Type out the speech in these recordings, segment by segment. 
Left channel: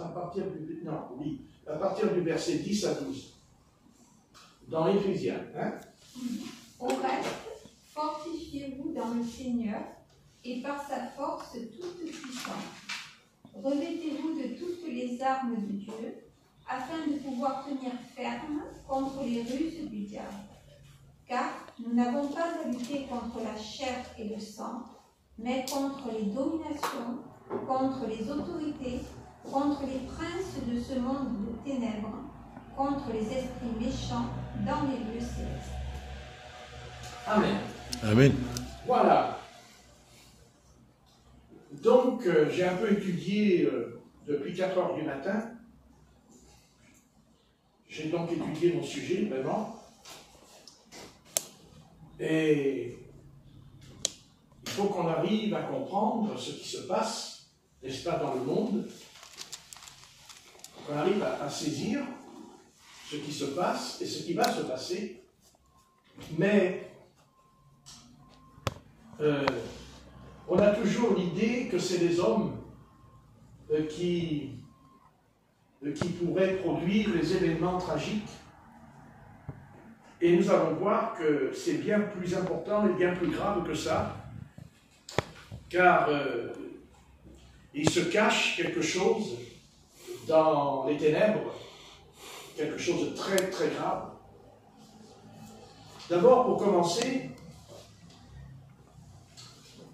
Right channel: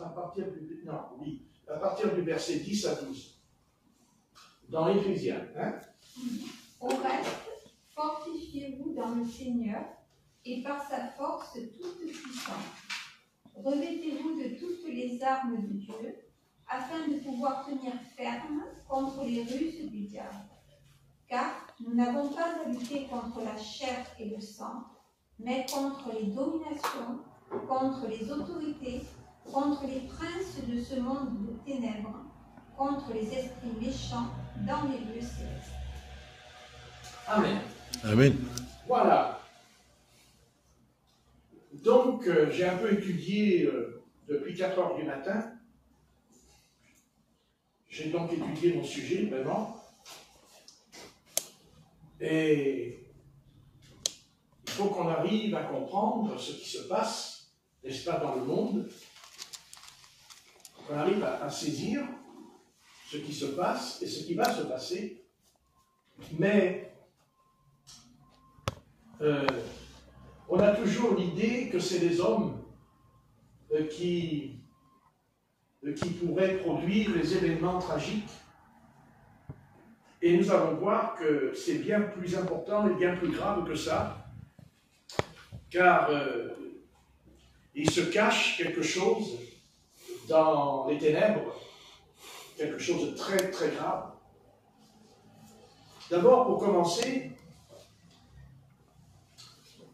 à partir du, non, oui, à partir du verset 10 à 12, dans Éphésiens. Hein? Au reste, fortifiez-vous dans le Seigneur et par sa force toute puissante. Revêtez-vous de toutes les armes de Dieu, afin de pouvoir tenir ferme contre les ruses du diable. Car nous n'avons pas à lutter contre la chair et le sang, mais contre les dominations, contre les autorités, contre les princes de ce monde de ténèbres, contre les esprits méchants dans les lieux célestes. Amen. Amen. Voilà. Donc, j'ai un peu étudié depuis 4 heures du matin. J'ai donc étudié mon sujet, vraiment. Et il faut qu'on arrive à comprendre ce qui se passe, n'est-ce pas, dans le monde. Qu'on arrive à saisir ce qui se passe et ce qui va se passer. Mais on a toujours l'idée que c'est les hommes qui pourraient produire les événements tragiques. Et nous allons voir que c'est bien plus important et bien plus grave que ça, car il se cache quelque chose dans les ténèbres, quelque chose de très très grave. D'abord, pour commencer,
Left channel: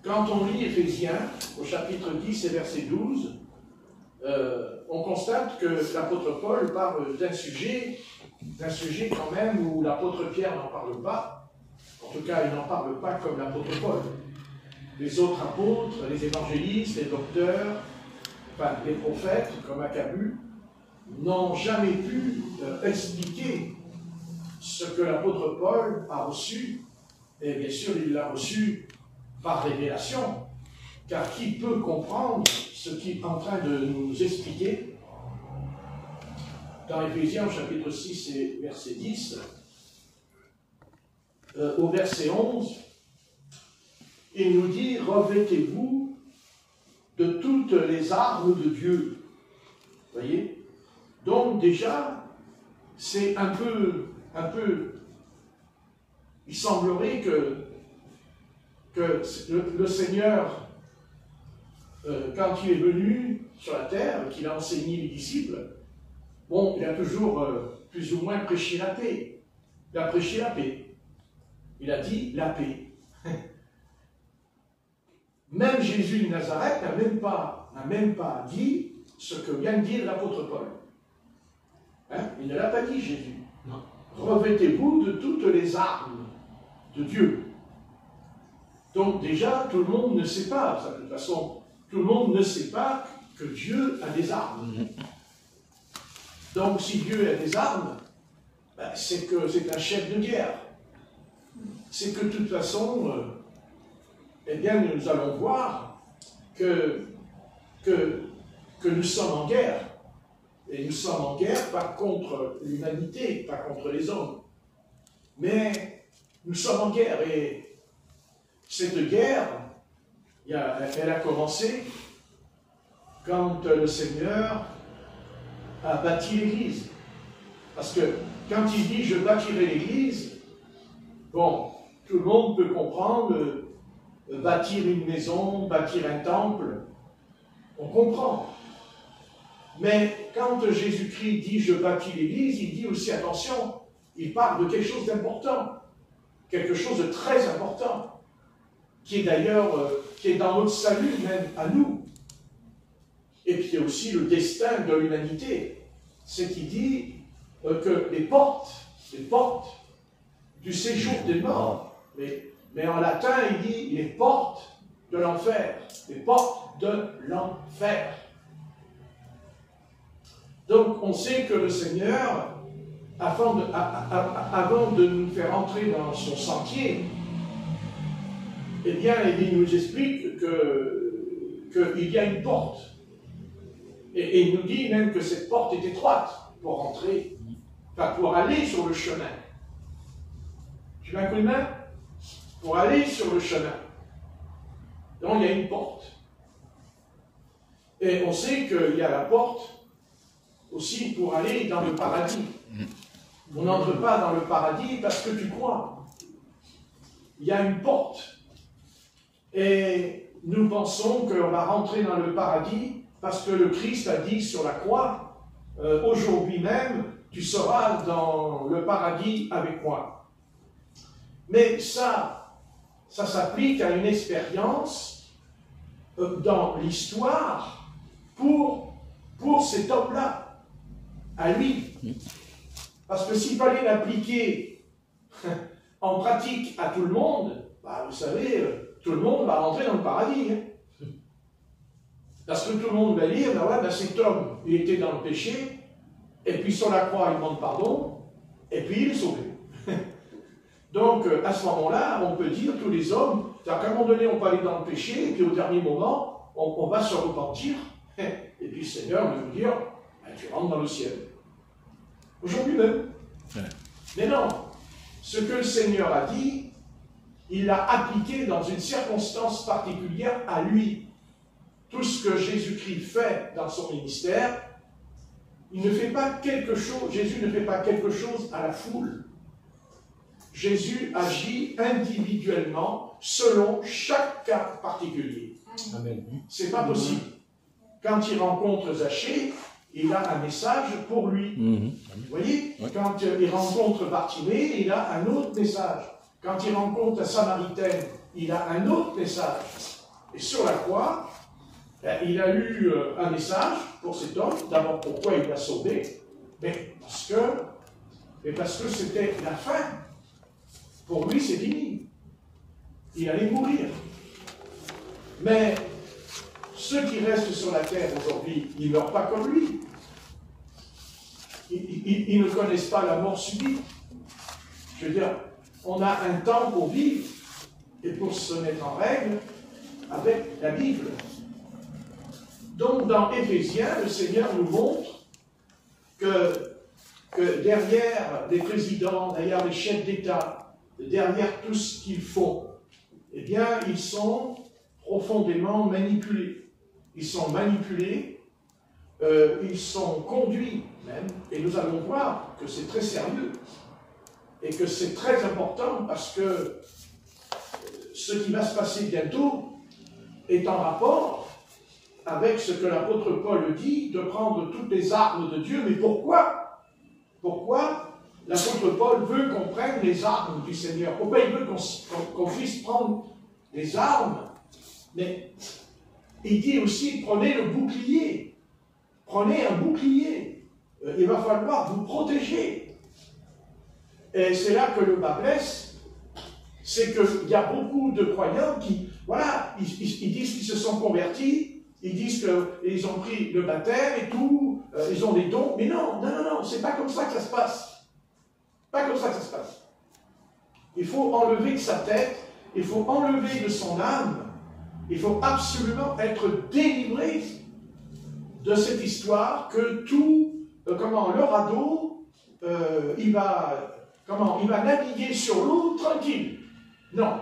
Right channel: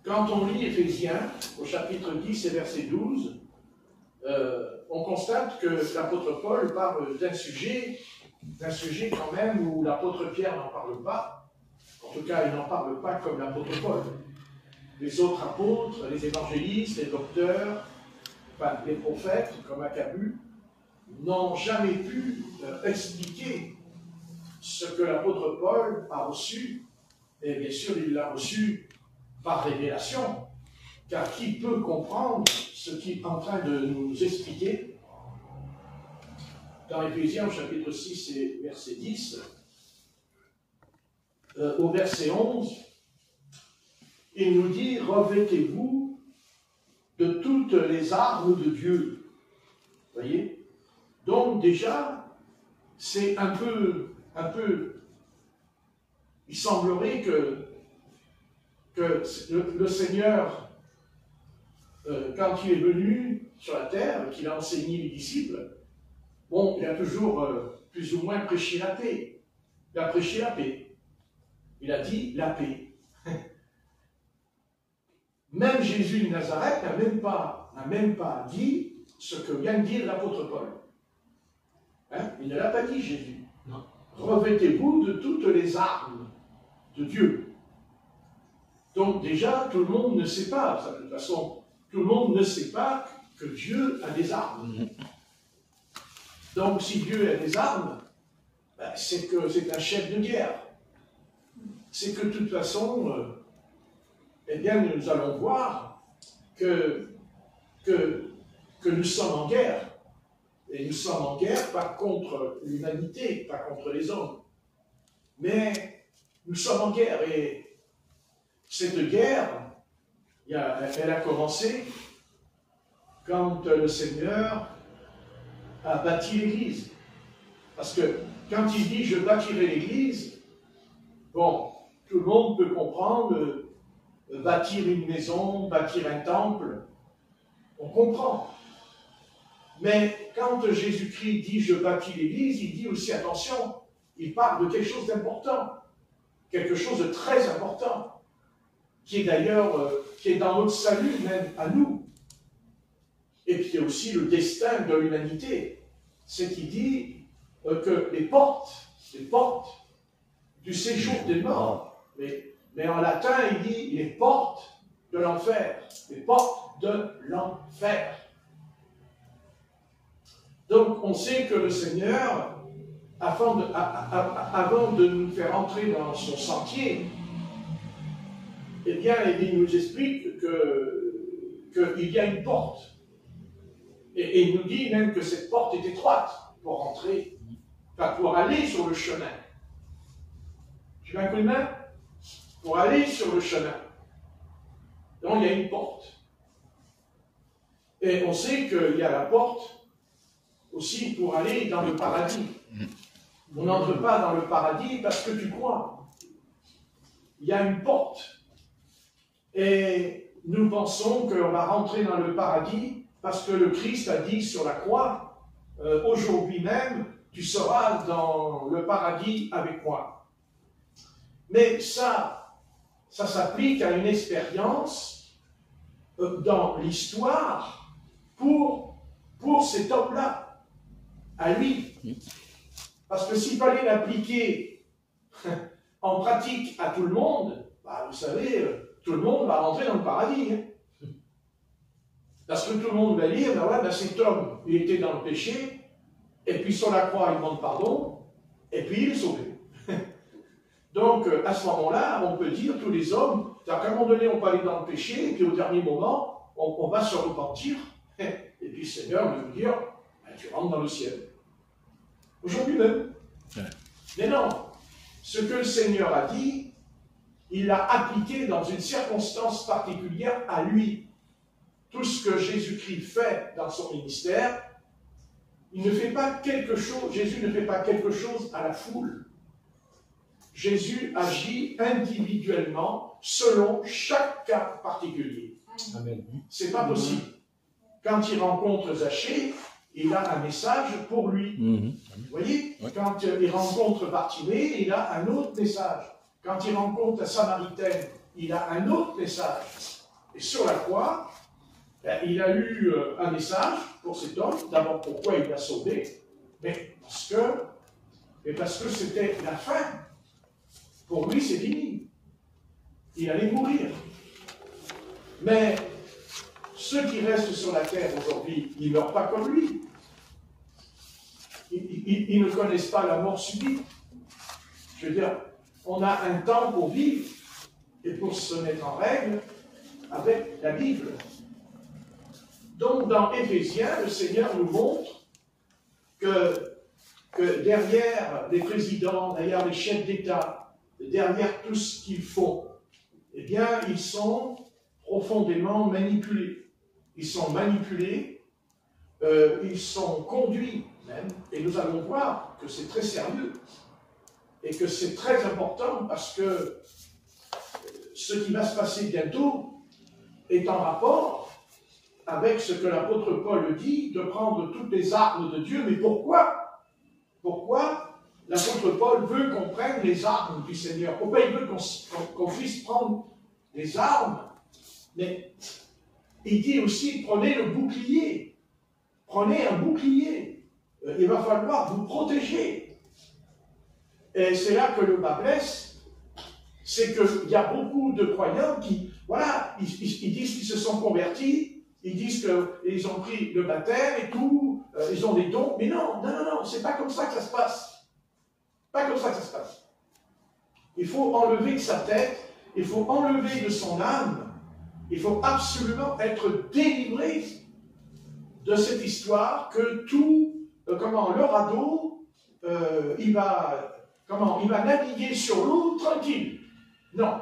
quand on lit Éphésiens, au chapitre 10 et verset 12, on constate que l'apôtre Paul parle d'un sujet quand même où l'apôtre Pierre n'en parle pas. En tout cas, il n'en parle pas comme l'apôtre Paul. Les autres apôtres, les évangélistes, les docteurs, enfin, les prophètes, comme Acabu, n'ont jamais pu expliquer ce que l'apôtre Paul a reçu. Et bien sûr, il l'a reçu par révélation, car qui peut comprendre ce qu'il est en train de nous expliquer dans Éphésiens, chapitre 6 et verset 10, au verset 11, il nous dit « Revêtez-vous de toutes les armes de Dieu ». Vous voyez? Donc déjà, c'est un peu, il semblerait que le Seigneur, quand il est venu sur la terre, qu'il a enseigné les disciples, bon, il a toujours plus ou moins prêché la paix. Il a prêché la paix. Il a dit la paix. Même Jésus de Nazareth n'a même pas dit ce que vient de dire l'apôtre Paul. Hein? Il ne l'a pas dit, Jésus. Non. Revêtez-vous de toutes les armes de Dieu. Donc déjà, tout le monde ne sait pas, de toute façon, tout le monde ne sait pas que Dieu a des armes. Donc si Dieu a des armes, ben, c'est que c'est un chef de guerre. C'est que de toute façon, eh bien, nous allons voir que nous sommes en guerre. Et nous sommes en guerre pas contre l'humanité, pas contre les hommes. Mais nous sommes en guerre et cette guerre, elle a commencé quand le Seigneur a bâti l'Église. Parce que quand il dit « je bâtirai l'Église », bon, tout le monde peut comprendre bâtir une maison, bâtir un temple, on comprend. Mais quand Jésus-Christ dit « je bâtis l'Église », il dit aussi, attention, il parle de quelque chose d'important, quelque chose de très important, qui est d'ailleurs, qui est dans notre salut même à nous. Et puis aussi le destin de l'humanité. C'est qu'il dit que les portes du séjour des morts, mais en latin il dit les portes de l'enfer, les portes de l'enfer. Donc on sait que le Seigneur, avant de nous faire entrer dans son sentier, eh bien, il nous explique qu'il y a une porte. Et il nous dit même que cette porte est étroite pour entrer, enfin pour aller sur le chemin. Tu mets un coup de main? Pour aller sur le chemin. Donc il y a une porte. Et on sait qu'il y a la porte aussi pour aller dans le paradis. On n'entre pas dans le paradis parce que tu crois. Il y a une porte. Et nous pensons qu'on va rentrer dans le paradis parce que le Christ a dit sur la croix, aujourd'hui même, tu seras dans le paradis avec moi. Mais ça s'applique à une expérience dans l'histoire pour cet homme-là, à lui. Parce que s'il fallait l'appliquer en pratique à tout le monde, bah, vous savez, tout le monde va rentrer dans le paradis. Hein. Parce que tout le monde va dire, ben ouais, ben cet homme, il était dans le péché, et puis sur la croix, il demande pardon, et puis il est sauvé. Donc, à ce moment-là, on peut dire, tous les hommes, qu'à un moment donné, on peut aller dans le péché, et puis au dernier moment, on va se repentir, et puis le Seigneur va nous dire, ben, tu rentres dans le ciel. Aujourd'hui même. Ouais. Mais non, ce que le Seigneur a dit, il l'a appliqué dans une circonstance particulière à lui. Tout ce que Jésus-Christ fait dans son ministère, il ne fait pas quelque chose, Jésus ne fait pas quelque chose à la foule. Jésus agit individuellement selon chaque cas particulier. Amen. C'est pas possible. Quand il rencontre Zachée, il a un message pour lui. Vous voyez, quand il rencontre Bartimée, il a un autre message. Quand il rencontre la Samaritaine, il a un autre message. Et sur la croix, il a eu un message pour cet homme. D'abord, pourquoi il l'a sauvé? Mais parce que c'était la fin. Pour lui, c'est fini. Il allait mourir. Mais ceux qui restent sur la terre aujourd'hui, ils ne meurent pas comme lui. Ils ne connaissent pas la mort subite. Je veux dire, on a un temps pour vivre et pour se mettre en règle avec la Bible. Donc, dans Éphésiens, le Seigneur nous montre que derrière les présidents, derrière les chefs d'État, derrière tout ce qu'ils font, eh bien, ils sont profondément manipulés. Ils sont manipulés, ils sont conduits même, et nous allons voir que c'est très sérieux, et que c'est très important, parce que ce qui va se passer bientôt est en rapport avec ce que l'apôtre Paul dit, de prendre toutes les armes de Dieu. Mais pourquoi? Pourquoi l'apôtre Paul veut qu'on prenne les armes du Seigneur? Pourquoi il veut qu'on puisse prendre les armes? Mais il dit aussi, prenez le bouclier. Prenez un bouclier. Il va falloir vous protéger. Et c'est là que le bas blesse. C'est qu'il y a beaucoup de croyants qui, voilà, ils disent qu'ils se sont convertis, ils disent qu'ils ont pris le baptême et tout, ils ont des dons. Mais non, c'est pas comme ça que ça se passe. Pas comme ça que ça se passe. Il faut enlever de sa tête, il faut enlever de son âme, il faut absolument être délivré de cette histoire que tout, le radeau, il va naviguer sur l'eau tranquille. Non.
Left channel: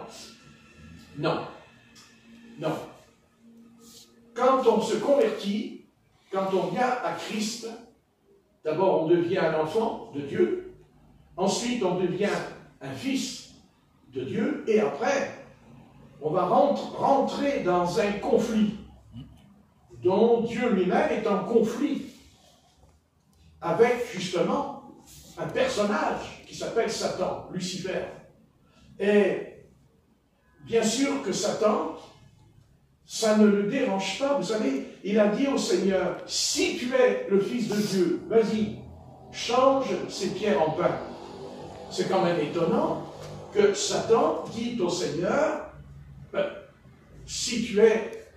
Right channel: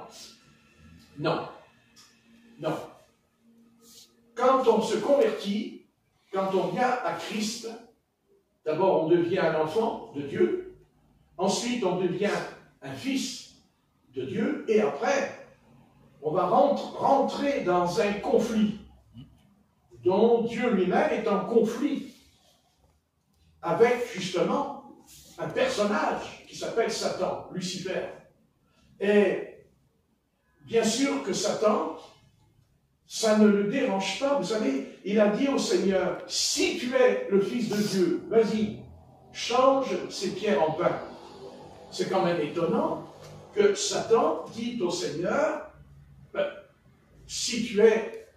Quand on se convertit, quand on vient à Christ, d'abord on devient un enfant de Dieu, ensuite on devient un fils de Dieu, et après on va rentrer dans un conflit dont Dieu lui-même est en conflit avec justement un personnage qui s'appelle Satan, Lucifer. Et bien sûr que Satan, ça ne le dérange pas. Vous savez, il a dit au Seigneur, si tu es le Fils de Dieu, vas-y, change ces pierres en pain. C'est quand même étonnant que Satan dit au Seigneur, si tu es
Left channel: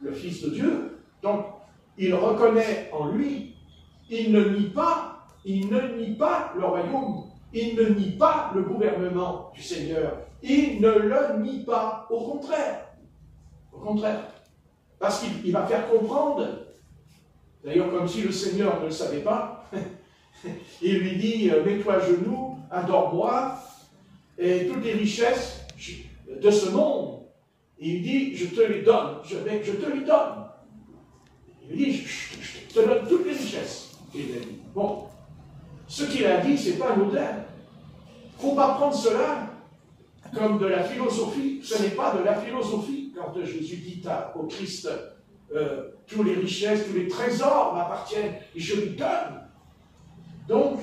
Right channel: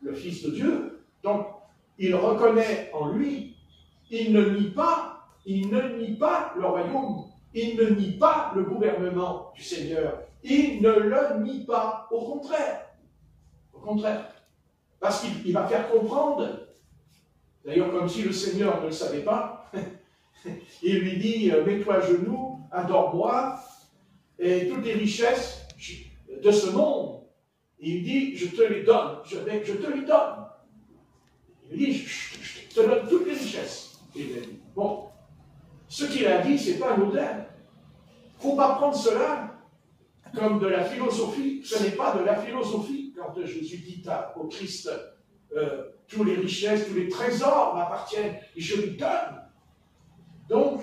le Fils de Dieu, donc il reconnaît en lui, il ne nie pas le royaume, il ne nie pas le gouvernement du Seigneur, il ne le nie pas, au contraire. Au contraire. Parce qu'il va faire comprendre, d'ailleurs comme si le Seigneur ne le savait pas, il lui dit, mets-toi à genoux, adore-moi, et toutes les richesses de ce monde, il dit, je te les donne, je te les donne. Il dit, je te donne toutes les richesses. ennemi. Bon, ce qu'il a dit, ce n'est pas anodin. Il ne faut pas prendre cela comme de la philosophie. Ce n'est pas de la philosophie. Quand Jésus dit au Christ, toutes les richesses, tous les trésors m'appartiennent et je lui donne. Donc,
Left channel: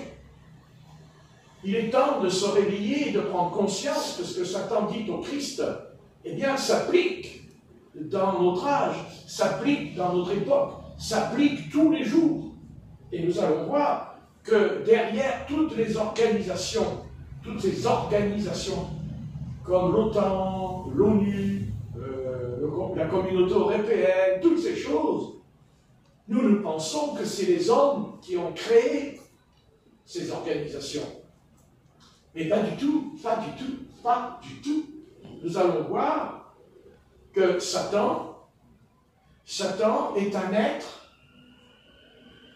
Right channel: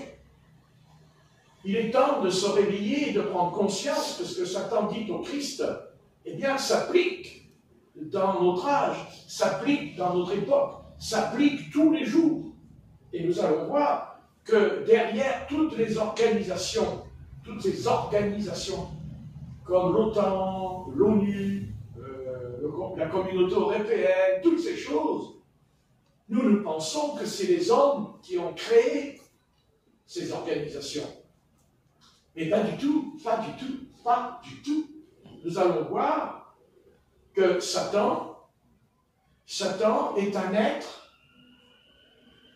il est temps de se réveiller, de prendre conscience que ce que Satan dit au Christ, eh bien, s'applique dans notre âge, s'applique dans notre époque, s'applique tous les jours. Et nous allons voir que derrière toutes ces organisations, comme l'OTAN, l'ONU, la communauté européenne, toutes ces choses, nous pensons que c'est les hommes qui ont créé ces organisations. Mais pas du tout, pas du tout, pas du tout. Nous allons voir que Satan est un être,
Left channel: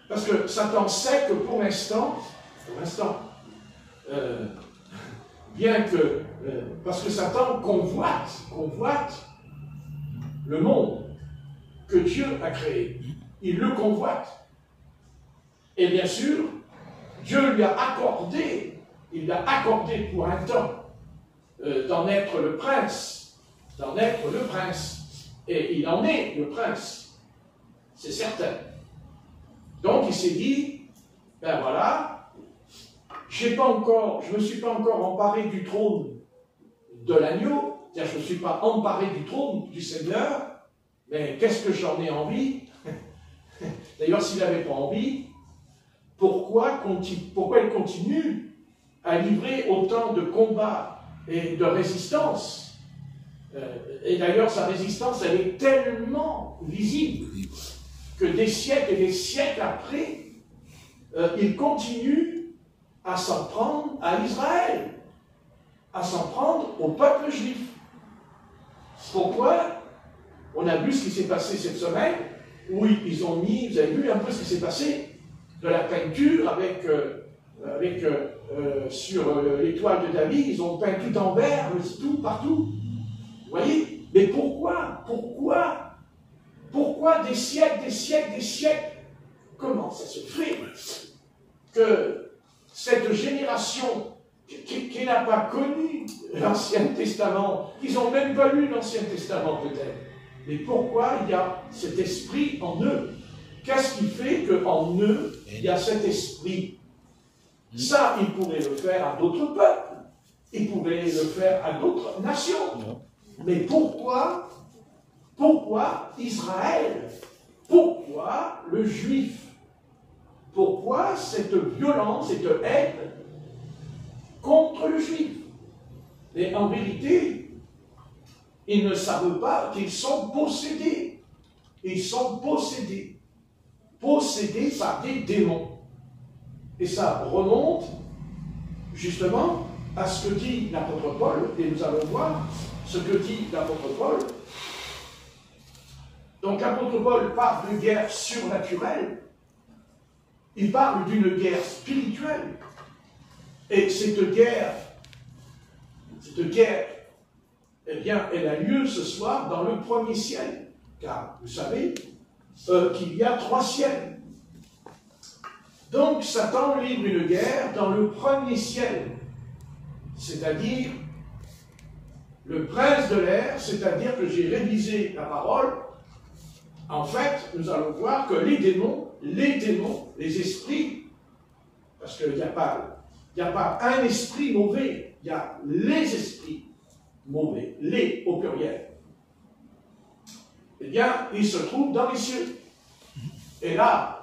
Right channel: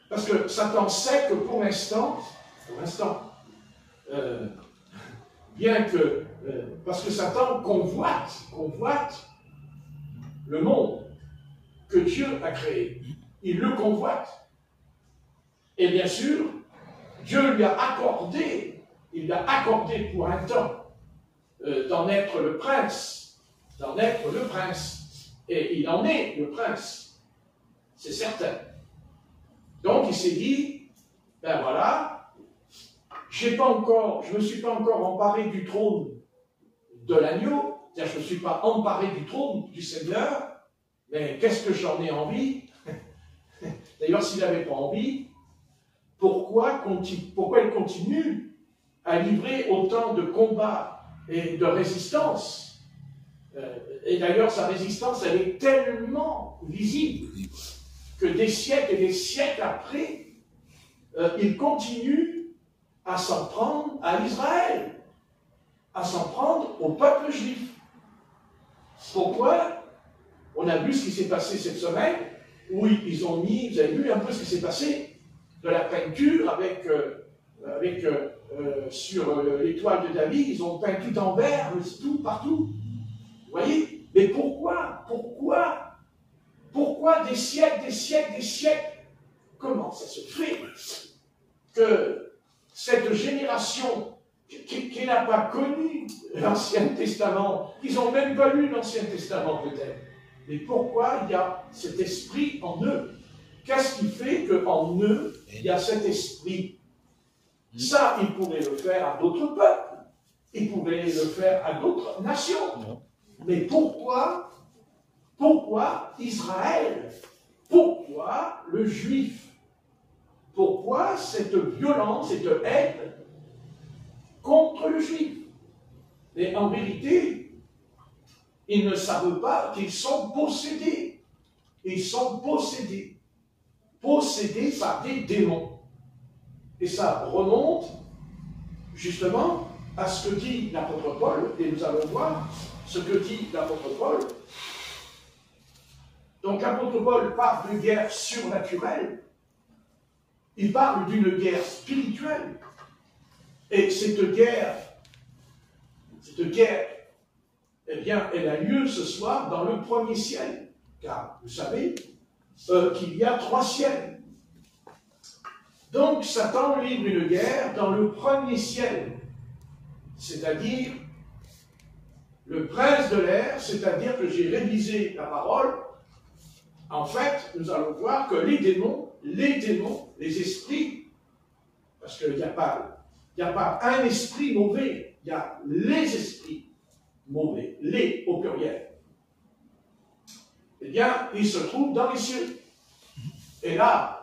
parce que Satan sait que pour l'instant, bien que, parce que Satan convoite le monde que Dieu a créé. Il le convoite. Et bien sûr, Dieu lui a accordé, il l'a accordé pour un temps, d'en être le prince, et il en est le prince, c'est certain. Donc il s'est dit, ben voilà, je ne me suis pas encore emparé du trône de l'agneau, c'est-à-dire je ne me suis pas emparé du trône du Seigneur, mais qu'est-ce que j'en ai envie? D'ailleurs, s'il n'avait pas envie, pourquoi il continue à livrer autant de combats et de résistance? Et d'ailleurs, sa résistance, elle est tellement visible que des siècles et des siècles après, il continue à s'en prendre à Israël, à s'en prendre au peuple juif. Pourquoi? On a vu ce qui s'est passé cette semaine, où ils ont mis, vous avez vu un peu ce qui s'est passé, de la peinture sur l'étoile de David, ils ont peint tout en vert, tout, partout. Vous voyez? Mais pourquoi des siècles? Comment ça se fait que cette génération qui n'a pas connu l'Ancien Testament, ils n'ont même pas lu l'Ancien Testament peut-être, mais pourquoi il y a cet esprit en eux? Qu'est-ce qui fait qu'en eux, il y a cet esprit? Ça, ils pourraient le faire à d'autres peuples, ils pourraient le faire à d'autres nations. Mais pourquoi Israël? Pourquoi le juif? Pourquoi cette violence, cette haine contre le juif? Mais en vérité, ils ne savent pas qu'ils sont possédés. Ils sont possédés par des démons. Et ça remonte justement à ce que dit l'apôtre Paul, et nous allons voir ce que dit l'apôtre Paul. Donc l'apôtre Paul parle de guerre surnaturelle, il parle d'une guerre spirituelle, et cette guerre, eh bien, elle a lieu ce soir dans le premier ciel, car vous savez qu'il y a 3 ciels. Donc Satan livre une guerre dans le premier ciel, c'est-à-dire le prince de l'air, c'est-à-dire que j'ai révisé la parole. En fait, nous allons voir que les démons, les esprits, parce qu'il n'y a pas un esprit mauvais, il y a les esprits mauvais, les au pluriel. Eh bien, ils se trouvent dans les cieux. Et là,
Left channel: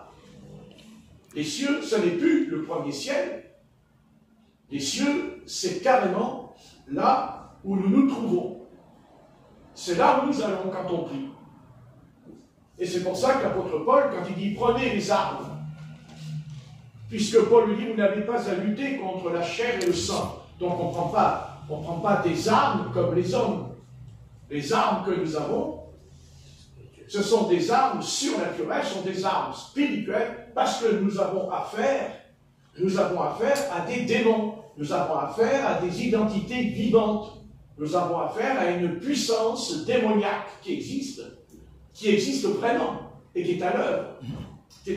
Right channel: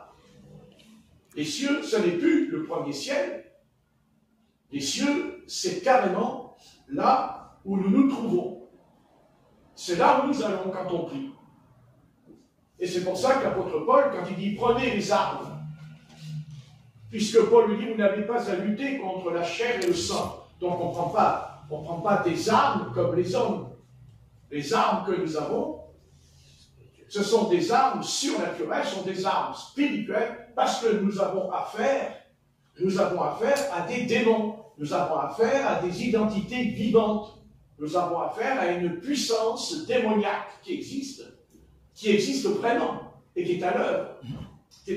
les cieux, ce n'est plus le premier ciel. Les cieux, c'est carrément là où nous nous trouvons. C'est là où nous allons quand on prie. Et c'est pour ça que l'apôtre Paul, quand il dit « prenez les armes », puisque Paul lui dit « vous n'avez pas à lutter contre la chair et le sang ». Donc on ne prend pas des armes comme les hommes. Les armes que nous avons, ce sont des armes surnaturelles, ce sont des armes spirituelles, parce que nous avons affaire à des démons, nous avons affaire à des identités vivantes, nous avons affaire à une puissance démoniaque qui existe vraiment, et qui est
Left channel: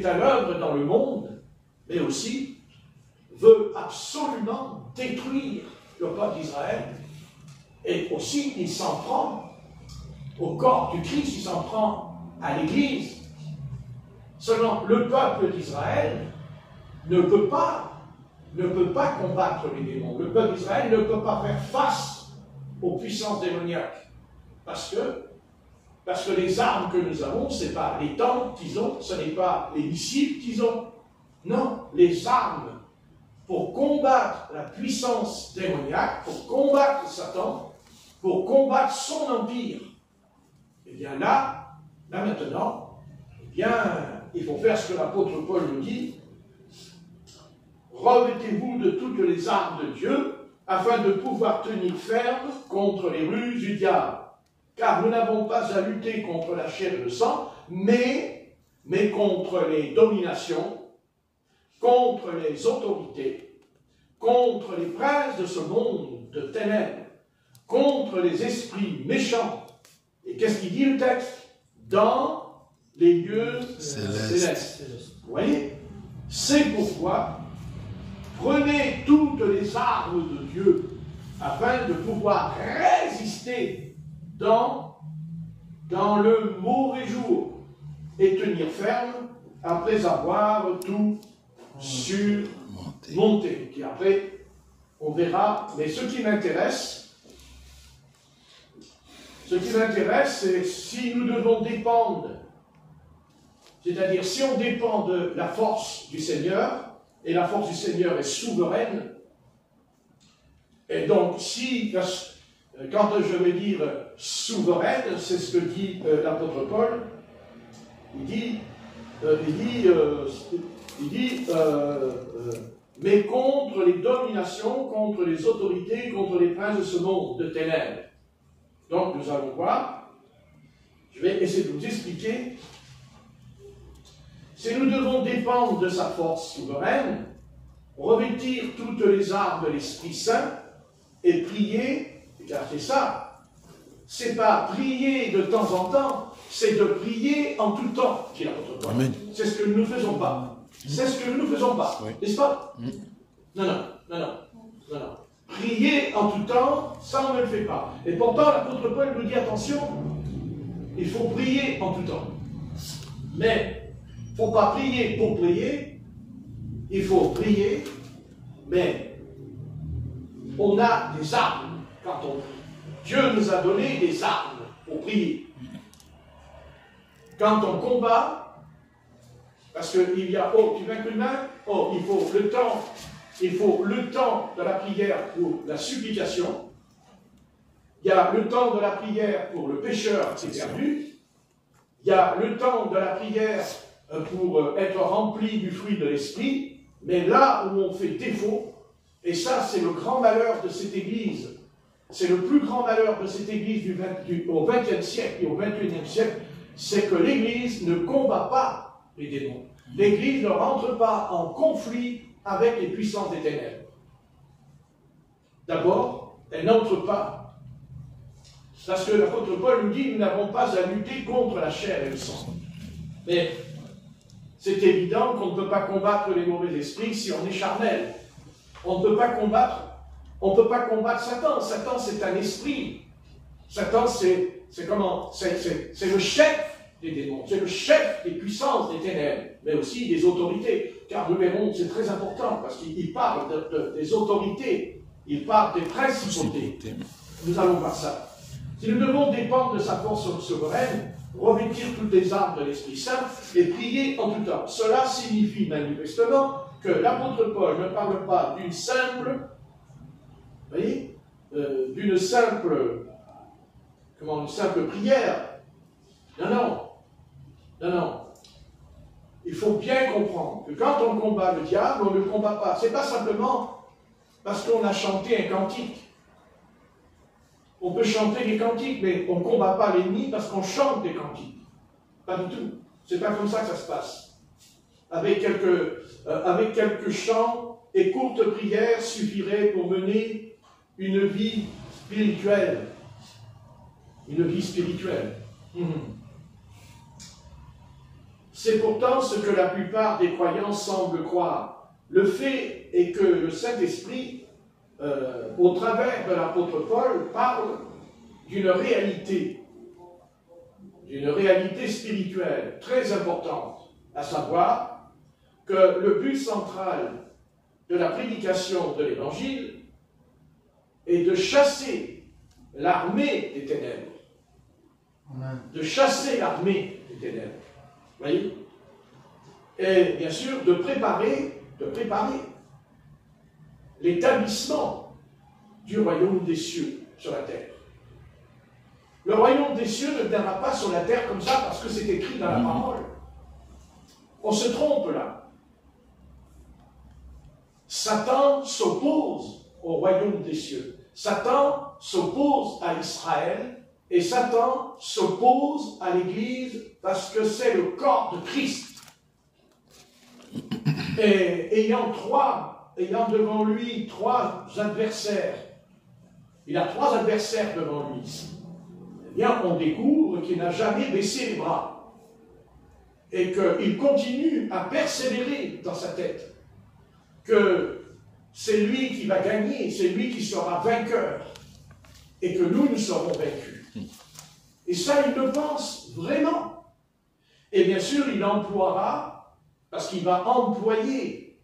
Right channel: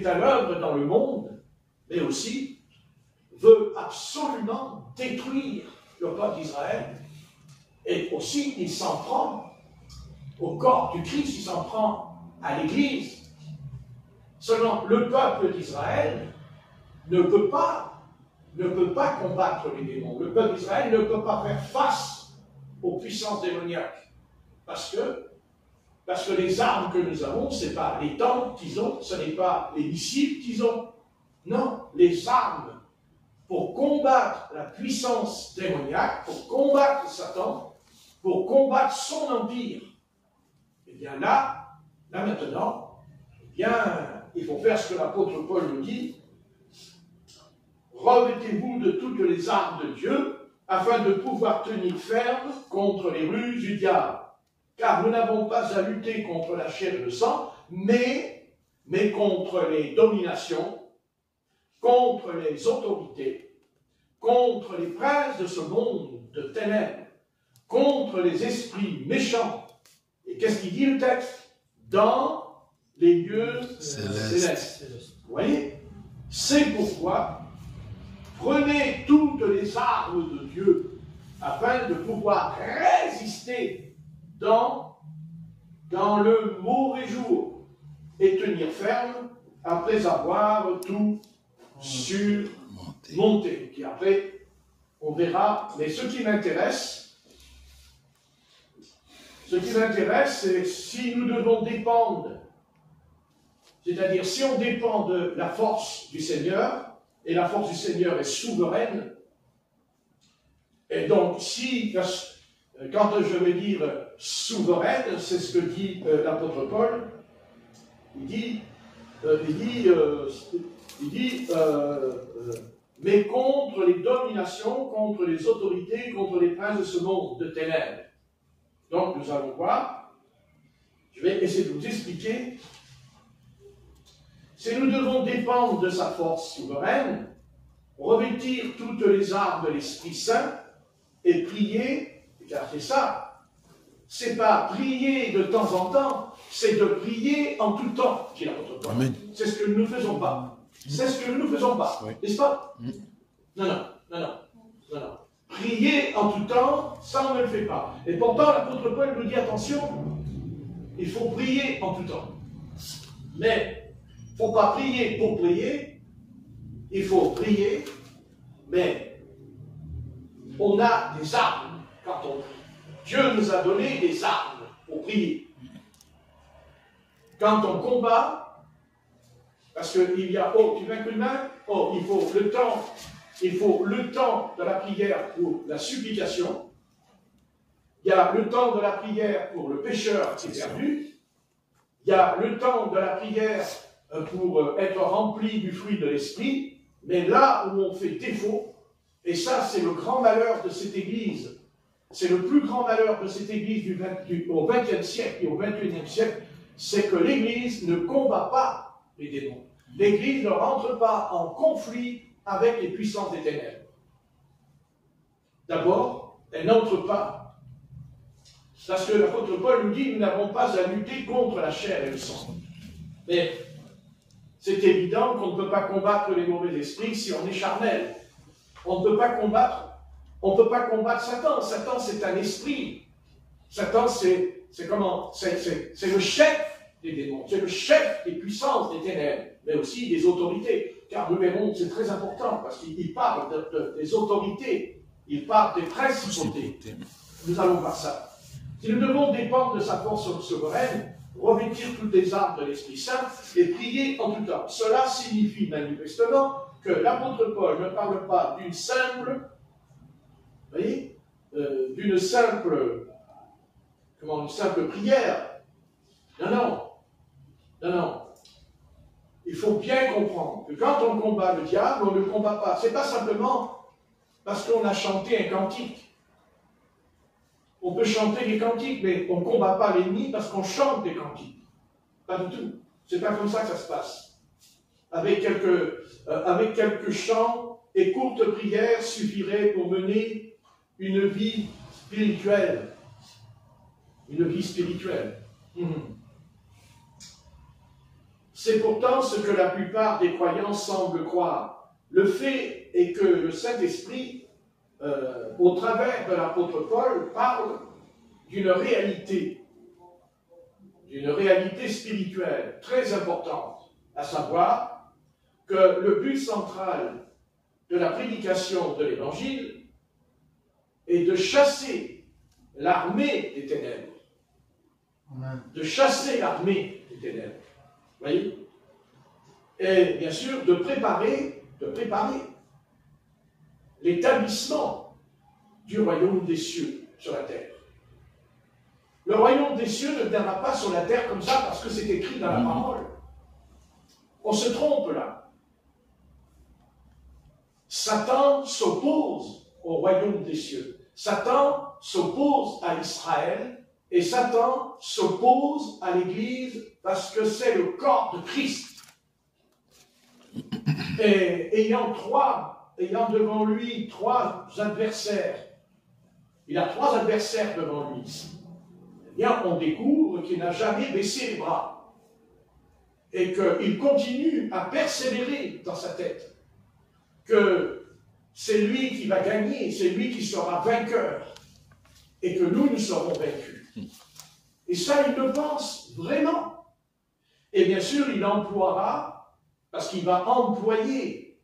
à l'œuvre dans le monde, mais aussi veut absolument détruire le peuple d'Israël. Et aussi, il s'en prend au corps du Christ, il s'en prend à l'Église. Seulement, le peuple d'Israël ne peut pas combattre les démons. Le peuple d'Israël ne peut pas faire face aux puissances démoniaques. Parce que les armes que nous avons, ce n'est pas les tanks qu'ils ont, ce n'est pas les missiles qu'ils ont. Non, les armes pour combattre la puissance démoniaque, pour combattre Satan, pour combattre son empire. Et bien là maintenant, eh bien, il faut faire ce que l'apôtre Paul nous dit. Revêtez-vous de toutes les armes de Dieu, afin de pouvoir tenir ferme contre les ruses du diable. Car nous n'avons pas à lutter contre la chair et le sang, mais contre les dominations, contre les autorités, contre les princes de ce monde de ténèbres, contre les esprits méchants. Et qu'est-ce qu'il dit le texte? Dans les lieux célestes. Vous voyez? C'est pourquoi prenez toutes les armes de Dieu afin de pouvoir résister dans le mauvais jour et tenir ferme après avoir tout surmonté. Puis après, on verra. Mais ce qui m'intéresse, c'est si nous devons dépendre, c'est-à-dire si on dépend de la force du Seigneur, et la force du Seigneur est souveraine, et donc si, quand je veux dire souveraine, c'est ce que dit l'apôtre Paul, il dit mais contre les dominations, contre les autorités, contre les princes de ce monde de ténèbres. Donc nous allons voir, je vais essayer de vous expliquer, si nous devons dépendre de sa force souveraine, revêtir toutes les armes de l'Esprit Saint et prier, regardez ça, c'est pas prier de temps en temps, c'est de prier en tout temps, dit l'apôtre Paul. C'est ce que nous ne faisons pas. C'est ce que nous ne faisons pas, n'est-ce pas? Non. Prier en tout temps, ça on ne le fait pas. Et pourtant, l'apôtre Paul nous dit, attention, il faut prier en tout temps. Mais il ne faut pas prier pour prier, il faut prier, mais on a des armes quand on prie. Dieu nous a donné des armes pour prier. Quand on combat, parce qu'il y a, tu mets que main, il faut le temps de la prière pour la supplication, il y a le temps de la prière pour le pécheur qui est perdu, il y a le temps de la prière pour être rempli du fruit de l'esprit, mais là où on fait défaut, et ça c'est le grand malheur de cette Église, c'est le plus grand malheur de cette Église au XXe siècle et au XXIe siècle, c'est que l'Église ne combat pas les démons. L'Église ne rentre pas en conflit avec les puissances des ténèbres. D'abord, elle n'entre pas, parce que l'apôtre Paul nous dit, nous n'avons pas à lutter contre la chair et le sang. Mais c'est évident qu'on ne peut pas combattre les mauvais esprits si on est charnel. On ne peut pas combattre Satan. Satan, c'est un esprit. Satan, c'est le chef des démons, c'est le chef des puissances des ténèbres, mais aussi des autorités. Car nous verrons, c'est très important, parce qu'il parle des autorités, il parle des principautés. Nous allons voir ça. Si nous devons dépendre de sa force souveraine, revêtir toutes les armes de l'Esprit Saint et prier en tout temps. Cela signifie manifestement que l'apôtre Paul ne parle pas d'une simple, d'une simple prière. Non. Il faut bien comprendre que quand on combat le diable, on ne le combat pas. Ce n'est pas simplement parce qu'on a chanté un cantique. On peut chanter des cantiques, mais on ne combat pas l'ennemi parce qu'on chante des cantiques. Pas du tout. C'est pas comme ça que ça se passe. Avec quelques chants et courtes prières suffiraient pour mener une vie spirituelle. C'est pourtant ce que la plupart des croyants semblent croire. Le fait est que le Saint-Esprit, au travers de l'apôtre Paul, parle d'une réalité spirituelle très importante, à savoir que le but central de la prédication de l'Évangile est de chasser l'armée des ténèbres. De chasser l'armée des ténèbres. Vous voyez? Et bien sûr, de préparer l'établissement du royaume des cieux sur la terre. Le royaume des cieux ne viendra pas sur la terre comme ça parce que c'est écrit dans la parole. On se trompe là. Satan s'oppose au royaume des cieux. Satan s'oppose à Israël et Satan s'oppose à l'Église parce que c'est le corps de Christ. Et ayant devant lui trois adversaires, il a trois adversaires devant lui. Eh bien, on découvre qu'il n'a jamais baissé les bras et qu'il continue à persévérer dans sa tête que c'est lui qui va gagner, c'est lui qui sera vainqueur et que nous serons vaincus. Et ça, il le pense vraiment. Et bien sûr, il emploiera, parce qu'il va employer,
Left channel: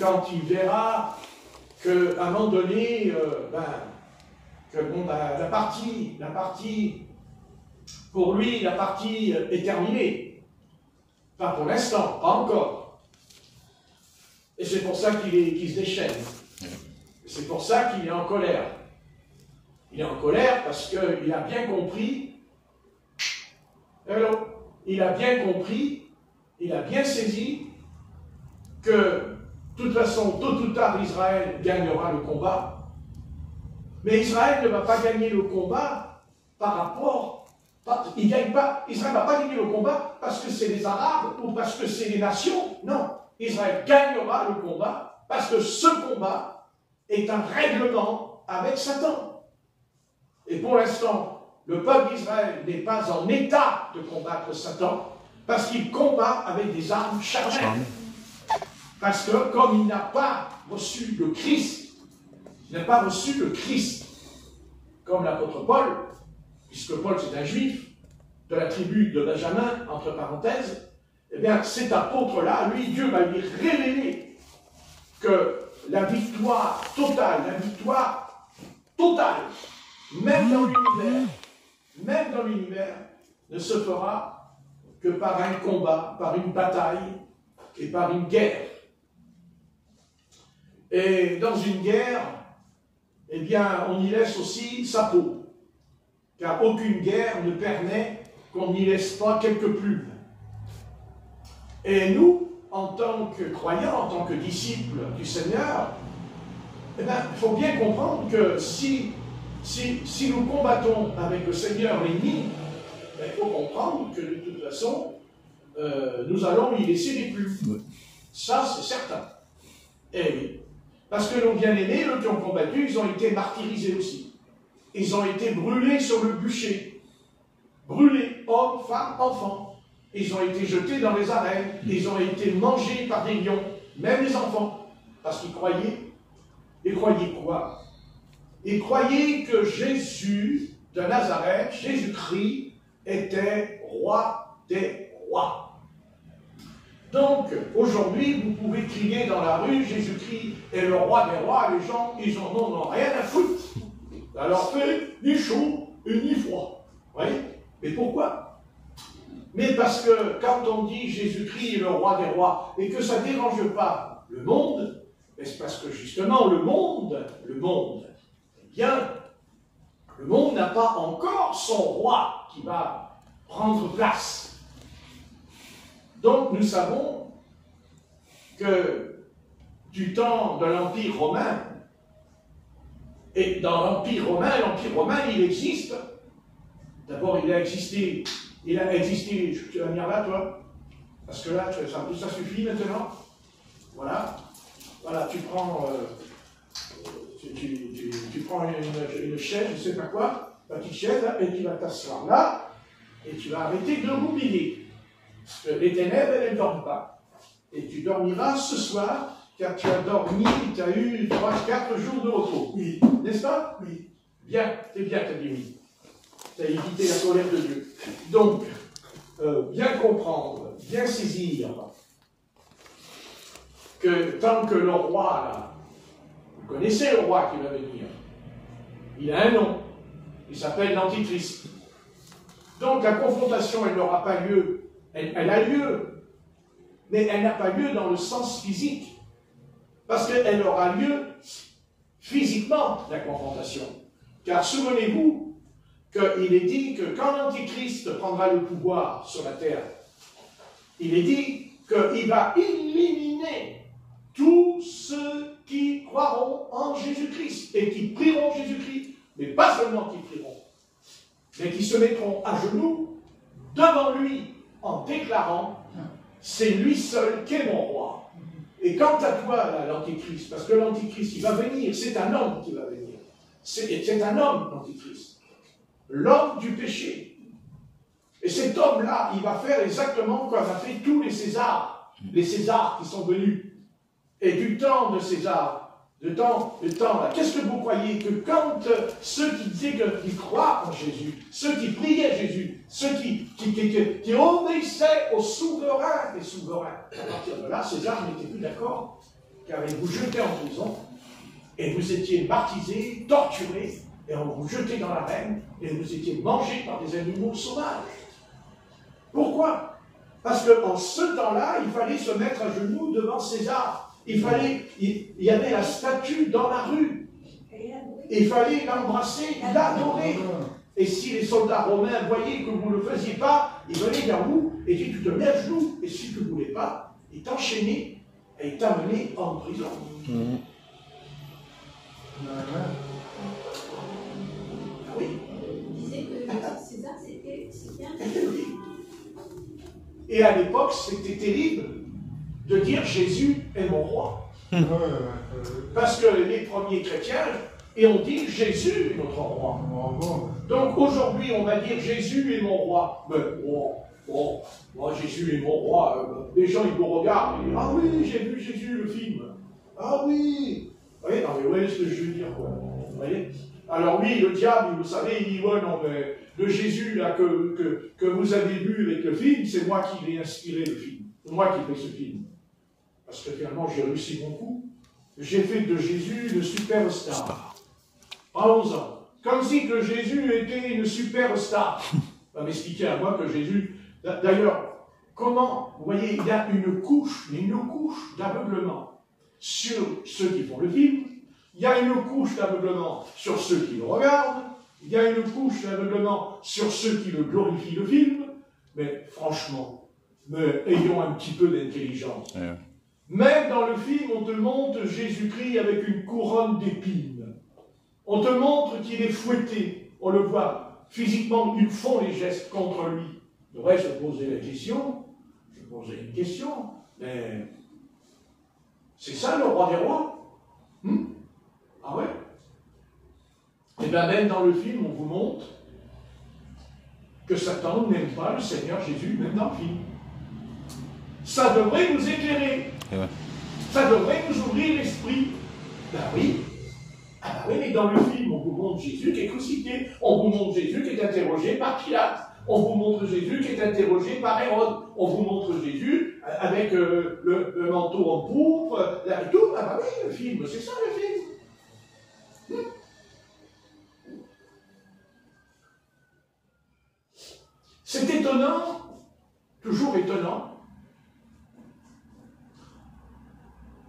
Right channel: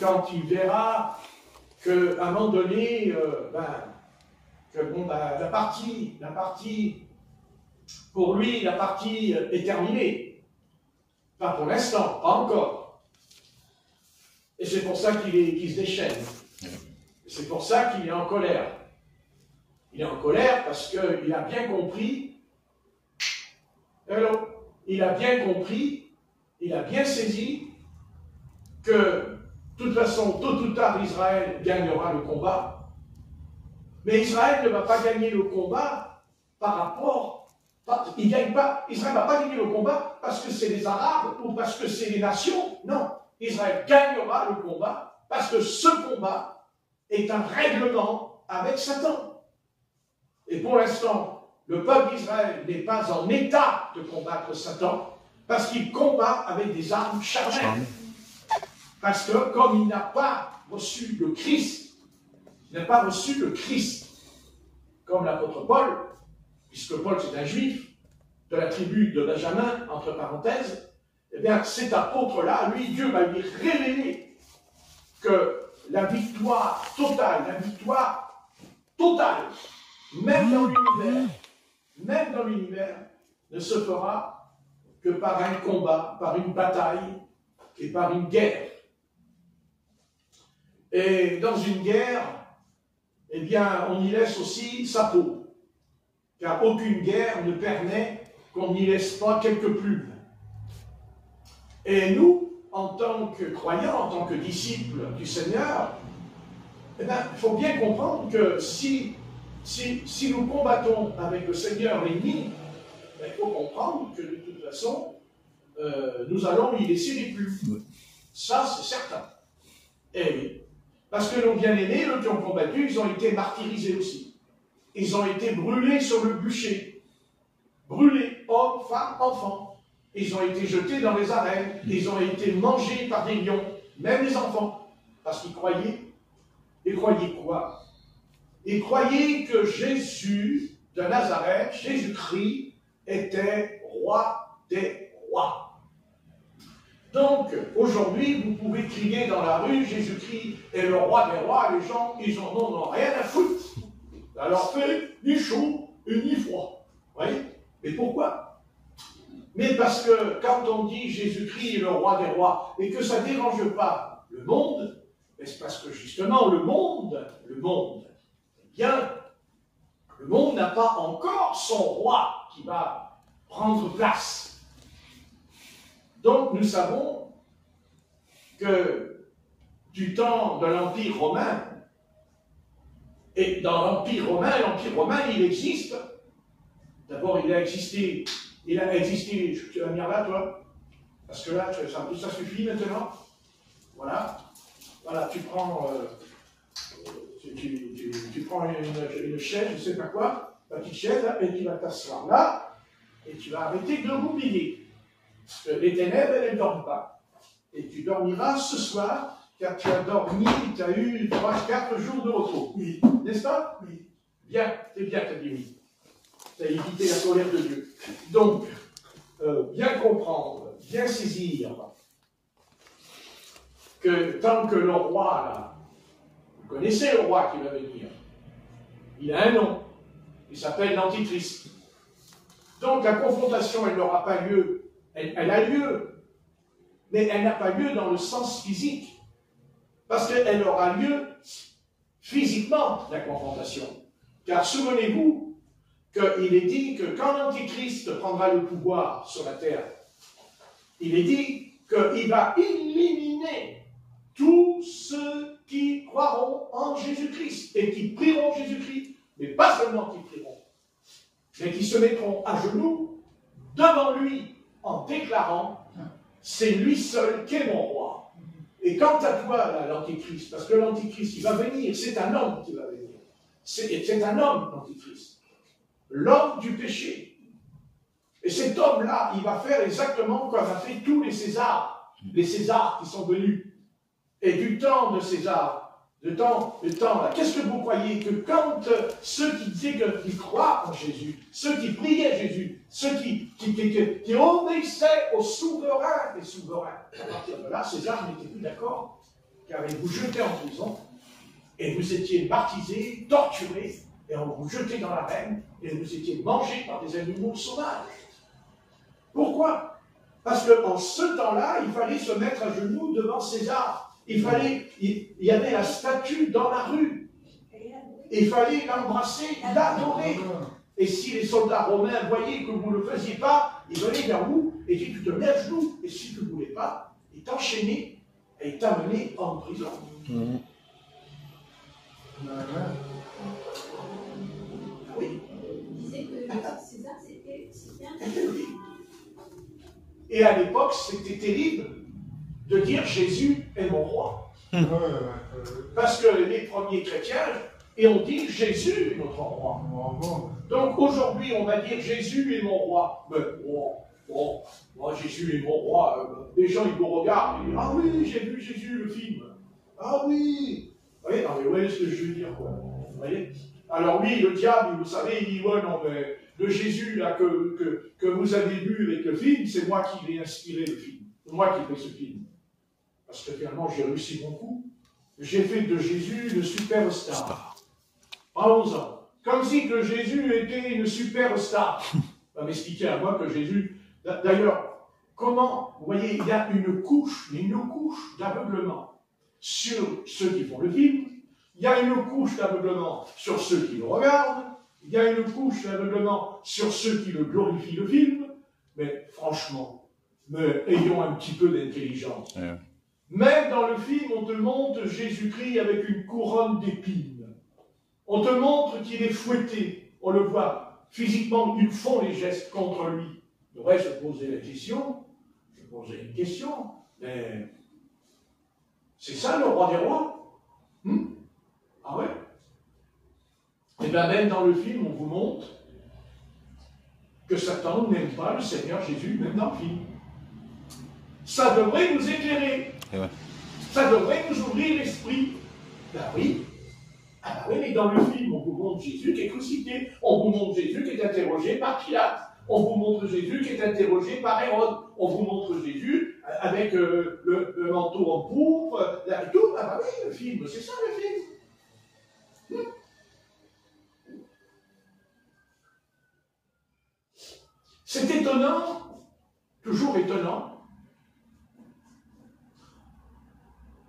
quand il verra qu'à un moment donné, la partie, pour lui, la partie est terminée. Pas pour l'instant, pas encore. Et c'est pour ça qu'il se déchaîne. C'est pour ça qu'il est en colère. Il est en colère parce qu'il a bien compris. Il a bien compris, il a bien saisi que, de toute façon, tôt ou tard, Israël gagnera le combat. Mais Israël ne va pas gagner le combat par rapport. Il ne gagne pas. Israël ne va pas gagner le combat parce que c'est les Arabes ou parce que c'est les nations. Non. Israël gagnera le combat parce que ce combat est un règlement avec Satan. Et pour l'instant, le peuple d'Israël n'est pas en état de combattre Satan parce qu'il combat avec des armes charnelles. Parce que comme il n'a pas reçu le Christ, comme l'apôtre Paul, puisque Paul c'est un juif de la tribu de Benjamin, entre parenthèses, eh bien cet apôtre-là, lui, Dieu va lui révéler que la victoire totale, même dans l'univers, ne se fera que par un combat, par une bataille et par une guerre. Et dans une guerre, eh bien, on y laisse aussi sa peau. Car aucune guerre ne permet qu'on n'y laisse pas quelques plumes. Et nous, en tant que croyants, en tant que disciples du Seigneur, eh bien, il faut bien comprendre que si nous combattons avec le Seigneur l'ennemi, il faut comprendre que de toute façon, nous allons y laisser les plumes. Ça, c'est certain. Eh oui. Parce que nos bien-aimés, eux qui ont combattu, ils ont été martyrisés aussi. Ils ont été brûlés sur le bûcher. Brûlés, hommes, femmes, enfants. Ils ont été jetés dans les arènes. Ils ont été mangés par des lions, même les enfants. Parce qu'ils croyaient. Ils croyaient quoi? Ils croyaient que Jésus de Nazareth, Jésus-Christ, était roi des rois. Donc, aujourd'hui, vous pouvez crier dans la rue, Jésus-Christ est le roi des rois, les gens, ils en ont rien à foutre. Ça leur fait ni chaud et ni froid. Vous voyez? Mais pourquoi? Mais parce que quand on dit Jésus-Christ est le roi des rois, et que ça ne dérange pas le monde, c'est parce que justement, le monde, eh bien, le monde n'a pas encore son roi qui va prendre place. Donc nous savons que du temps de l'Empire romain, et dans l'Empire romain, il existe. D'abord, il a existé, tu vas venir là, toi, parce que là, ça suffit maintenant. Voilà, tu prends, tu prends une chaise, je ne sais pas quoi, une petite chaise, là, et tu vas t'asseoir là, et tu vas arrêter de roupiller. Les ténèbres, elles ne dorment pas. Et tu dormiras ce soir, car tu as dormi, tu as eu 3-4 jours de repos. Oui. N'est-ce pas? Oui. Bien, c'est bien, tu as dit oui. Tu as évité la colère de Dieu. Donc, bien comprendre, bien saisir que tant que le roi, là, vous connaissez le roi qui va venir, il a un nom, il s'appelle l'Antichrist. Donc la confrontation, elle n'aura pas lieu, elle a lieu, mais elle n'a pas lieu dans le sens physique, parce qu'elle aura lieu physiquement, la confrontation. Car souvenez-vous qu'il est dit que quand l'Antichrist prendra le pouvoir sur la terre, il est dit qu'il va éliminer tous ceux qui croiront en Jésus-Christ et qui prieront Jésus-Christ, mais pas seulement qui prieront, mais qui se mettront à genoux devant lui en déclarant « c'est lui seul qui est mon roi ». Et quant à toi, l'Antichrist, parce que l'Antichrist, il va venir, c'est un homme qui va venir. C'est un homme, l'Antichrist. L'homme du péché. Et cet homme-là, il va faire exactement comme a fait tous les Césars qui sont venus. Et du temps de César, le temps là, qu'est-ce que vous croyez que quand ceux qui disaient qu'ils croient en Jésus, ceux qui priaient Jésus, ceux qui obéissaient au souverain des souverains, à partir de là, César n'était plus d'accord, car il vous jetait en prison, et vous étiez martyrisés, torturés, et on vous jetait dans l'arène, et vous étiez mangés par des animaux sauvages. Pourquoi? Parce qu'en ce temps-là, il fallait se mettre à genoux devant César. Il y avait la statue dans la rue. Il fallait l'embrasser, l'adorer. Et si les soldats romains voyaient que vous ne le faisiez pas, ils venaient vers vous et disaient tu te mets à genoux. Et si tu ne voulais pas, ils t'enchaînaient et ils t'amenaient en prison. Oui. Il disait que César, c'était un Oui. Et à l'époque, c'était terrible de dire Jésus est mon roi. Parce que les premiers chrétiens, et on dit Jésus est notre roi. Donc aujourd'hui, on va dire Jésus est mon roi. Mais bon, moi Jésus est mon roi. Les gens, ils vous regardent et disent ah oui, j'ai vu Jésus le film. Ah oui. Vous voyez, non, mais vous voyez ce que je veux dire, quoi. Vous voyez? Alors oui, le diable, vous savez, il dit ouais, non, mais le Jésus là, que vous avez vu avec le film, c'est moi qui l'ai inspiré le film. C'est moi qui fais ce film. Parce que finalement, j'ai réussi mon coup. J'ai fait de Jésus une superstar. Parlons-en. Comme si que Jésus était une superstar. On va m'expliquer à moi que Jésus... D'ailleurs, comment... Vous voyez, il y a une couche d'aveuglement sur ceux qui font le film. Il y a une couche d'aveuglement sur ceux qui le regardent. Il y a une couche d'aveuglement sur ceux qui le glorifient le film. Mais franchement, ayons un petit peu d'intelligence. Ouais. Même dans le film, on te montre Jésus-Christ avec une couronne d'épines. On te montre qu'il est fouetté. On le voit. Physiquement, ils font les gestes contre lui. Il devrait se poser la question. Je poserai une question. Mais c'est ça le roi des rois? Ah ouais? Et bien même dans le film, on vous montre que Satan n'aime pas le Seigneur Jésus, même dans le film. Ça devrait nous éclairer. Ouais. Ça devrait nous ouvrir l'esprit. Ben oui. Ah ben oui, mais dans le film, on vous montre Jésus qui est crucifié. On vous montre Jésus qui est interrogé par Pilate. On vous montre Jésus qui est interrogé par Hérode. On vous montre Jésus avec le manteau en pourpre, et tout. Ah ben oui, le film, c'est ça le film. C'est étonnant, toujours étonnant,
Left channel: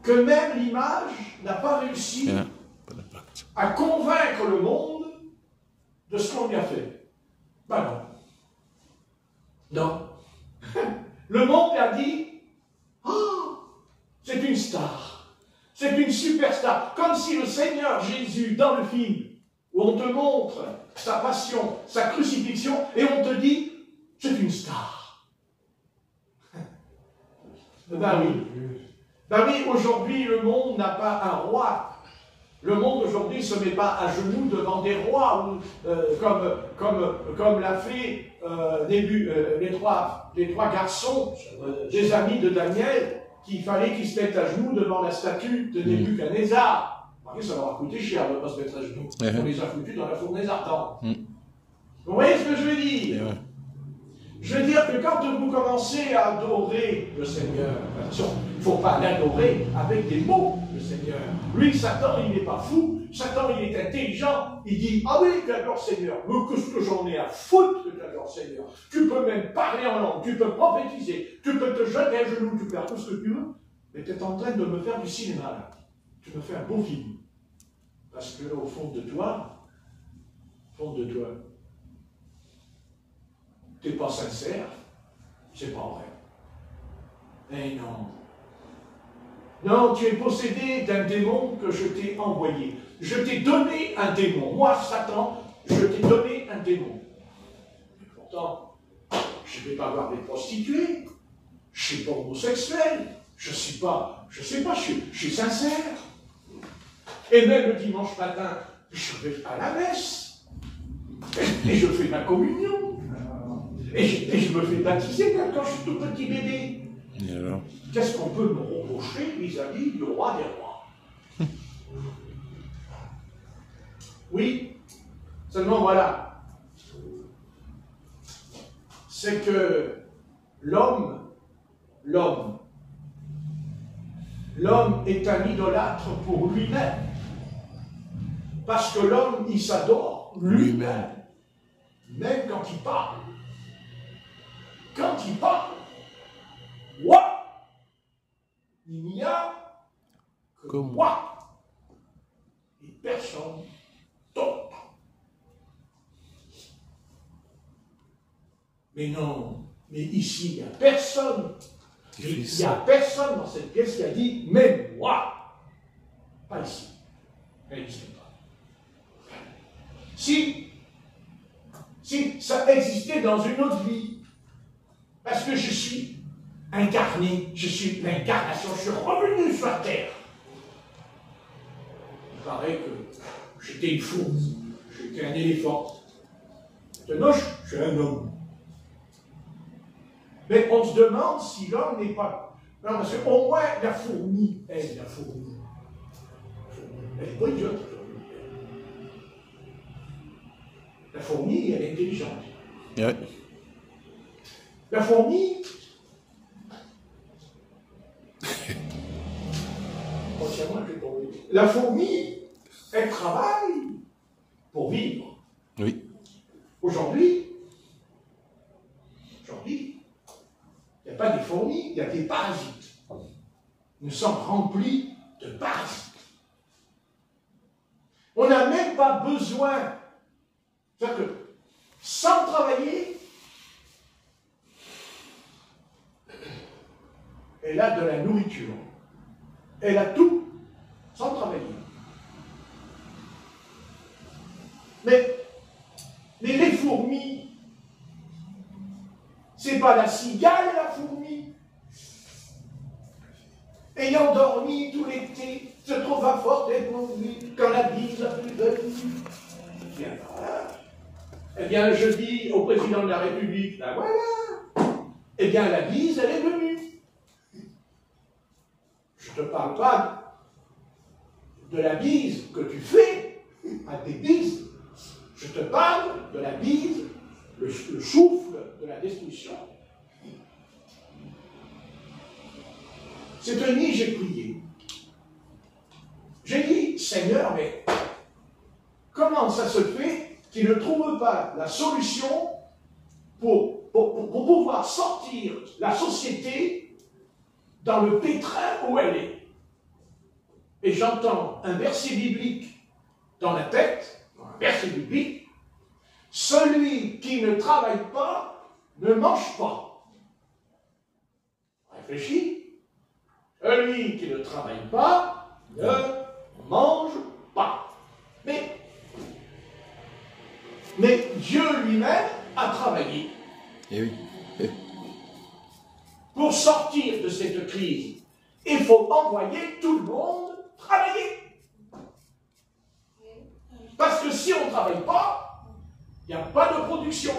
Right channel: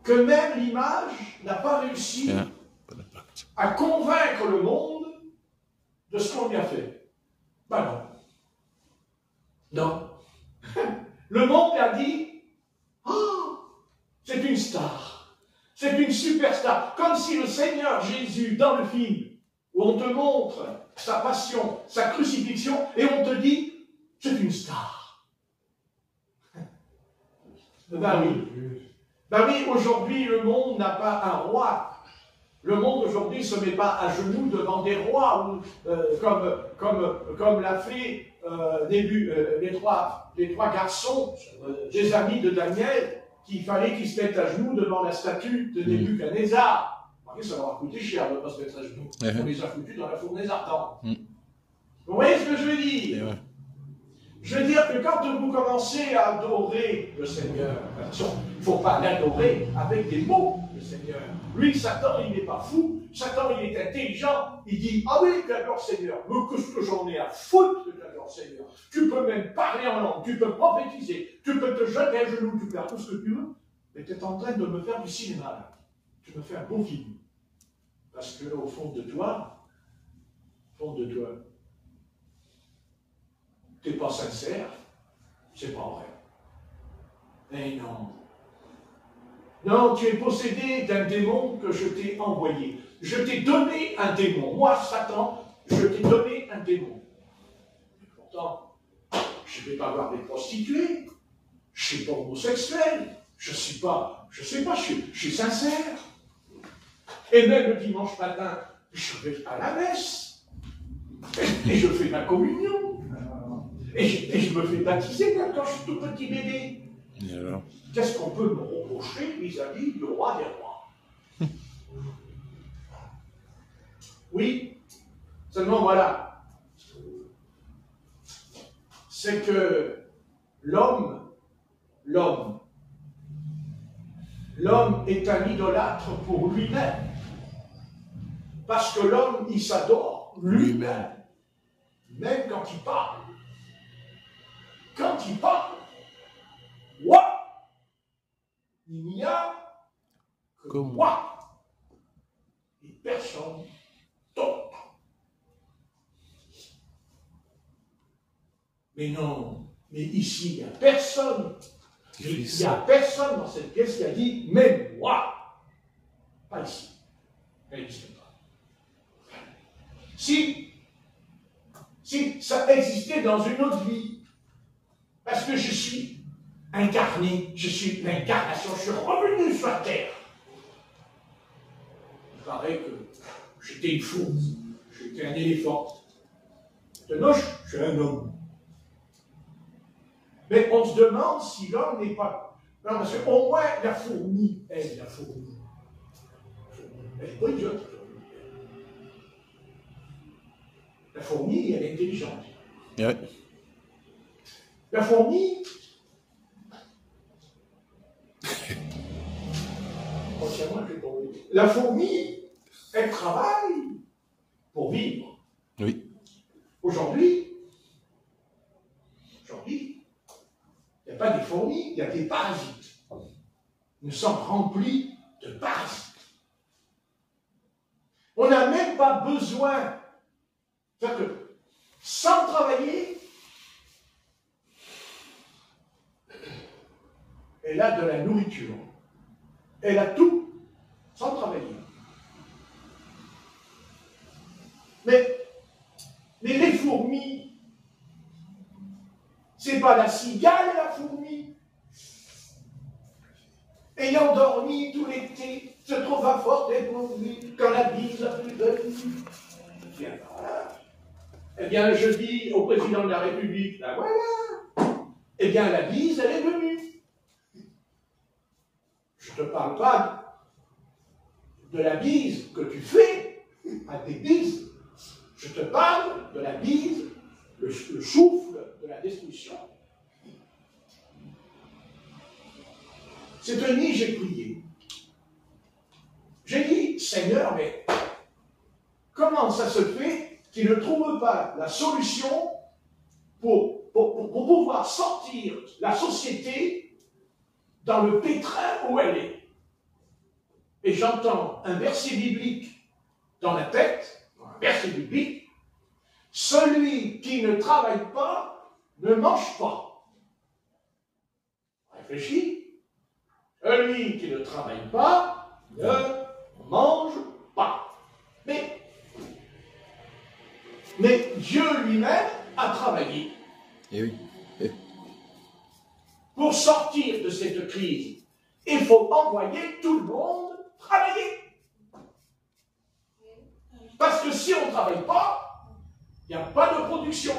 que même l'image n'a pas réussi à convaincre le monde de ce qu'on lui a fait. Ben non. Non. Le monde a dit oh, c'est une star. C'est une superstar. Comme si le Seigneur Jésus, dans le film, où on te montre sa passion, sa crucifixion, et on te dit c'est une star. Ben oui. Ben oui, aujourd'hui, le monde n'a pas un roi. Le monde aujourd'hui ne se met pas à genoux devant des rois, comme l'a fait les trois garçons, des amis de Daniel, qu'il fallait qu'ils se mettent à genoux devant la statue de Nebuchadnezzar. Ça leur a coûté cher de ne pas se mettre à genoux. On les a foutus dans la fournaise ardente. Vous voyez ce que je veux dire? Je veux dire que quand vous commencez à adorer le Seigneur, attention, il ne faut pas l'adorer avec des mots, le Seigneur. Lui, Satan, il n'est pas fou. Satan, il est intelligent. Il dit, ah oui, j'adore Seigneur. Mais qu'est-ce que j'en ai à foutre que j'adore Seigneur? Tu peux même parler en langue, tu peux prophétiser, tu peux te jeter à genoux, tu peux faire tout ce que tu veux. Mais tu es en train de me faire du cinéma, là. Tu me fais un beau film. Parce que au fond de toi, tu n'es pas sincère, c'est pas vrai. Eh non. Non, tu es possédé d'un démon que je t'ai envoyé. Je t'ai donné un démon. Moi, Satan, je t'ai donné un démon. Mais pourtant, je ne vais pas voir des prostituées. Je ne suis pas homosexuel. Je ne sais pas, je suis sincère. Et même le dimanche matin, je vais à la messe. Et je fais ma communion. Et je me fais baptiser quand je suis tout petit bébé. Qu'est-ce qu'on peut me reprocher vis-à-vis du roi des rois? Oui, seulement voilà. C'est que l'homme est un idolâtre pour lui-même. Parce que l'homme, il s'adore lui-même. Même quand il parle. Quand il parle, moi, il n'y a que moi et personne d'autre. Mais non, mais ici, il n'y a personne. Il n'y a personne dans cette pièce qui a dit « mais moi ». Pas ici. Elle ne sait pas. Si ça existait dans une autre vie, parce que je suis incarné, je suis l'incarnation, je suis revenu sur la terre. Il paraît que j'étais une fourmi, j'étais un éléphant. Maintenant, je suis un homme. Mais on se demande si l'homme n'est pas... Non, parce qu'au moins, la fourmi, elle n'est pas idiote. La fourmi, elle est intelligente. Ouais. La fourmi, elle travaille pour vivre. Oui. Aujourd'hui, il n'y a pas des fourmis, il y a des parasites. Nous sommes remplis de parasites. On n'a même pas besoin, c'est-à-dire que sans travailler, elle a de la nourriture. Elle a tout sans travailler. Mais les fourmis, c'est pas la cigale et la fourmi. Ayant dormi tout l'été, se trouve à fort dépourvu quand la bise a plus venue. Tiens, voilà. Eh bien, je dis au président de la République, ben voilà. Eh bien, la bise, elle est venue. Je ne te parle pas de la bise que tu fais à tes bises. Je te parle de la bise, le souffle de la destruction. Cette nuit, j'ai prié. J'ai dit, Seigneur, mais comment ça se fait qu'il ne trouve pas la solution pour pouvoir sortir la société dans le pétrin où elle est? Et j'entends un verset biblique dans la tête, un verset biblique, celui qui ne travaille pas ne mange pas. Réfléchis. Celui qui ne travaille pas ne mange pas. Mais Dieu lui-même a travaillé. Et oui. Pour sortir de cette crise, il faut envoyer tout le monde travailler. Parce que si on ne travaille pas, il n'y a pas de production.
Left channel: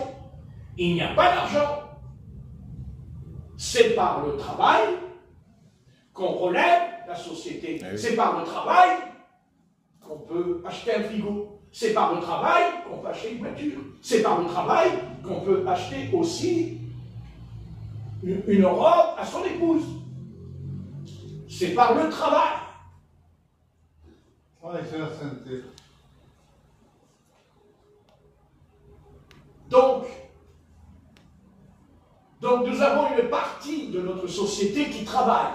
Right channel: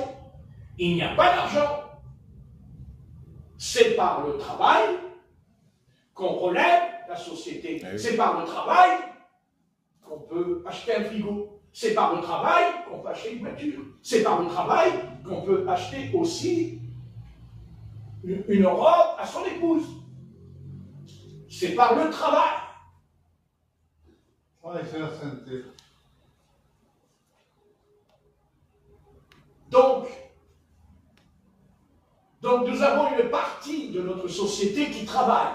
Il n'y a pas d'argent. C'est par le travail qu'on relève la société. C'est par le travail qu'on peut acheter un frigo. C'est par le travail qu'on peut acheter une voiture. C'est par le travail qu'on peut acheter aussi une robe à son épouse. C'est par le travail. Oui, c'est la santé. Donc nous avons une partie de notre société qui travaille.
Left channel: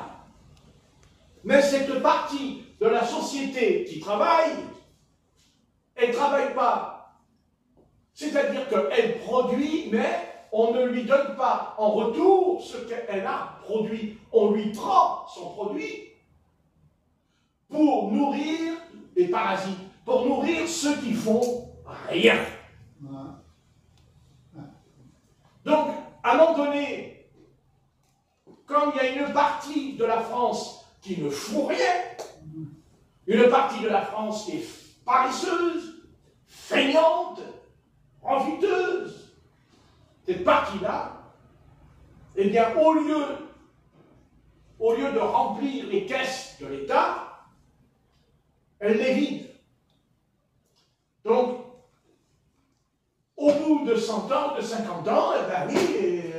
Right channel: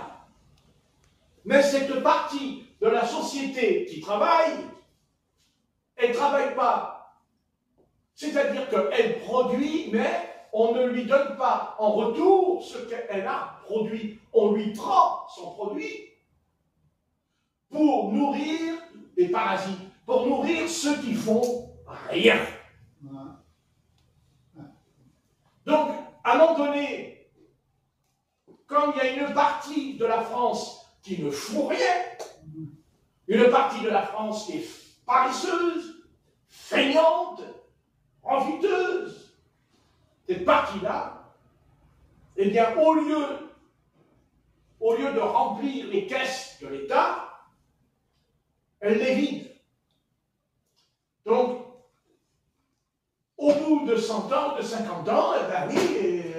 Mais cette partie de la société qui travaille, elle ne travaille pas. C'est-à-dire qu'elle produit, mais on ne lui donne pas en retour ce qu'elle a produit. On lui prend son produit pour nourrir les parasites, pour nourrir ceux qui font rien. Donc, à un moment donné, quand il y a une partie de la France qui ne fout rien, une partie de la France qui est paresseuse, feignante, envieuse, cette partie-là, eh bien, au lieu de remplir les caisses de l'État, elle les vide. Donc, au bout de 100 ans, de 50 ans, eh bien, oui,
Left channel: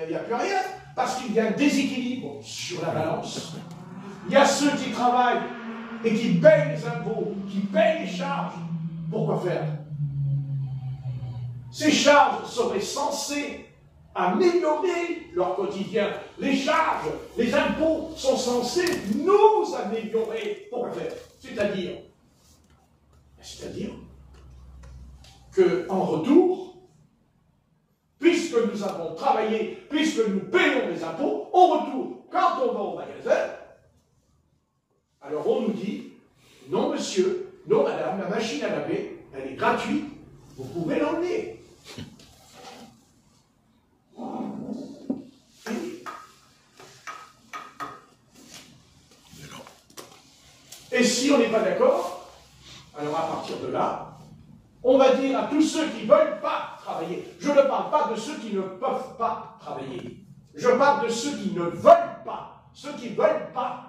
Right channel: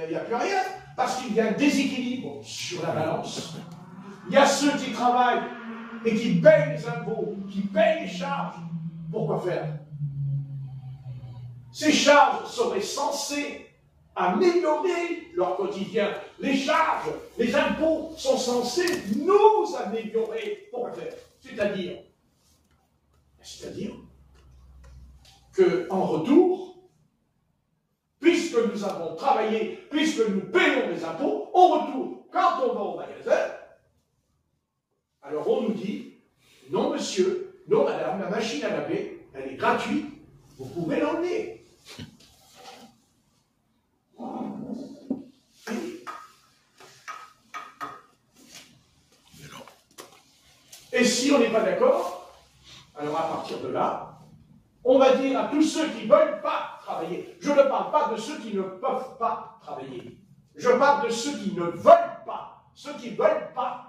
il n'y a plus rien, parce qu'il y a un déséquilibre sur la balance. Il y a ceux qui travaillent et qui payent les impôts, qui payent les charges. Pourquoi faire? Ces charges seraient censées améliorer leur quotidien. Les charges, les impôts sont censés nous améliorer. Pourquoi faire? C'est-à-dire qu'en retour, puisque nous avons travaillé, puisque nous payons les impôts, en retour, quand on va au magasin, alors on nous dit, non monsieur, non madame, la machine à laver, elle est gratuite, vous pouvez l'emmener. Et si on n'est pas d'accord, alors à partir de là, on va dire à tous ceux qui ne veulent pas travailler, je ne parle pas de ceux qui ne peuvent pas travailler, je parle de ceux qui ne veulent pas, ceux qui ne veulent pas,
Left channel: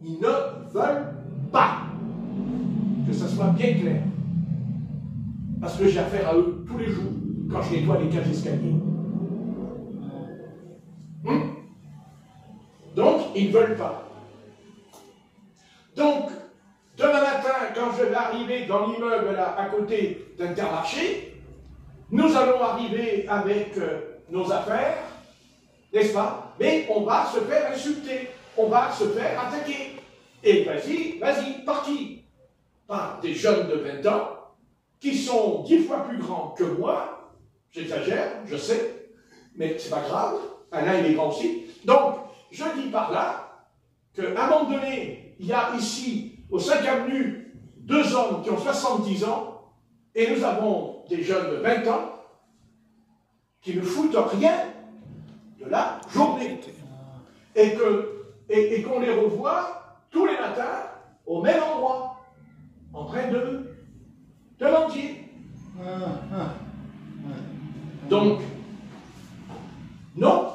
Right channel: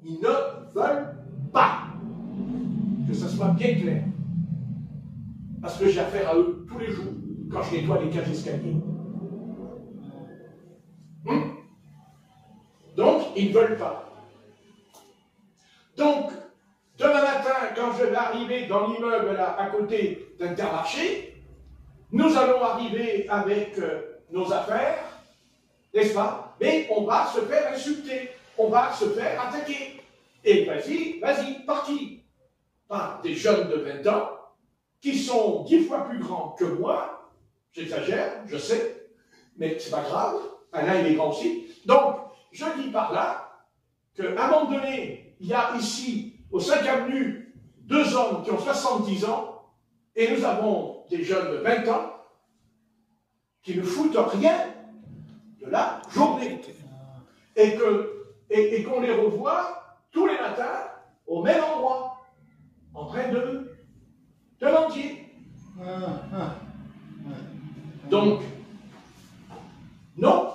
ils ne veulent pas. Que ça soit bien clair. Parce que j'ai affaire à eux tous les jours, quand je nettoie les cages d'escalier. Donc, ils ne veulent pas. Donc, demain matin, quand je vais arriver dans l'immeuble à côté d'Intermarché, nous allons arriver avec nos affaires, n'est-ce pas? Mais on va se faire insulter, on va se faire attaquer. Et vas-y, par qui? Par des jeunes de 20 ans qui sont 10 fois plus grands que moi. J'exagère, je sais, mais c'est pas grave. Alain, il est grand aussi. Donc, je dis par là qu'à un moment donné, il y a ici, au 5 avenue, 2 hommes qui ont 70 ans, et nous avons des jeunes de 20 ans qui ne foutent rien de la journée. Et qu'on les revoit tous les matins au même endroit, en train de mentir. Donc, non.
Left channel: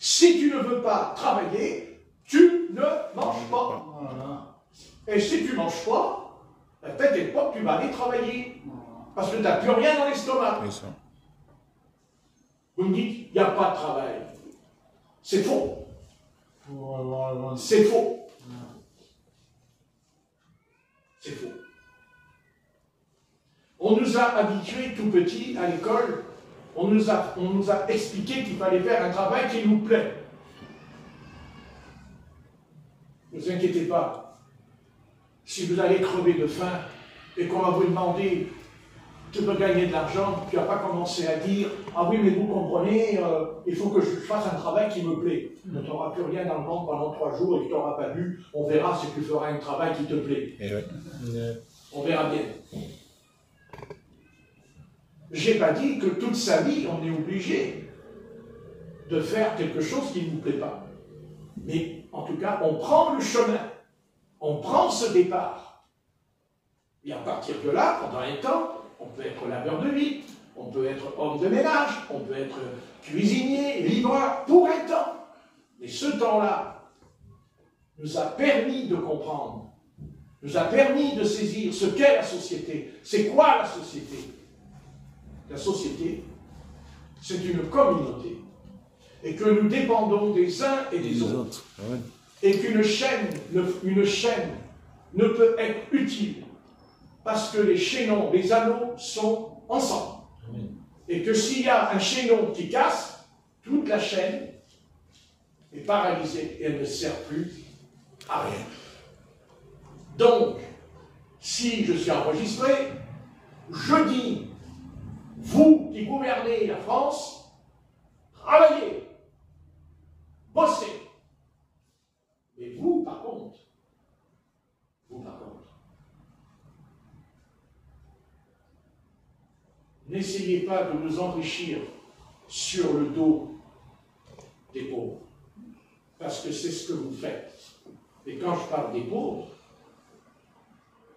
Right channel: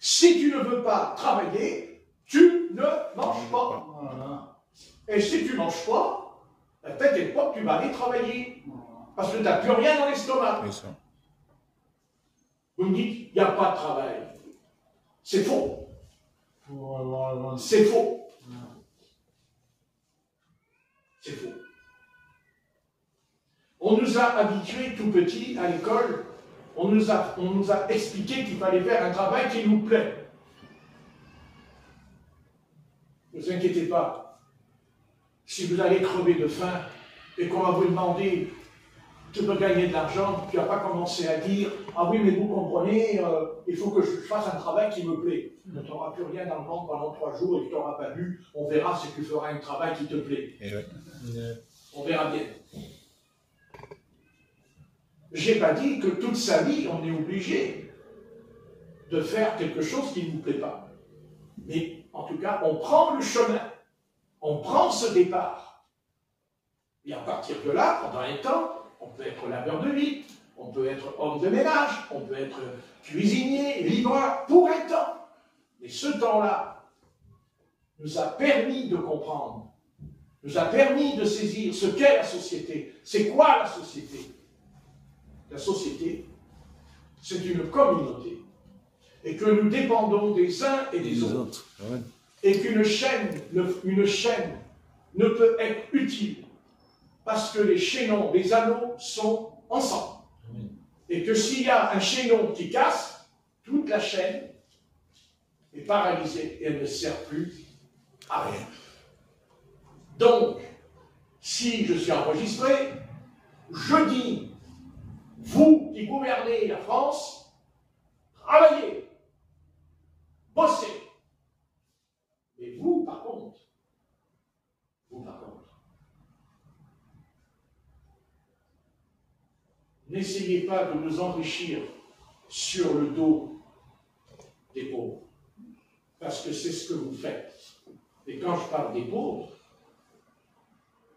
Si tu ne veux pas travailler, tu ne manges pas. Et si tu ne manges pas, peut-être quelque part tu vas aller travailler. Parce que tu n'as plus rien dans l'estomac. Vous me dites, il n'y a pas de travail. C'est faux. C'est faux. C'est faux. On nous a habitués tout petits à l'école, on nous a expliqué qu'il fallait faire un travail qui nous plaît. Ne vous inquiétez pas. Si vous allez crever de faim et qu'on va vous demander tu peux gagner de l'argent, tu n'as pas commencé à dire « Ah oui, mais vous comprenez, il faut que je fasse un travail qui me plaît. » Tu n'auras plus rien dans le ventre pendant 3 jours et tu n'auras pas bu. On verra si tu feras un travail qui te plaît. On verra bien. Je n'ai pas dit que toute sa vie, on est obligé de faire quelque chose qui ne nous plaît pas. Mais en tout cas, on prend le chemin. On prend ce départ. Et à partir de là, pendant un temps, on peut être laveur de lit, on peut être homme de ménage, on peut être cuisinier, livreur, pour un temps. Mais ce temps-là nous a permis de comprendre, nous a permis de saisir ce qu'est la société. C'est quoi la société? La société, c'est une communauté. Et que nous dépendons des uns et des autres. Ah oui. Et qu'une chaîne ne peut être utile parce que les chaînons, les anneaux sont ensemble. Et que s'il y a un chaînon qui casse, toute la chaîne est paralysée et elle ne sert plus à rien. Donc, si je suis enregistré, je dis, vous qui gouvernez la France, travaillez, bossez. Mais vous, par contre, n'essayez pas de nous enrichir sur le dos des pauvres, parce que c'est ce que vous faites. Et quand je parle des pauvres,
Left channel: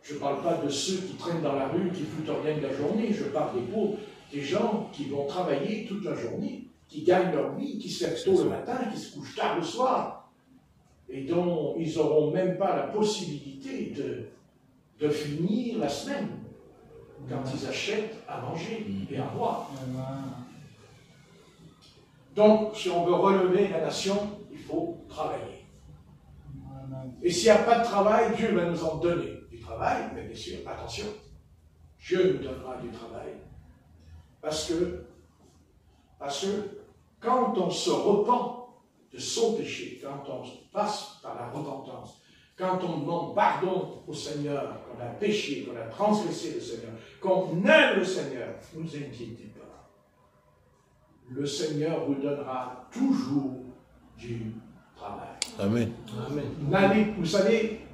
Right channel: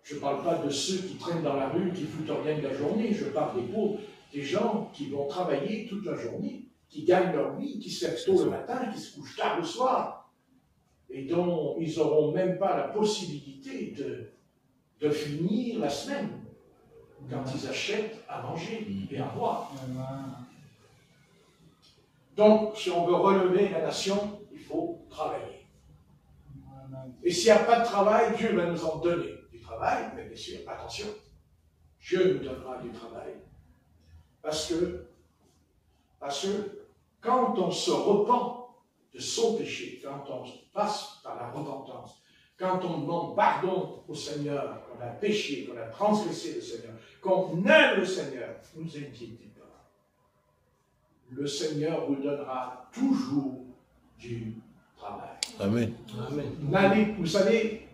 je ne parle pas de ceux qui traînent dans la rue, qui foutent en rien de la journée, je parle des pauvres, des gens qui vont travailler toute la journée, qui gagnent leur vie, qui se lèvent tôt le matin, qui se couchent tard le soir, et dont ils n'auront même pas la possibilité de finir la semaine quand ils achètent à manger et à boire. Donc, si on veut relever la nation, il faut travailler. Et s'il n'y a pas de travail, Dieu va nous en donner du travail, mais bien sûr, attention, Dieu nous donnera du travail. Parce que quand on se repent de son péché, quand on passe par la repentance, quand on demande pardon au Seigneur, qu'on a péché, qu'on a transgressé le Seigneur, qu'on aime le Seigneur, ne vous inquiétez pas. Le Seigneur vous donnera toujours du travail. Amen. Amen. Vous savez,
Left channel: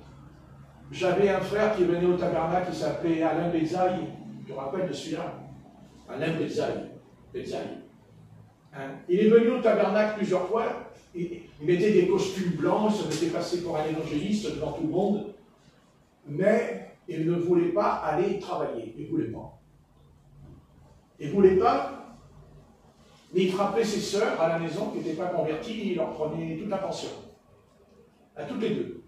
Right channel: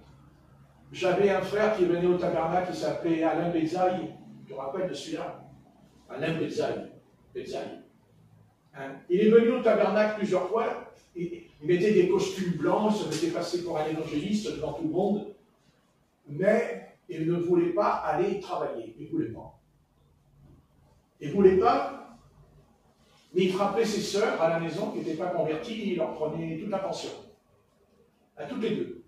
j'avais un frère qui venait au tabernacle qui s'appelait Alain Bézaï. Je me rappelle de celui-là. Alain Bézaï. Hein? Il est venu au tabernacle plusieurs fois. Il mettait des costumes blancs, il se faisait passer pour un évangéliste devant tout le monde. Mais il ne voulait pas aller travailler. Il ne voulait pas. Il ne voulait pas. Mais il frappait ses sœurs à la maison qui n'étaient pas converties, il leur prenait toute la pension. À toutes les deux.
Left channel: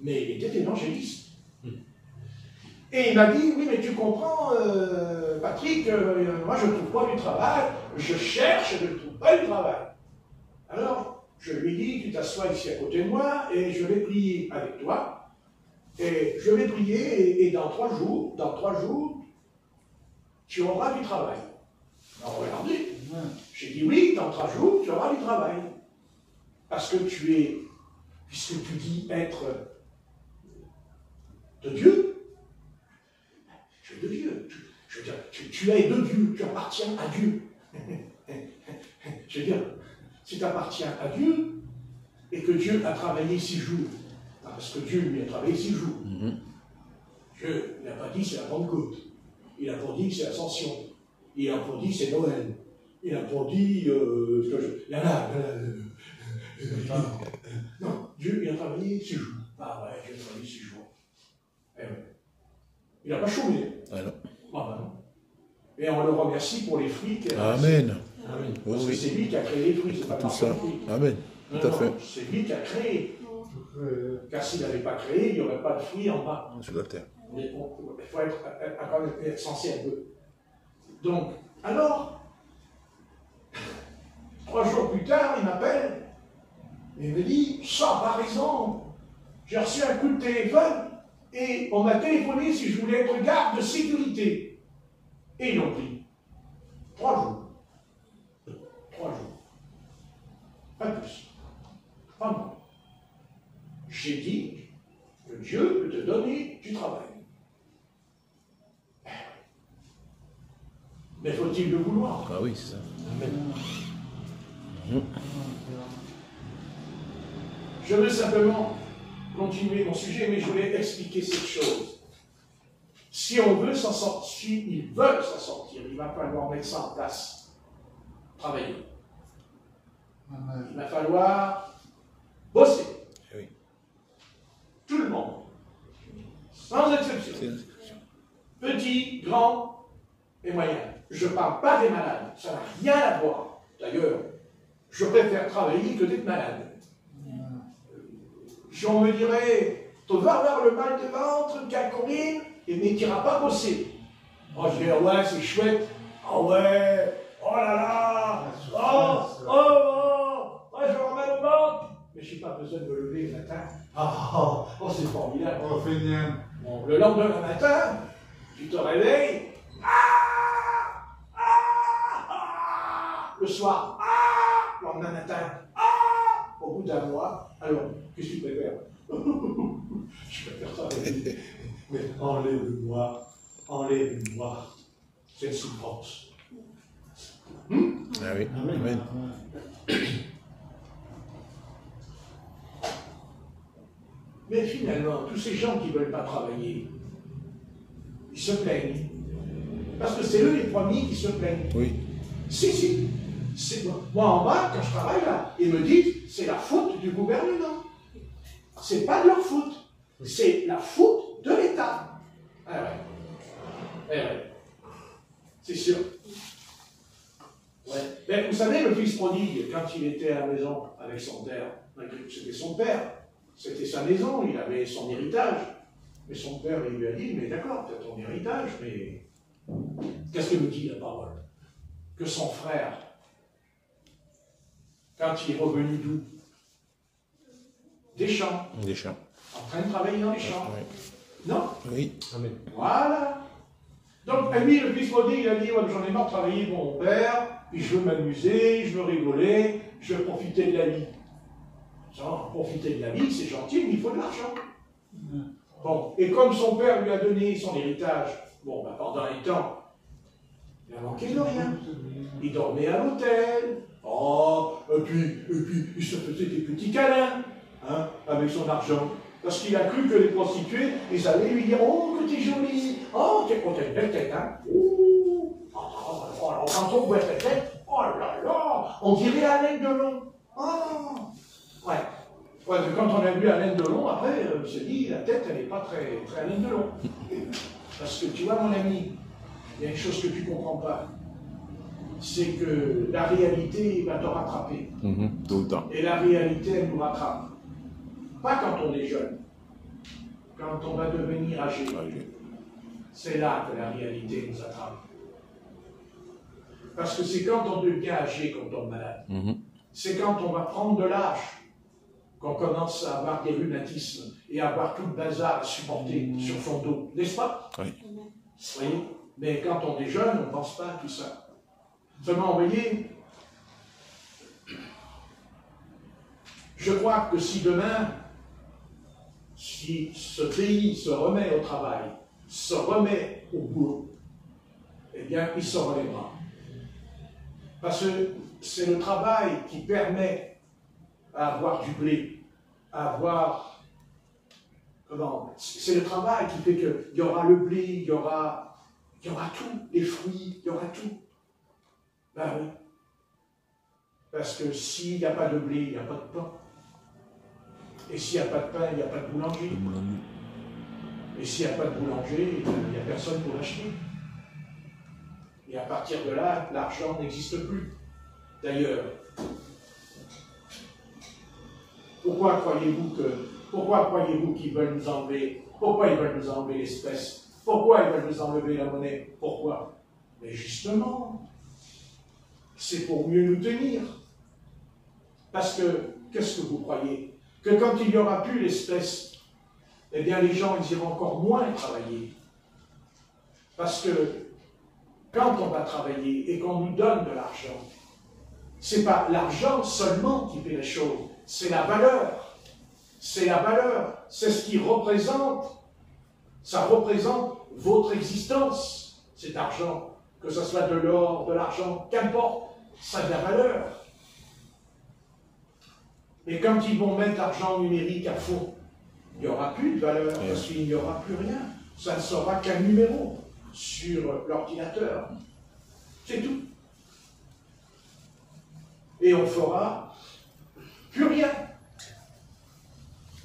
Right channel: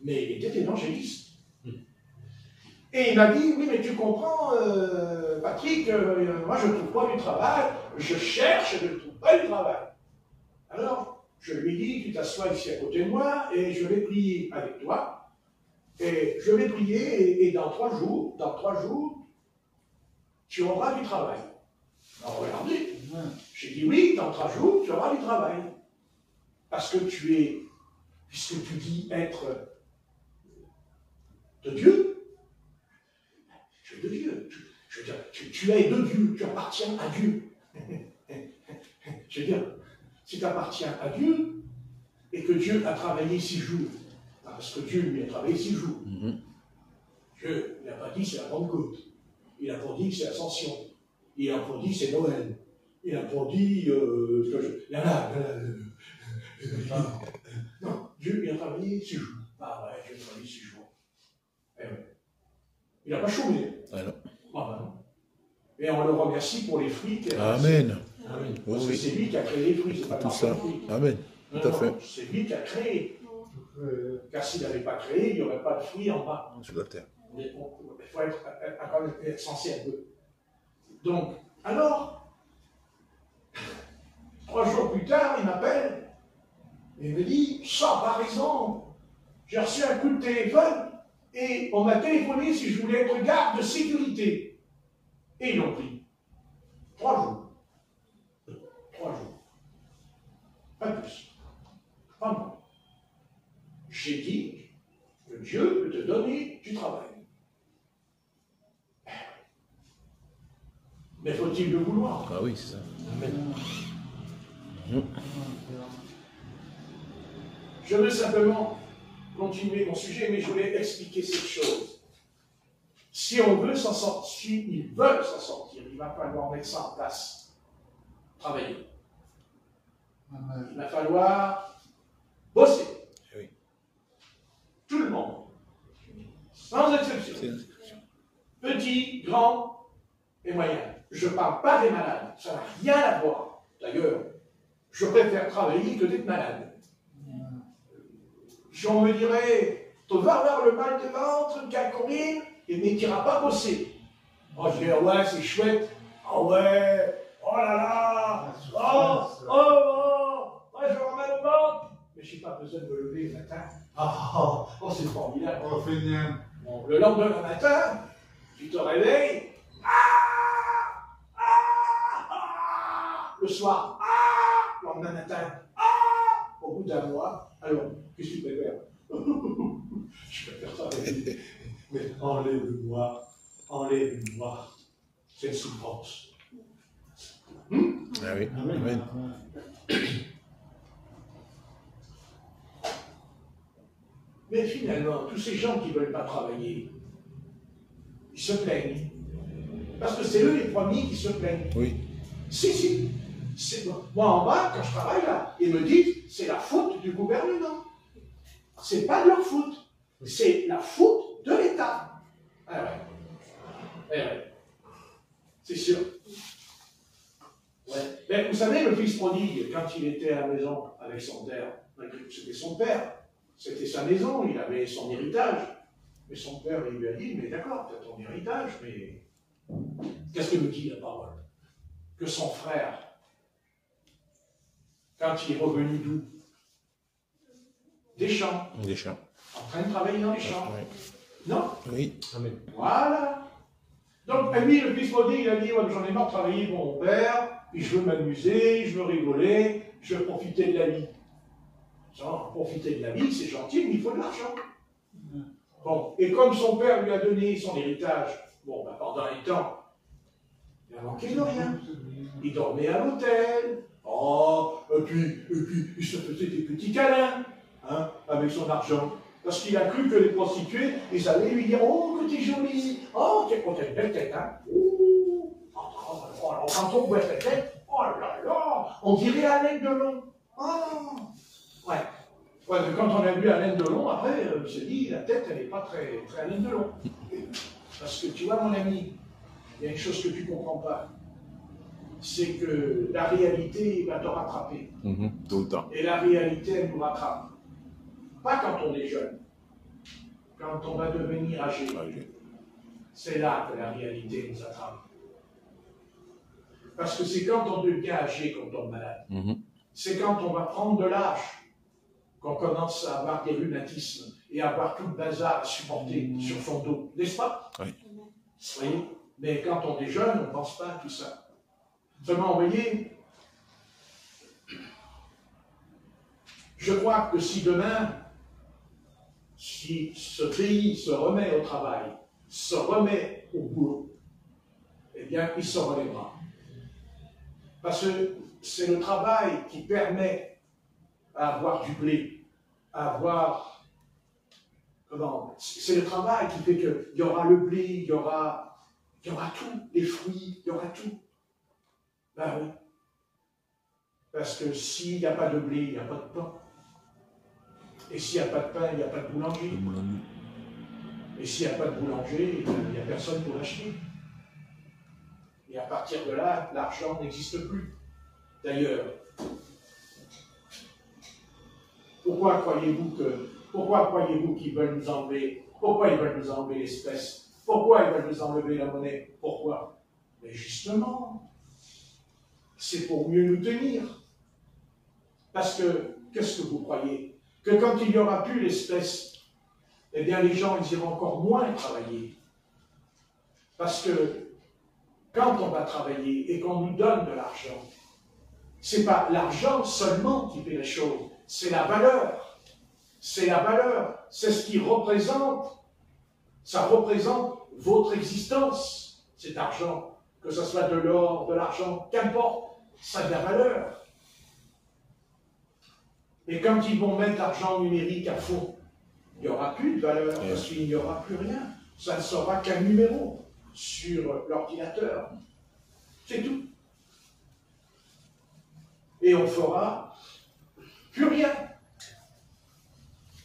Mais il était évangéliste. Et il m'a dit, oui, mais tu comprends, Patrick, moi je ne trouve pas du travail, je cherche et je ne trouve pas du travail. Alors, je lui ai dit, tu t'assois ici à côté de moi et je vais prier avec toi. Et je vais prier et dans 3 jours, tu auras du travail. Alors regardez, j'ai dit oui, dans 3 jours, tu auras du travail. Parce que puisque tu dis être de Dieu, tu es de Dieu. Je veux dire, tu es de Dieu, tu appartiens à Dieu. Je veux dire, si tu appartiens à Dieu, et que Dieu a travaillé 6 jours, parce que Dieu lui a travaillé 6 jours, Dieu n'a pas dit c'est la Pentecôte, il n'a pas dit c'est l'Ascension, il n'a pas dit c'est Noël, il n'a pas dit non, Dieu il a travaillé 6 jours. Ah ouais, Dieu a travaillé 6 jours. Eh ouais. Il n'a pas chômé. Alors. Ah ben non. Et on le remercie pour les fruits qu'il a. Amen. Amen. Parce que c'est lui qui a créé les fruits, c'est pas Tout ça. Amen. Tout à fait. C'est lui qui a créé. Car s'il n'avait pas créé, il n'y aurait pas de fruits en bas. Sur la terre. Il faut être censé un peu. Donc, alors, 3 jours plus tard, il m'appelle et il me dit, ça, par exemple, j'ai reçu un coup de téléphone et on m'a téléphoné si je voulais être garde de sécurité. Et ils l'ont pris. 3 jours. 3 jours. Pas plus. Pas moins. J'ai dit que Dieu peut te donner du travail. Mais faut-il le vouloir? Ah oui, c'est ça. Amen. Je veux simplement continuer mon sujet, mais je voulais expliquer cette chose. Si on veut s'en sortir, s'ils veulent s'en sortir, il va falloir mettre ça en place. Travailler. Il va falloir bosser. Oui. Tout le monde. Sans exception. rien à voir. D'ailleurs, je préfère travailler que d'être malade. On me dirait, tu vas avoir le mal de ventre qu'à courir, mais tu n'iras pas bosser. Moi, je dirais, ouais, c'est chouette. Ah ouais, oh là là, je vais avoir mal au ventre. Mais je n'ai pas besoin de me lever le matin. C'est formidable. Bon, le lendemain matin, tu te réveilles. Le soir, le lendemain matin, au bout d'un mois, alors, qu'est-ce que tu préfères? Je préfère travailler. Mais enlève-moi. C'est une souffrance. Ah oui. Amen. Mais finalement, tous ces gens qui ne veulent pas travailler, ils se plaignent. Parce que c'est eux les premiers qui se plaignent. Oui. Si. Moi en bas, quand je travaille là, ils me disent c'est la faute du gouvernement. C'est pas de leur faute. C'est la faute de l'État. Ah ouais. C'est sûr. Ouais. Mais vous savez, le fils prodigue, quand il était à la maison avec son père, c'était son père, c'était sa maison, il avait son héritage. Mais son père, il lui a dit, mais d'accord, tu as ton héritage, mais qu'est-ce que nous dit la parole? Que son frère, quand il est revenu d'où? Des champs. Des champs. En train de travailler dans les champs. Oui. Non? Oui. Amen. Voilà. Donc, lui, le fils prodigue, il a dit, j'en ai marre de travailler pour mon père, puis je veux m'amuser, je veux rigoler, je veux profiter de la vie. Profiter de la vie, c'est gentil, mais il faut de l'argent. Bon. Et comme son père lui a donné son héritage, pendant les temps, il n'a manqué de rien. Il dormait à l'hôtel, et puis il se faisait des petits câlins, avec son argent. Parce qu'il a cru que les prostituées, ils allaient lui dire, oh, que t'es jolie, oh, t'as une belle tête, hein. Quand on voit ta tête, oh là là, on dirait Alain Delon. Ouais, quand on a vu Alain Delon, après, on se dit, la tête, elle n'est pas très, très Alain Delon. Parce que tu vois, mon ami, il y a une chose que tu ne comprends pas. C'est que la réalité va te rattraper. Tout le temps. Et la réalité, elle nous rattrape. Pas quand on est jeune. Quand on va devenir âgé. C'est là que la réalité nous attrape. Parce que c'est quand on devient âgé qu'on tombe malade. C'est quand on va prendre de l'âge qu'on commence à avoir des rhumatismes et à avoir tout le bazar à supporter sur son dos. N'est-ce pas? Oui. Oui. Mais quand on est jeune, on ne pense pas à tout ça. Seulement, vous voyez, je crois que si demain, si ce pays se remet au travail, se remet au boulot, eh bien, il se relèvera. Parce que c'est le travail qui permet à avoir du blé, à avoir... C'est le travail qui fait qu'il y aura le blé, il y aura tout, les fruits, il y aura tout. Ben oui. Parce que s'il n'y a pas de blé, il n'y a pas de pain. Et s'il n'y a pas de pain, il n'y a pas de boulanger. Et s'il n'y a pas de boulanger, il n'y a personne pour l'acheter. Et à partir de là, l'argent n'existe plus. D'ailleurs, pourquoi croyez-vous qu'ils veulent nous enlever? Pourquoi ils veulent nous enlever l'espèce? Pourquoi ils veulent nous enlever la monnaie? Pourquoi? Mais justement, c'est pour mieux nous tenir. Parce que, qu'est-ce que vous croyez? Que quand il n'y aura plus l'espèce, eh bien les gens, ils iront encore moins travailler. Parce que, quand on va travailler et qu'on nous donne de l'argent, ce n'est pas l'argent seulement qui fait les choses, c'est la valeur. C'est la valeur, c'est ce qui représente. Ça représente votre existence, cet argent. Que ce soit de l'or, de l'argent, qu'importe, ça a de la valeur. Et quand ils vont mettre l'argent numérique à fond, il n'y aura plus de valeur, parce qu'il n'y aura plus rien. Ça ne sera qu'un numéro sur l'ordinateur. C'est tout. Et on ne fera plus rien.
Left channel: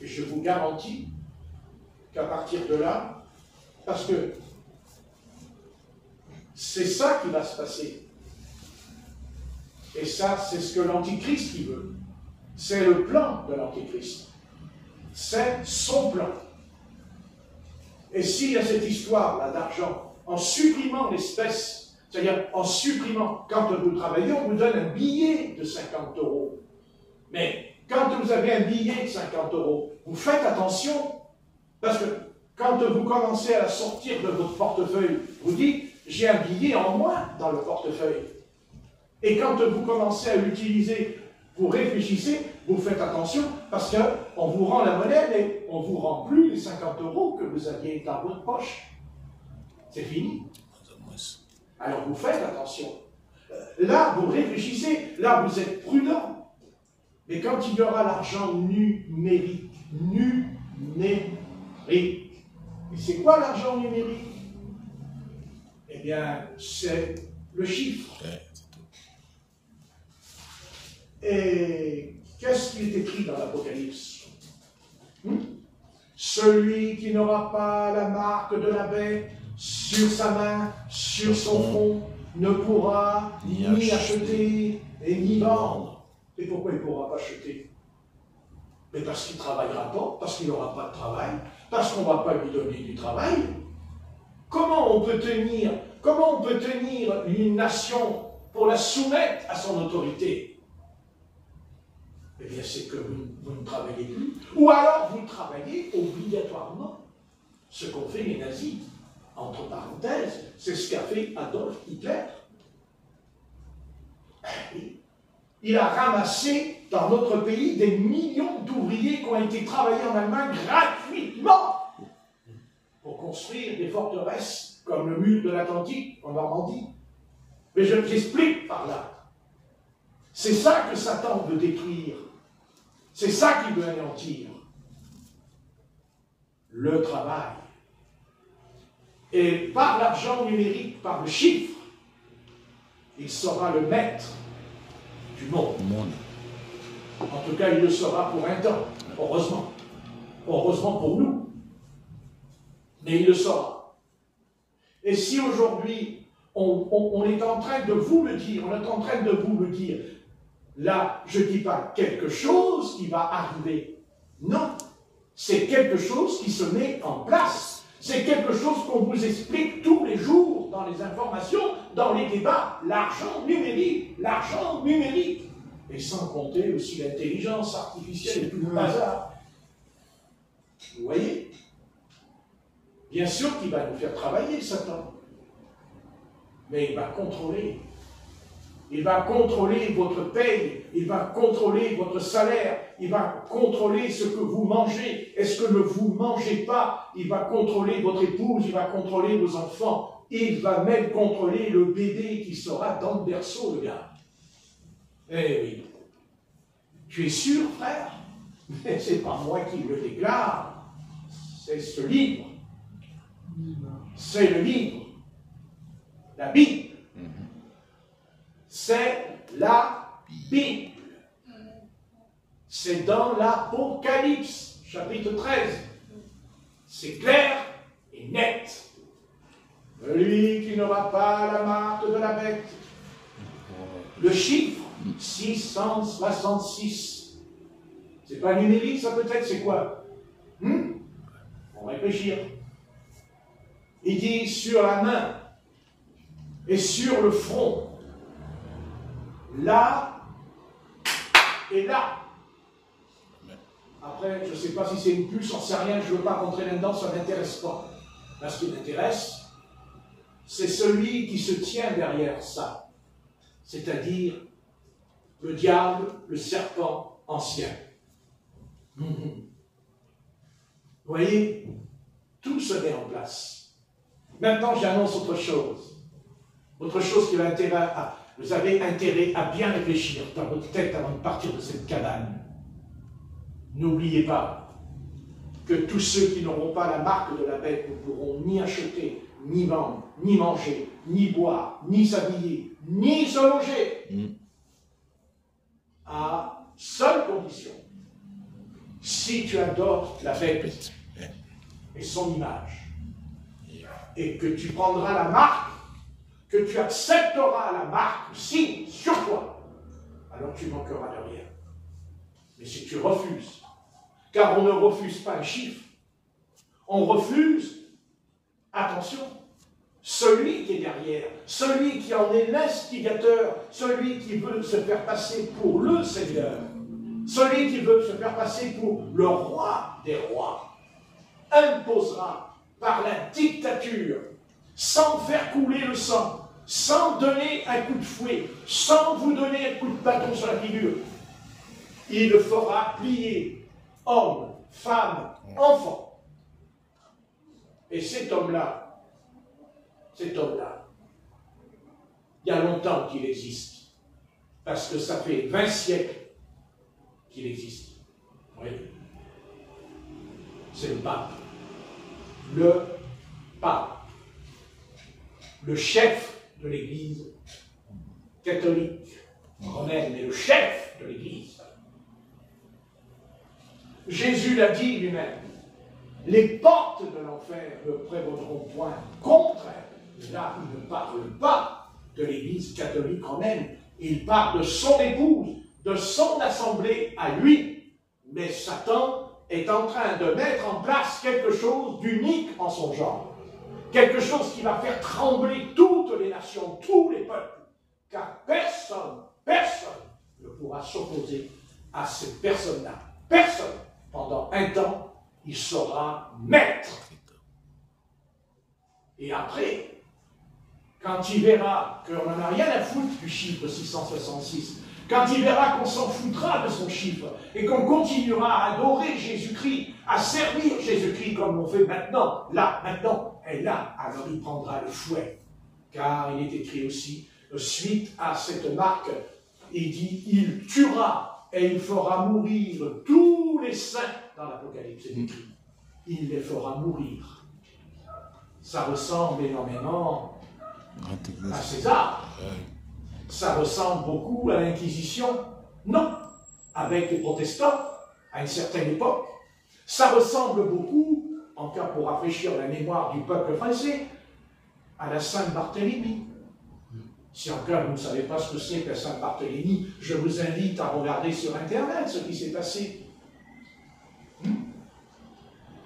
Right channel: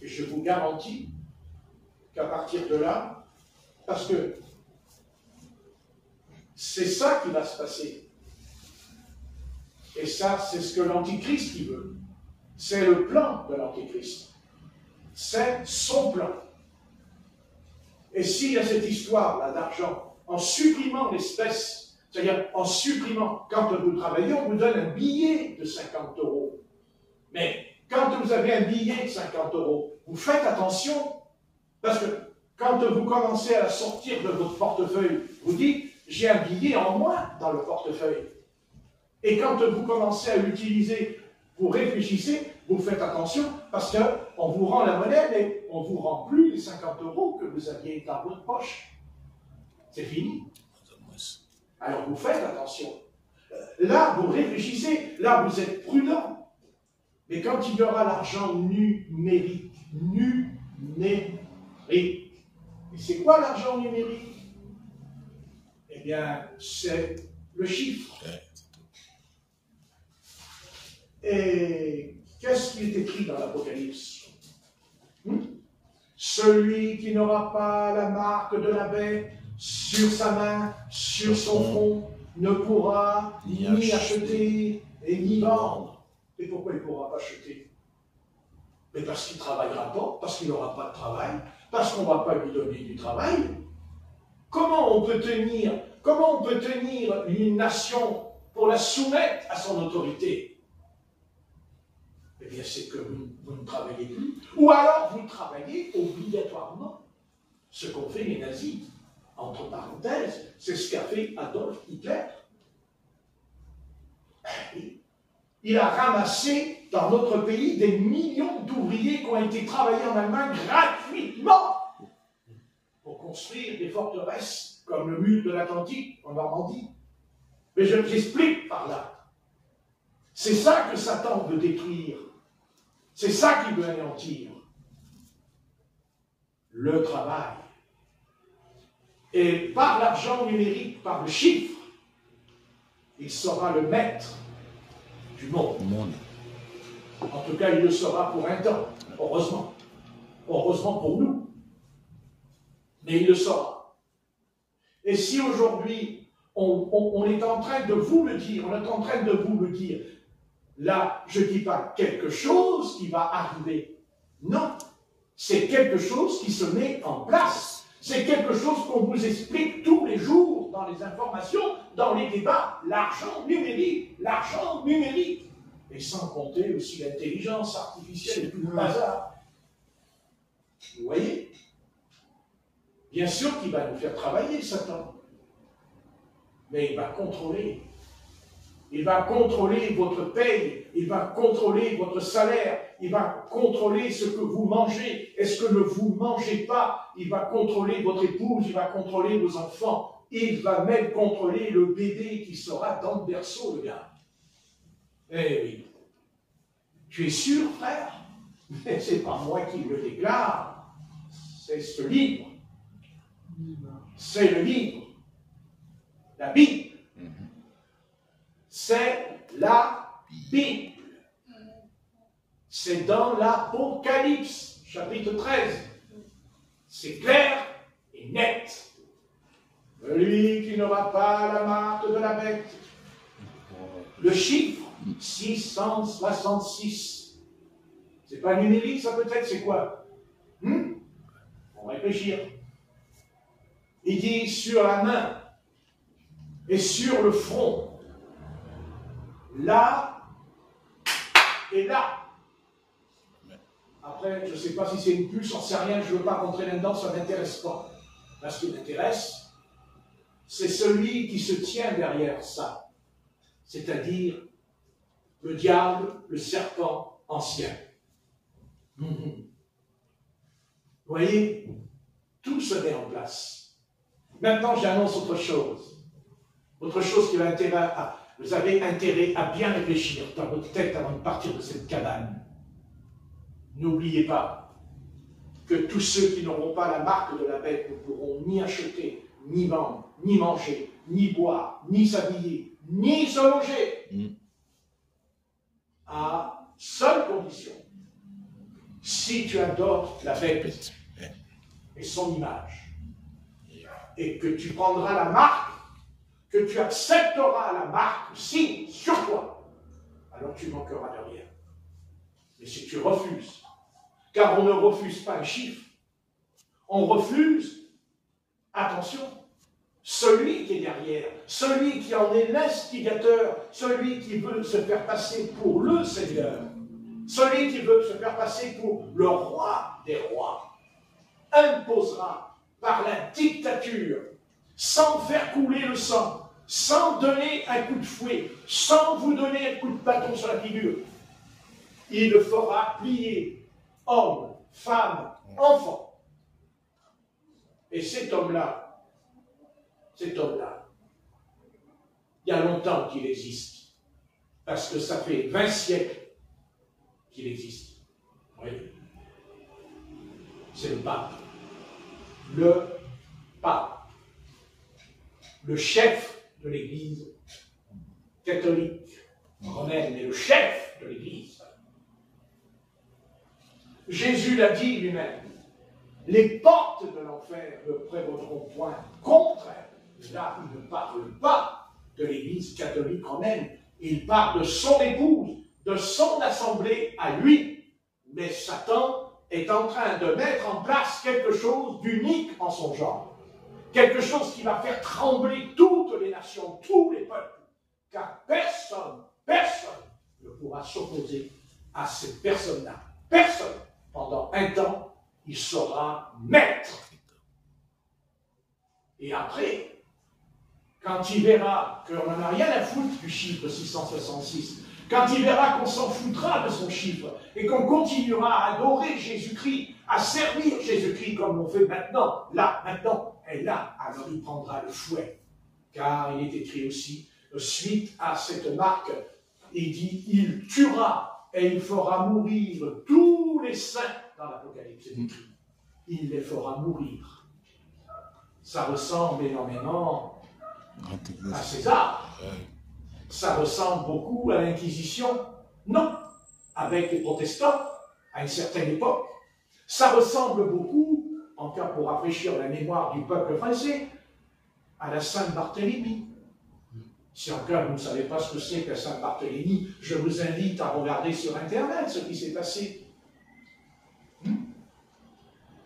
Et je vous garantis qu'à partir de là, parce que c'est ça qui va se passer. Et ça, c'est ce que l'Antichrist qui veut. C'est le plan de l'Antichrist. C'est son plan. Et s'il y a cette histoire-là d'argent, en supprimant l'espèce, c'est-à-dire en supprimant, quand vous travaillez, on vous donne un billet de 50 €. Mais quand vous avez un billet de 50 €, vous faites attention, parce que quand vous commencez à sortir de votre portefeuille, vous dites, j'ai un billet en moins dans le portefeuille. Et quand vous commencez à l'utiliser, vous réfléchissez, vous faites attention, parce qu'on vous rend la monnaie, mais on ne vous rend plus les 50 € que vous aviez dans votre poche. C'est fini. Alors vous faites attention. Là, vous réfléchissez, là, vous êtes prudent. Mais quand il y aura l'argent numérique, et c'est quoi l'argent numérique? Eh bien, c'est le chiffre. Et qu'est-ce qui est écrit dans l'Apocalypse? Celui qui n'aura pas la marque de la bête sur sa main, sur son front, ne pourra ni acheter et ni vendre. Et pourquoi il ne pourra pas acheter? Mais parce qu'il ne travaillera pas, parce qu'il n'aura pas de travail, parce qu'on ne va pas lui donner du travail. Comment on peut tenir une nation pour la soumettre à son autorité? Eh bien, c'est que vous ne travaillez plus. Ou alors, vous travaillez obligatoirement. Ce qu'ont fait les nazis. Entre parenthèses, c'est ce qu'a fait Adolf Hitler. Il a ramassé dans notre pays des millions d'ouvriers qui ont été travaillés en Allemagne gratuitement pour construire des forteresses comme le mur de l'Atlantique en Normandie. Mais je j'explique par là. C'est ça que Satan veut détruire. C'est ça qu'il veut anéantir. Le travail. Et par l'argent numérique, par le chiffre, il sera le maître du monde. En tout cas, il le sera pour un temps, heureusement. Heureusement pour nous. Mais il le sera. Et si aujourd'hui, on est en train de vous le dire, là, je ne dis pas quelque chose qui va arriver. Non, c'est quelque chose qui se met en place. C'est quelque chose qu'on vous explique tous les jours dans les informations, dans les débats. L'argent numérique. Et sans compter aussi l'intelligence artificielle et tout le bazar. Vous voyez? Bien sûr qu'il va nous faire travailler, Satan. Mais il va contrôler. Il va contrôler votre paye, il va contrôler votre salaire, il va contrôler ce que vous mangez. Est-ce que ne vous mangez pas? Il va contrôler votre épouse, il va contrôler vos enfants. Il va même contrôler le bébé qui sera dans le berceau, le gars. Eh oui. Tu es sûr, frère? Mais c'est pas moi qui le déclare. C'est ce livre. C'est le livre. La Bible. C'est la Bible. C'est dans l'Apocalypse, chapitre 13. C'est clair et net. Celui qui n'aura pas la marque de la bête. Le chiffre 666. C'est pas numérique, ça peut-être, c'est quoi? On va réfléchir. Il dit sur la main et sur le front. Là et là. Après, je ne sais pas si c'est une puce, j'en sais rien, je ne veux pas rentrer là-dedans, ça ne m'intéresse pas. Là, ce qui m'intéresse, c'est celui qui se tient derrière ça. C'est-à-dire le diable, le serpent ancien. Vous voyez, tout se met en place. Maintenant, j'annonce autre chose. Autre chose qui va vous avez intérêt à bien réfléchir dans votre tête avant de partir de cette cabane. N'oubliez pas que tous ceux qui n'auront pas la marque de la bête ne pourront ni acheter, ni vendre, ni manger, ni boire, ni s'habiller, ni se loger. À seule condition, si tu adores la bête et son image, et que tu prendras la marque, que tu accepteras la marque, signe sur toi, alors tu manqueras de rien. Mais si tu refuses, car on ne refuse pas les chiffres, on refuse, attention, celui qui est derrière, celui qui en est l'instigateur, celui qui veut se faire passer pour le Seigneur, celui qui veut se faire passer pour le roi des rois, imposera par la dictature, sans faire couler le sang, sans donner un coup de fouet, sans vous donner un coup de bâton sur la figure. Il le fera plier, hommes, femmes, enfants. Et cet homme-là, il y a longtemps qu'il existe, parce que ça fait 20 siècles qu'il existe. Oui. C'est le pape. Le pape. Le chef de l'Église catholique romaine, et le chef de l'Église. Jésus l'a dit lui-même. Les portes de l'enfer ne prévaudront point contre elle. Là, il ne parle pas de l'Église catholique romaine, il parle de son épouse, de son assemblée à lui. Mais Satan est en train de mettre en place quelque chose d'unique en son genre. Quelque chose qui va faire trembler toutes les nations, tous les peuples. Car personne ne pourra s'opposer à cette personne-là. Personne. Pendant un temps, il sera maître. Et après, quand il verra qu'on n'en a rien à foutre du chiffre 666, quand il verra qu'on s'en foutra de son chiffre et qu'on continuera à adorer Jésus-Christ, à servir Jésus-Christ comme on fait maintenant, et là, alors il prendra le fouet. Car il est écrit aussi, suite à cette marque, il dit, il tuera et il fera mourir tous les saints dans l'Apocalypse. C'est écrit. Il les fera mourir. Ça ressemble énormément à César. Ça ressemble beaucoup à l'Inquisition. Non. Avec les protestants, à une certaine époque. Ça ressemble beaucoup, encore pour rafraîchir la mémoire du peuple français, à la Saint-Barthélemy. Si encore vous ne savez pas ce que c'est que la Saint-Barthélemy, je vous invite à regarder sur Internet ce qui s'est passé.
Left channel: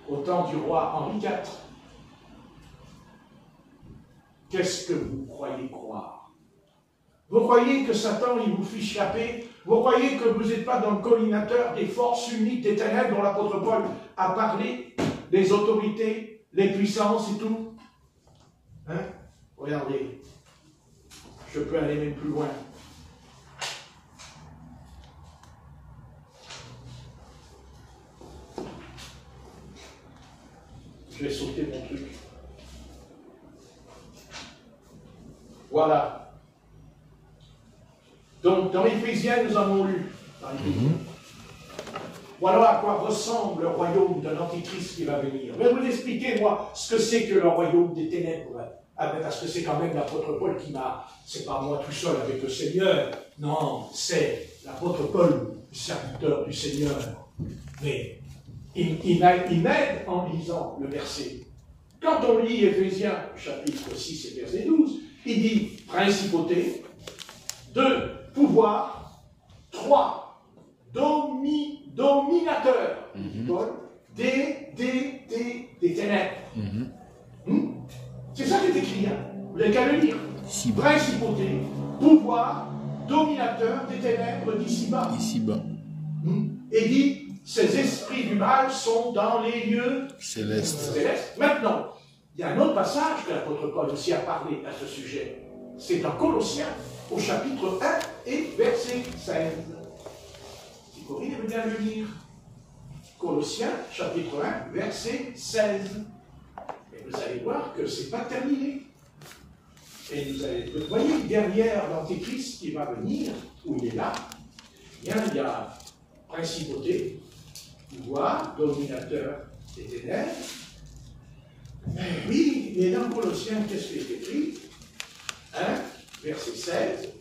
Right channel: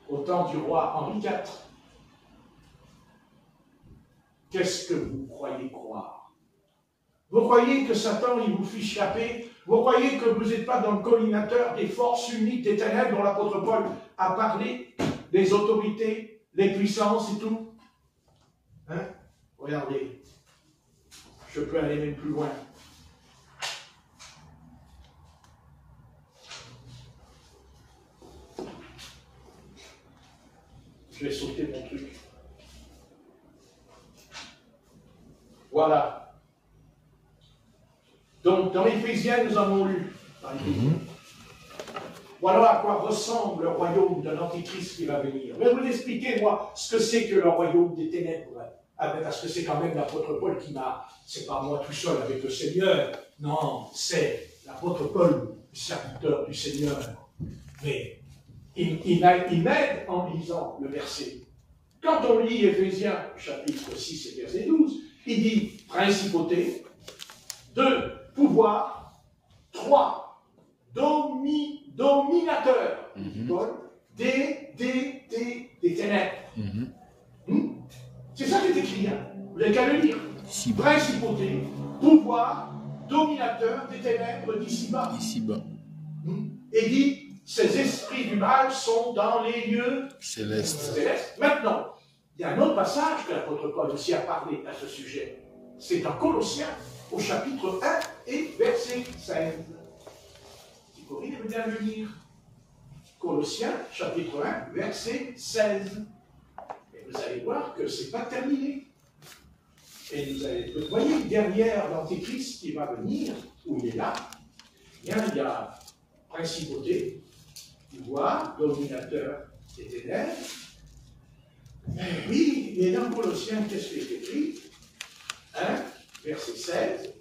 Au temps du roi Henri IV. Qu'est-ce que vous croyez croire? Vous croyez que Satan, il vous fiche la paix? Vous croyez que vous n'êtes pas dans le collimateur des forces uniques des ténèbres dont l'apôtre Paul a parlé? Les autorités, les puissances et tout? Hein? Regardez. Je peux aller même plus loin. Je vais sauter mon truc. Voilà. Donc, dans Éphésiens, nous avons lu. Voilà à quoi ressemble le royaume de l'Antichrist qui va venir. Je vais vous expliquer, moi, ce que c'est que le royaume des ténèbres. Parce que c'est quand même l'apôtre Paul qui m'a... C'est pas moi tout seul avec le Seigneur. Non, c'est l'apôtre Paul, le serviteur du Seigneur. Mais il m'aide en lisant le verset. Quand on lit Éphésiens, chapitre 6 et verset 12, il dit principauté, 2, pouvoir, 3, dominateur, Paul, des ténèbres. C'est ça qui est écrit, hein. Vous n'avez qu'à le lire. Principauté, pouvoir, dominateur des ténèbres d'ici-bas. Et dit, ces esprits du mal sont dans les lieux célestes. Maintenant, il y a un autre passage que l'apôtre Paul aussi a parlé à ce sujet. C'est dans Colossiens, au chapitre 1 et verset 16. Si vous pouvez bien le lire. Colossiens, chapitre 1, verset 16. Et vous allez voir que ce n'est pas terminé. Et vous voyez, derrière l'Antéchrist qui va venir, où il est là, il y a principauté, pouvoir, dominateur des ténèbres. Oui, et dans Colossiens, qu'est-ce qui est écrit? 1, verset 16.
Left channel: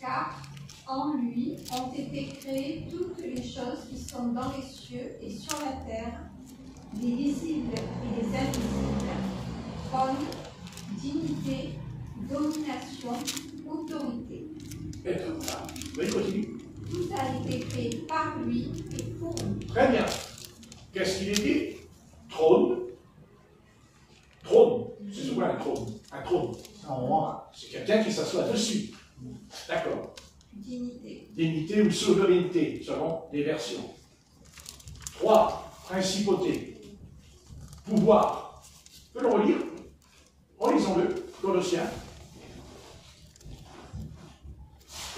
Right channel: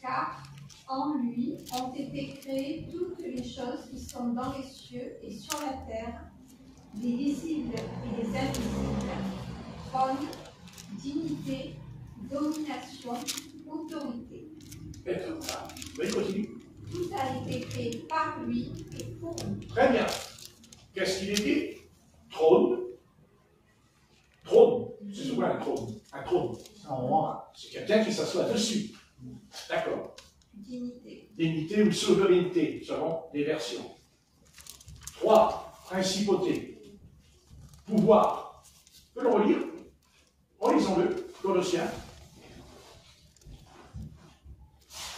Car en lui ont été créées toutes les choses qui sont dans les cieux et sur la terre, les visibles et les invisibles, trône, dignité, domination, autorité. Oui, continue. Tout a été créé par lui et pour lui. Très bien. Qu'est-ce qu'il est dit? Trône. Trône. C'est souvent un trône. Un trône. C'est quelqu'un qui s'assoit dessus. D'accord. Dignité. Dignité ou souveraineté, selon les versions. 3. Principauté. Pouvoir. On peut le relire. Relisons-le. Colossiens.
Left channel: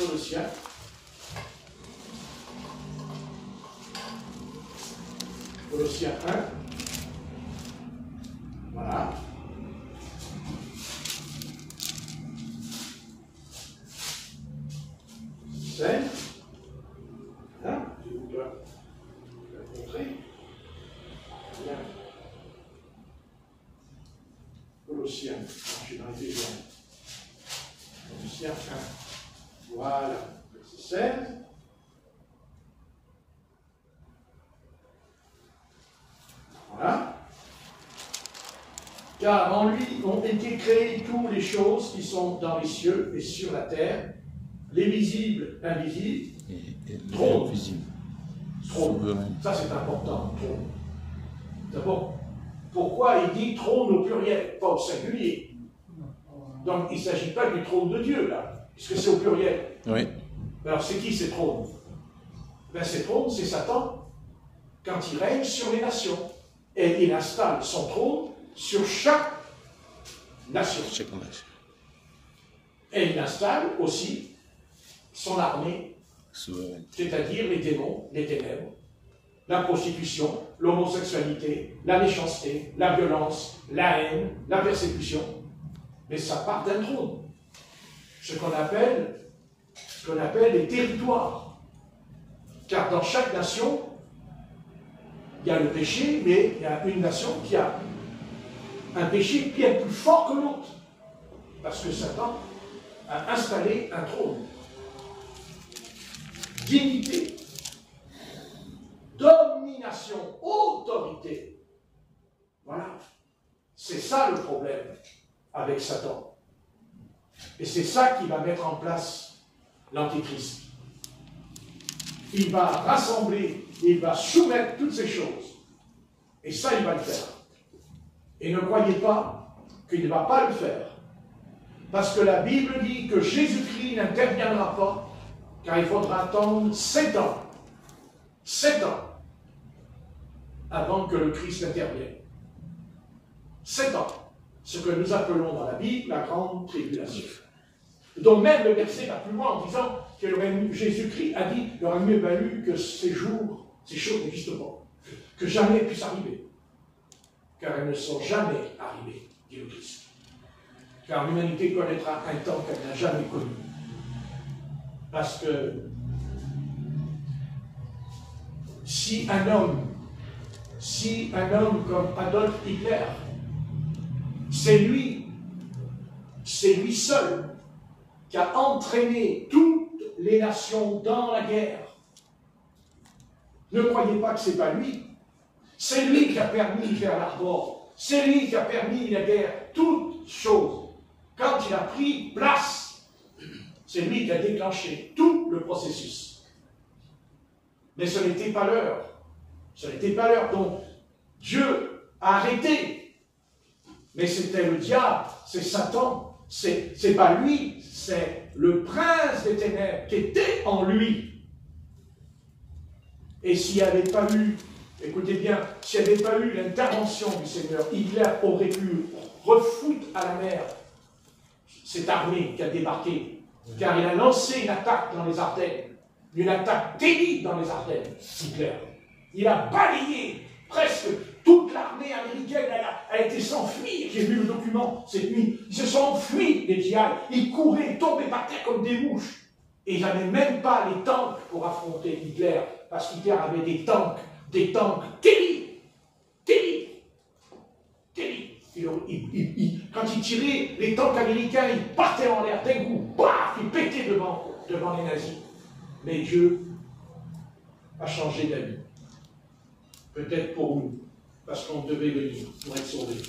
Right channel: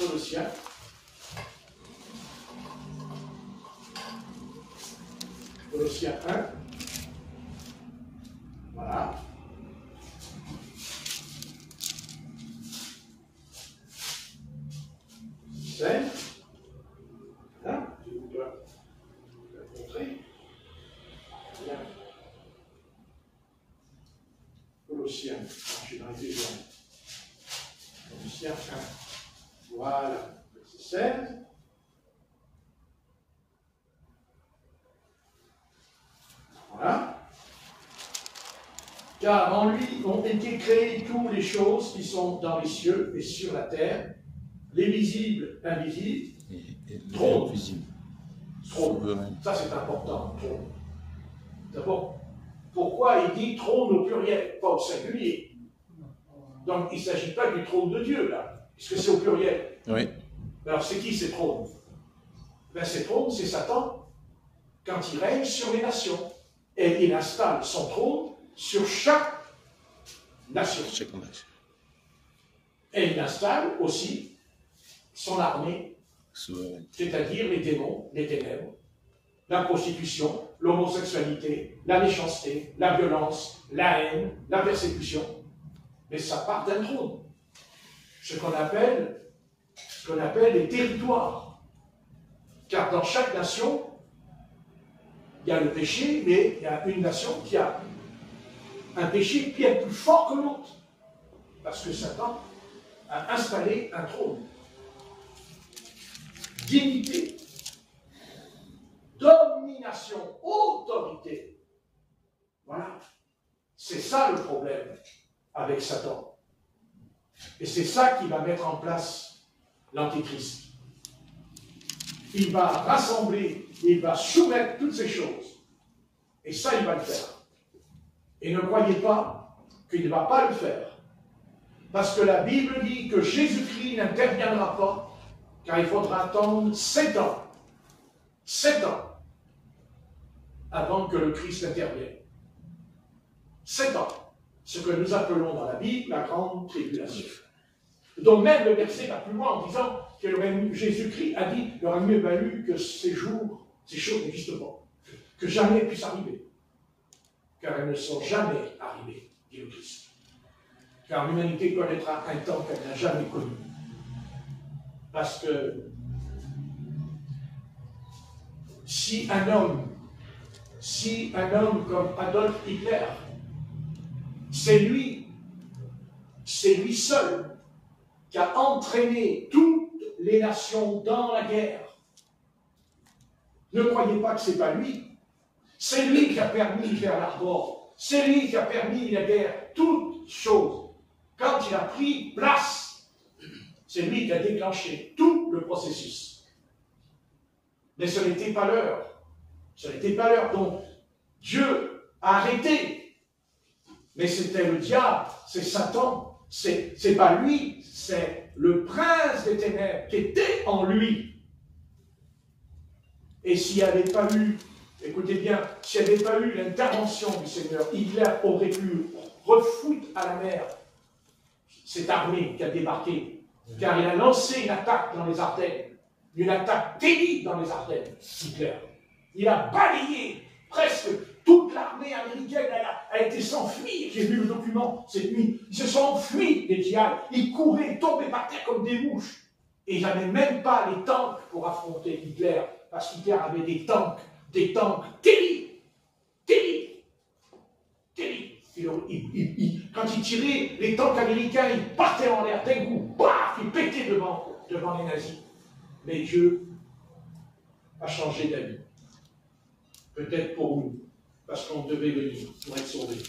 Colossiens. Colossiens 1. Voilà. Hein? Je vous dois le montrer. Bien. Colossiens. Je vais arriver là. Colossiens 1. Voilà. Verset 16. Voilà. Car en lui ont été créées toutes les choses qui sont dans les cieux et sur la terre, les visibles, invisibles, Et trône. visible. Trône. Ça c'est important. Trône. D'abord, pourquoi il dit trône au pluriel, pas au singulier? Donc il ne s'agit pas du trône de Dieu là, puisque c'est au pluriel. Oui. Alors c'est qui ces trônes? Ben, ces trônes, c'est Satan, quand il règne sur les nations. Et il installe son trône sur chaque nation. Et il installe aussi son armée, c'est-à-dire les démons, les ténèbres, la prostitution, l'homosexualité, la méchanceté, la violence, la haine, la persécution. Mais ça part d'un trône. Ce qu'on appelle les territoires. Car dans chaque nation, il y a le péché, mais il y a une nation qui a un péché qui est plus fort que l'autre. Parce que Satan a installé un trône. Dignité, domination, autorité. Voilà. C'est ça le problème avec Satan. Et c'est ça qui va mettre en place l'Antéchrist. Il va rassembler, il va soumettre toutes ces choses. Et ça, il va le faire. Et ne croyez pas qu'il ne va pas le faire. Parce que la Bible dit que Jésus-Christ n'interviendra pas, car il faudra attendre 7 ans. 7 ans avant que le Christ intervienne. 7 ans. Ce que nous appelons dans la Bible la grande tribulation. Donc même le verset va plus loin en disant que Jésus-Christ a dit qu'il aurait mieux valu que ces choses n'existent pas, que jamais puissent arriver. Car elles ne sont jamais arrivées, dit le Christ. Car l'humanité connaîtra un temps qu'elle n'a jamais connu. Parce que si un homme comme Adolf Hitler, c'est lui seul qui a entraîné toutes les nations dans la guerre. Ne croyez pas que ce n'est pas lui. C'est lui qui a permis de faire l'Arbor. C'est lui qui a permis la guerre. Toutes choses. Quand il a pris place, c'est lui qui a déclenché tout le processus. Mais ce n'était pas l'heure. Ce n'était pas l'heure. Donc, Dieu a arrêté. Mais c'était le diable, c'est Satan. C'est pas lui, c'est le prince des ténèbres qui était en lui. Et s'il n'y avait pas eu, écoutez bien, s'il n'y avait pas eu l'intervention du Seigneur, Hitler aurait pu refoutre à la mer cette armée qui a débarqué, car il a lancé une attaque dans les Ardennes, une attaque terrible dans les Ardennes, Hitler. Il a balayé presque toute l'armée américaine, elle a été s'enfuir. J'ai vu le document cette nuit. Ils se sont enfuis, les GI. Ils couraient, tombaient par terre comme des mouches. Et il n'avait même pas les tanks pour affronter Hitler, parce qu'Hitler avait des tanks terribles. Quand il tirait, les tanks américains, ils partaient en l'air d'un coup, paf, ils pétaient devant les nazis. Mais Dieu a changé d'avis. Peut-être pour nous, parce qu'on devait venir pour être sauvés.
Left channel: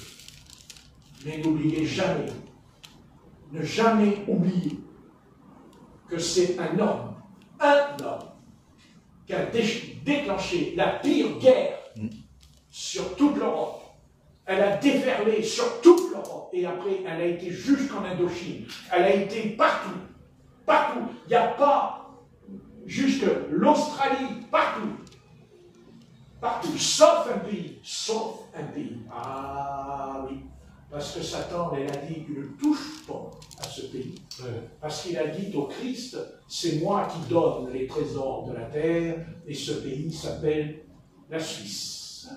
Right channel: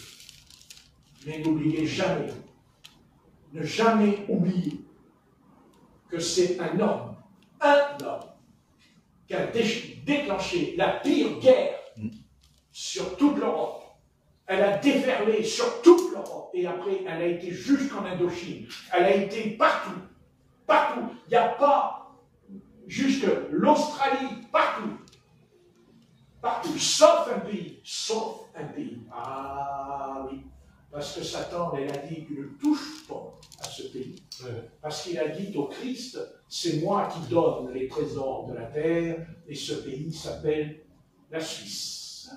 Mais n'oubliez jamais, ne jamais oublier que c'est un homme, qui a déclenché la pire guerre sur toute l'Europe. Elle a déferlé sur toute l'Europe et après elle a été jusqu'en Indochine. Elle a été partout. Partout. Il n'y a pas jusque l'Australie, partout. Partout, sauf un pays. Sauf un pays. Ah oui. Parce que Satan, il a dit qu'il ne touche pas à ce pays. Parce qu'il a dit au Christ, c'est moi qui donne les trésors de la terre, et ce pays s'appelle la Suisse.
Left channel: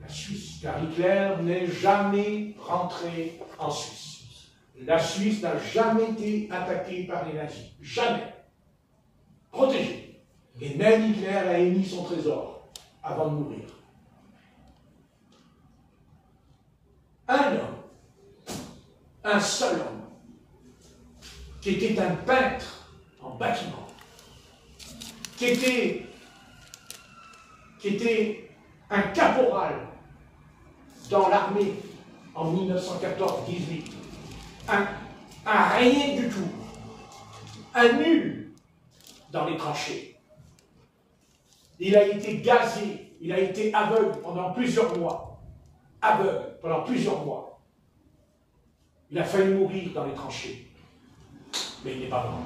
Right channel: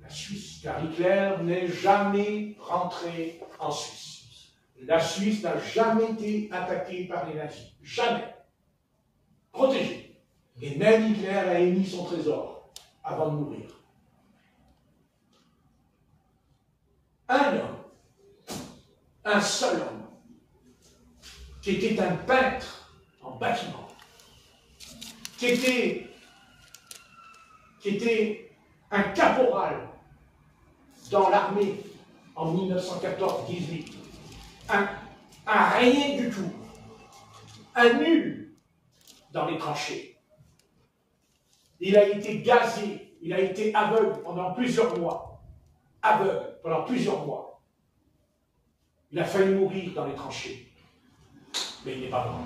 La Suisse. Car Hitler n'est jamais rentré en Suisse. La Suisse n'a jamais été attaquée par les nazis. Jamais. Protégée. Et même Hitler a émis son trésor avant de mourir. Un homme, un seul homme, qui était un peintre en bâtiment, qui était un caporal dans l'armée en 1914-18, un rien du tout, un nul dans les tranchées. Il a été gazé, il a été aveugle pendant plusieurs mois. Aveugle pendant plusieurs mois. Il a failli mourir dans les tranchées. Mais il n'est pas mort.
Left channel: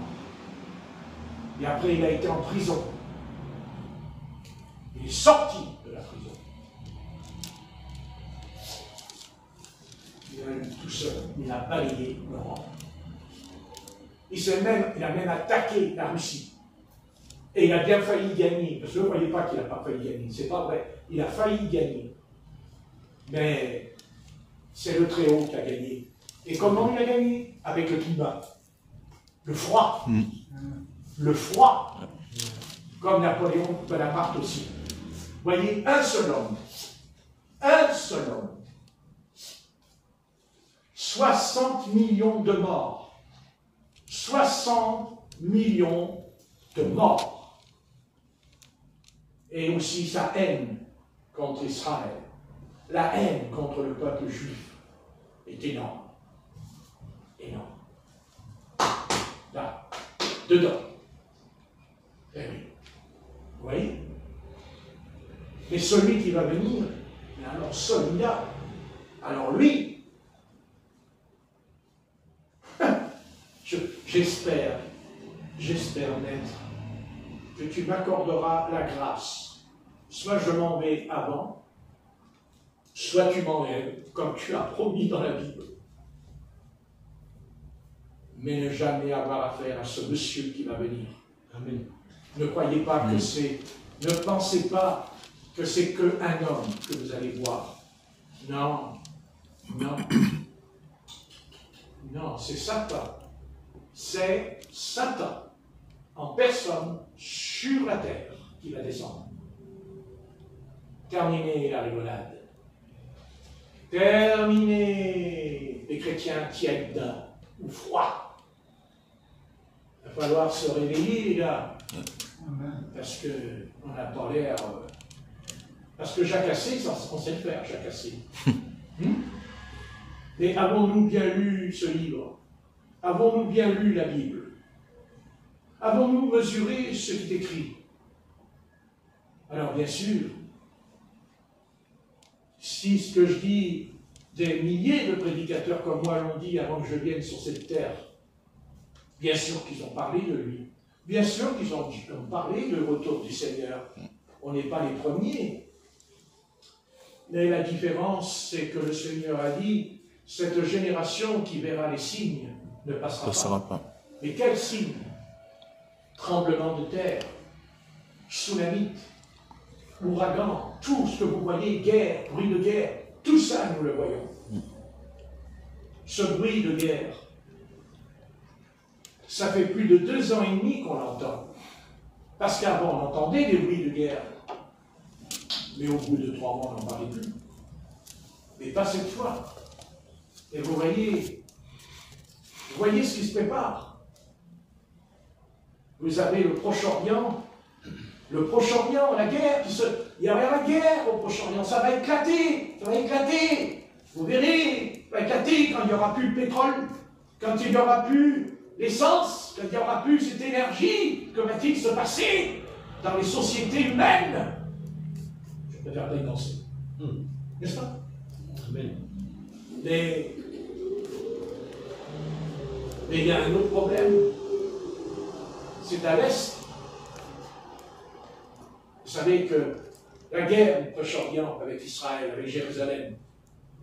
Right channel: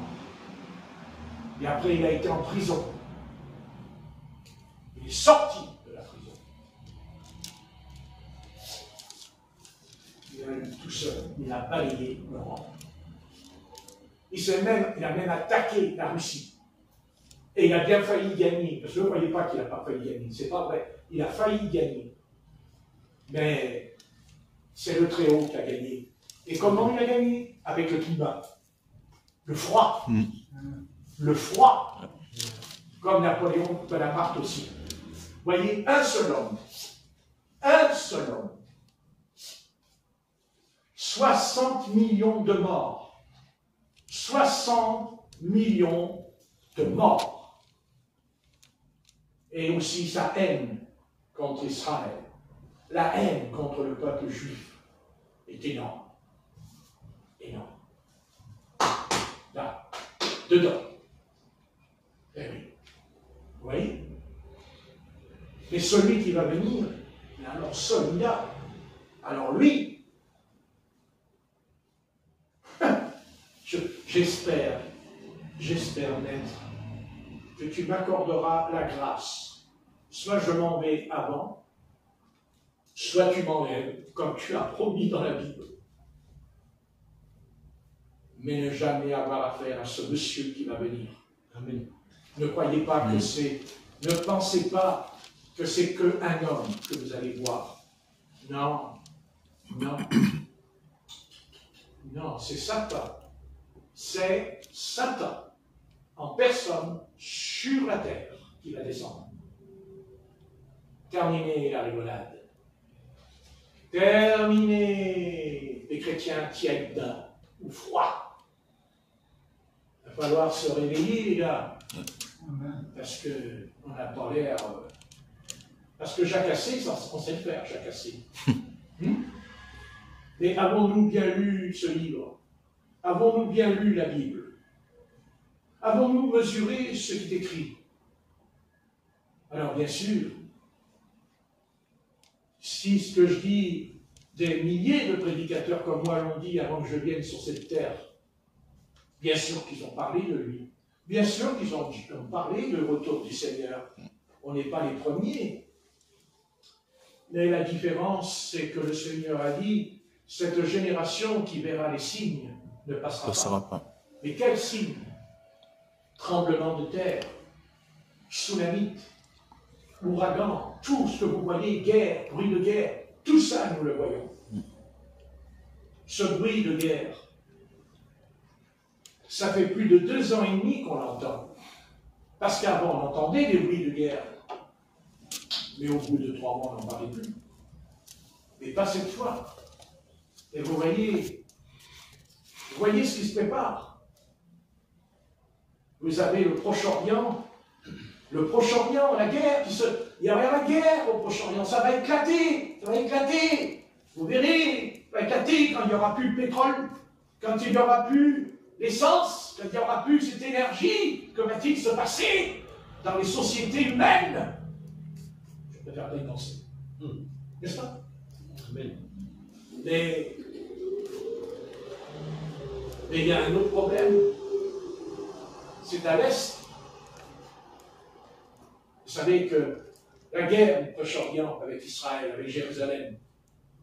Et après, il a été en prison. Il est sorti de la prison. Il a eu tout seul. Il a balayé l'Europe. Il a même attaqué la Russie. Et il a bien failli gagner. Parce que vous ne voyez pas qu'il n'a pas failli gagner. C'est pas vrai. Il a failli gagner. Mais c'est le Très-Haut qui a gagné. Et comment il a gagné? Avec le climat. Le froid. Le froid. Comme Napoléon Bonaparte aussi. Vous voyez, un seul homme. 60 millions de morts. 60 millions de morts. Et aussi sa haine contre Israël. La haine contre le peuple juif est énorme. Énorme. Là, dedans. Eh oui. Vous voyez? Mais celui qui va venir, alors celui-là, alors lui, j'espère, maître, que tu m'accorderas la grâce. Soit je m'en vais avant, soit tu m'enlèves, comme tu as promis dans la Bible. Mais ne jamais avoir affaire à ce monsieur qui va venir. Amen. Ne croyez pas que c'est... Ne pensez pas que c'est qu'un homme que vous allez voir. Non. Non, c'est Satan. C'est Satan, en personne, sur la terre, qui va descendre. Terminez la rigolade. Terminé les chrétiens tièdes ou froids. Il va falloir se réveiller, les gars. Parce qu'on n'a pas l'air. Parce que Jacques Assé, on sait le faire, Jacques Assé. Mais avons-nous bien lu ce livre? Avons-nous bien lu la Bible? Avons-nous mesuré ce qui est écrit? Alors, bien sûr, si ce que je dis, des milliers de prédicateurs comme moi l'ont dit avant que je vienne sur cette terre, bien sûr qu'ils ont parlé de lui. Bien sûr qu'ils ont parlé du retour du Seigneur. On n'est pas les premiers. Mais la différence, c'est que le Seigneur a dit, cette génération qui verra les signes ne passera pas. Mais quels signes? Tremblement de terre, tsunami, ouragan, tout ce que vous voyez, guerre, bruit de guerre, tout ça nous le voyons. Ce bruit de guerre, ça fait plus de 2 ans et demi qu'on l'entend. Parce qu'avant, on entendait des bruits de guerre. Mais au bout de 3 mois, on n'en parlait plus. Mais pas cette fois. Et vous voyez ce qui se prépare. Vous avez le Proche-Orient, la guerre, il y aura la guerre au Proche-Orient, ça va éclater. Vous verrez, ça va éclater quand il n'y aura plus de pétrole, quand il n'y aura plus l'essence, quand il n'y aura plus cette énergie, que va-t-il se passer dans les sociétés humaines? Je préfère bien danser. N'est-ce pas? Mais il y a un autre problème. C'est à l'Est. Vous savez que la guerre du Proche-Orient avec Israël, avec Jérusalem,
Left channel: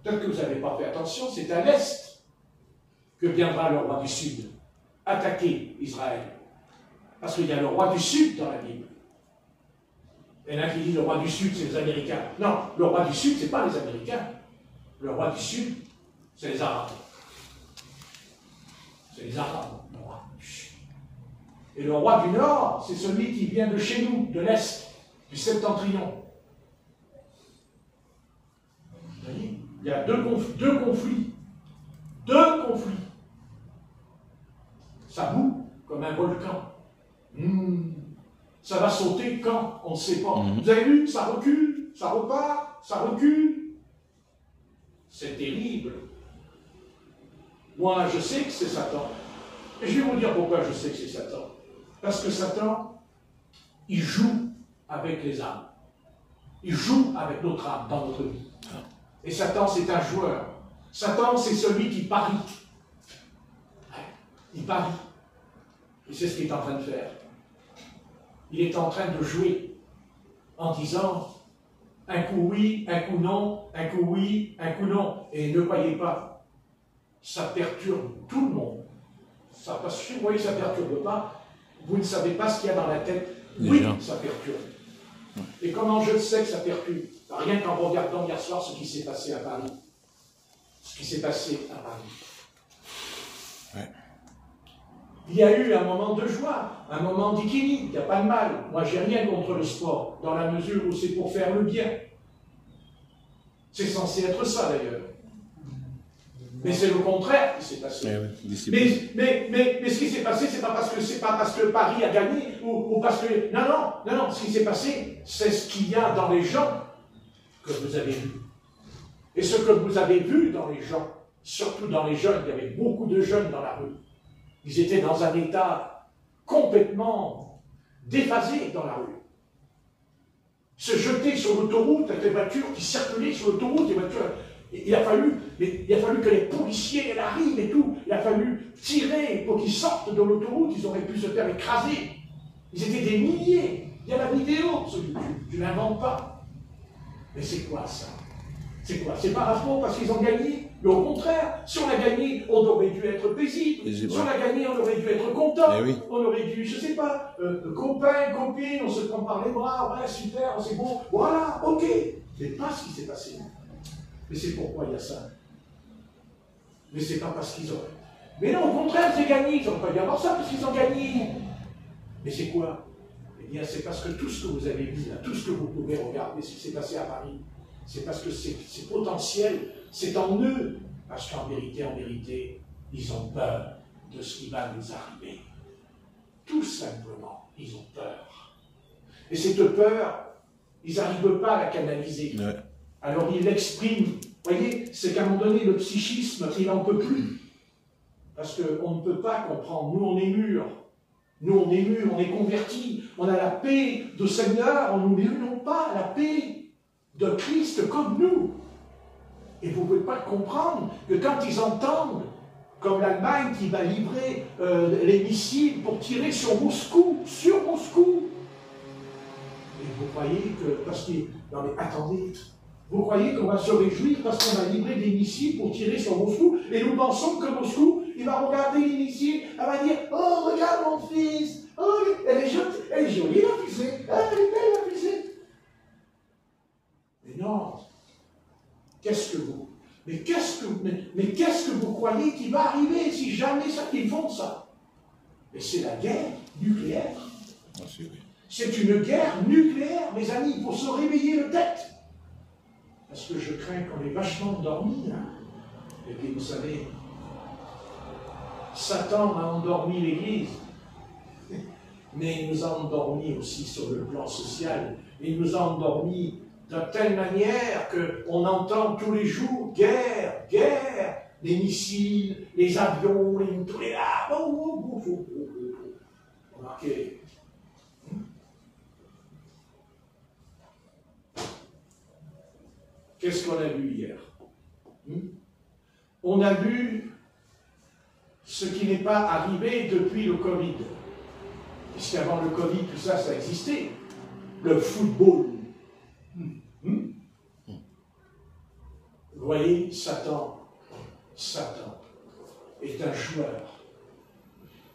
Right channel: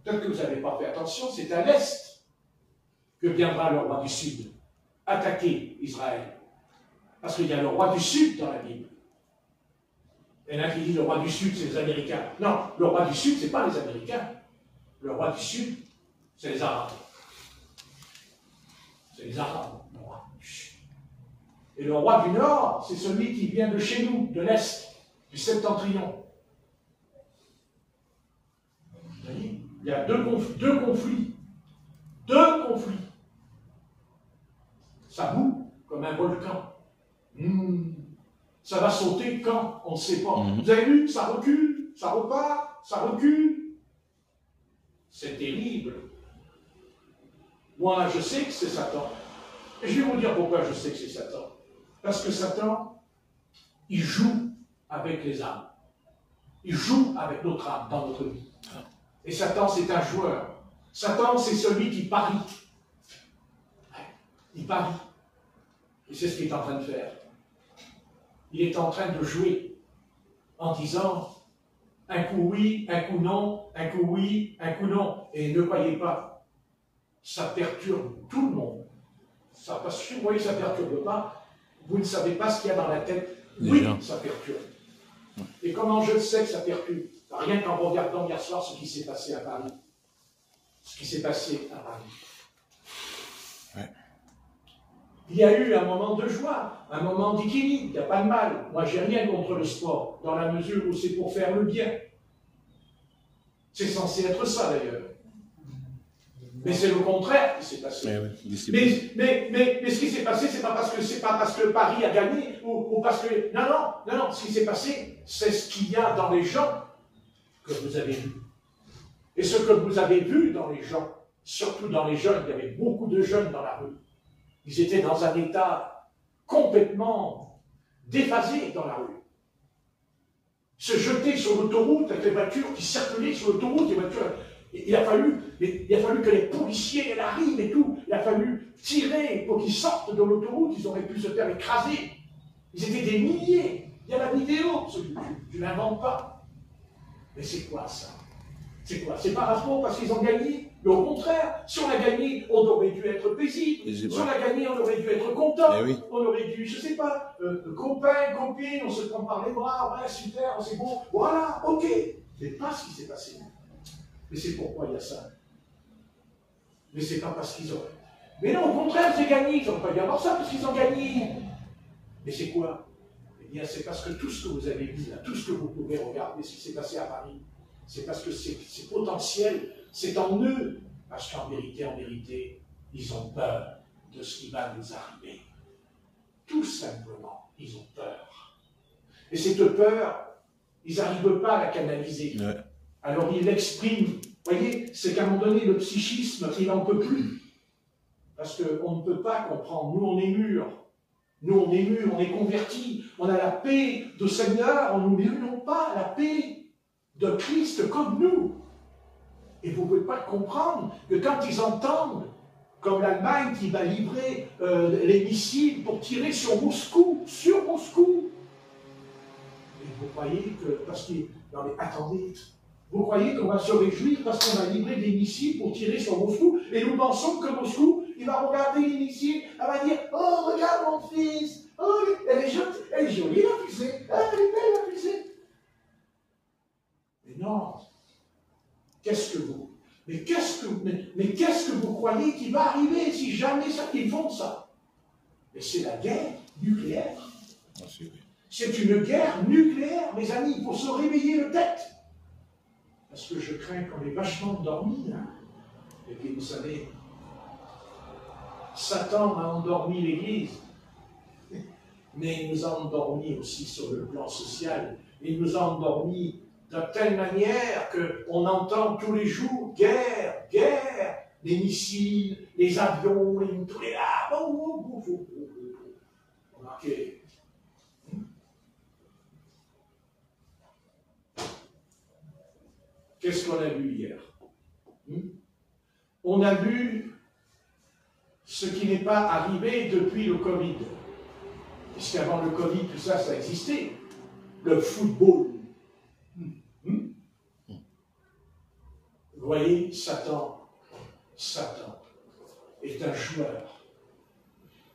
peut-être que vous n'avez pas fait attention, c'est à l'Est que viendra le roi du Sud attaquer Israël. Parce qu'il y a le roi du Sud dans la Bible. Et là qui dit le roi du Sud, c'est les Américains. Non, le roi du Sud, ce n'est pas les Américains. Le roi du Sud, c'est les Arabes. C'est les Arabes, le roi du Sud. Et le roi du Nord, c'est celui qui vient de chez nous, de l'Est, du Septentrion. Vous voyez, il y a deux conflits. Deux conflits. Ça boue comme un volcan. Ça va sauter quand? On ne sait pas. Vous avez vu? Ça recule, ça repart, ça recule. C'est terrible. Moi, je sais que c'est Satan. Et je vais vous dire pourquoi je sais que c'est Satan. Parce que Satan, il joue avec les âmes. Il joue avec notre âme dans notre vie. Et Satan, c'est un joueur. Satan, c'est celui qui parie. Il parie. Et c'est ce qu'il est en train de faire. Il est en train de jouer en disant un coup oui, un coup non, un coup oui, un coup non. Et ne croyez pas, ça perturbe tout le monde. Ça, parce que vous voyez, ça ne perturbe pas. Vous ne savez pas ce qu'il y a dans la tête. Oui, ça perturbe. Et comment je le sais que ça perturbe? Rien qu'en regardant hier soir ce qui s'est passé à Paris. Ce qui s'est passé à Paris. Ouais. Il y a eu un moment de joie, un moment d'équilibre, il n'y a pas de mal. Moi, je n'ai rien contre le sport, dans la mesure où c'est pour faire le bien. C'est censé être ça, d'ailleurs. Mais c'est le contraire qui s'est passé. Mais ce qui s'est passé, c'est pas parce que Paris a gagné, ou parce que... Non, ce qui s'est passé, c'est ce qu'il y a dans les gens que vous avez vu. Et ce que vous avez vu dans les gens, surtout dans les jeunes, il y avait beaucoup de jeunes dans la rue. Ils étaient dans un état complètement déphasé dans la rue. Se jeter sur l'autoroute avec les voitures qui circulaient sur l'autoroute, les voitures... Il a fallu que les policiers arrivent et tout. Il a fallu tirer pour qu'ils sortent de l'autoroute. Ils auraient pu se faire écraser. Ils étaient des milliers. Il y a la vidéo sur YouTube. Je ne l'invente pas. Mais c'est quoi ça? C'est quoi? C'est par rapport parce qu'ils ont gagné? Mais au contraire, si on a gagné, on aurait dû être paisible. Si on a gagné, on aurait dû être content. Oui. On aurait dû, je ne sais pas, copain, copine, on se prend par les bras, ouais, super, c'est beau. Voilà, ok. C'est pas ce qui s'est passé. Mais c'est pourquoi il y a ça. Mais c'est pas parce qu'ils ont... Mais non, au contraire, c'est gagné. Ils n'ont pas dû avoir ça parce qu'ils ont gagné. Mais c'est quoi? Eh bien, c'est parce que tout ce que vous avez vu, là, tout ce que vous pouvez regarder, ce qui s'est passé à Paris, c'est parce que c'est potentiel, c'est en eux. Parce qu'en vérité, ils ont peur de ce qui va nous arriver. Tout simplement, ils ont peur. Et cette peur, ils n'arrivent pas à la canaliser. Ouais. Alors il l'exprime. Vous voyez, c'est qu'à un moment donné, le psychisme, il n'en peut plus. Parce qu'on ne peut pas comprendre. Nous, on est mûrs. Nous, on est mûrs, on est convertis. On a la paix du Seigneur. On n'oublie pas la paix de Christ comme nous. Et vous ne pouvez pas comprendre que quand ils entendent, comme l'Allemagne qui va livrer les missiles pour tirer sur Moscou, et vous croyez que, parce que, non mais attendez, vous croyez qu'on va se réjouir parce qu'on va livrer des missiles pour tirer sur Moscou, et nous pensons que Moscou, il va regarder les missiles, elle va dire, oh regarde mon fils, oh elle est jolie la fusée, elle est belle la fusée. Mais non, mais qu'est-ce que vous croyez qui va arriver si jamais ils font ça? Mais c'est la guerre nucléaire. C'est une guerre nucléaire, mes amis, il faut se réveiller le tête. Parce que je crains qu'on ait vachement dormi. Hein. Et puis vous savez, Satan a endormi l'Église. Mais il nous a endormis aussi sur le plan social. Il nous a endormis de telle manière qu'on entend tous les jours guerre, guerre. les missiles, les avions, les mitraillettes. Remarquez. Qu'est-ce qu'on a vu hier? On a vu ce qui n'est pas arrivé depuis le Covid. Puisqu'avant le Covid, tout ça, ça existait. Le football. Vous voyez, Satan est un joueur.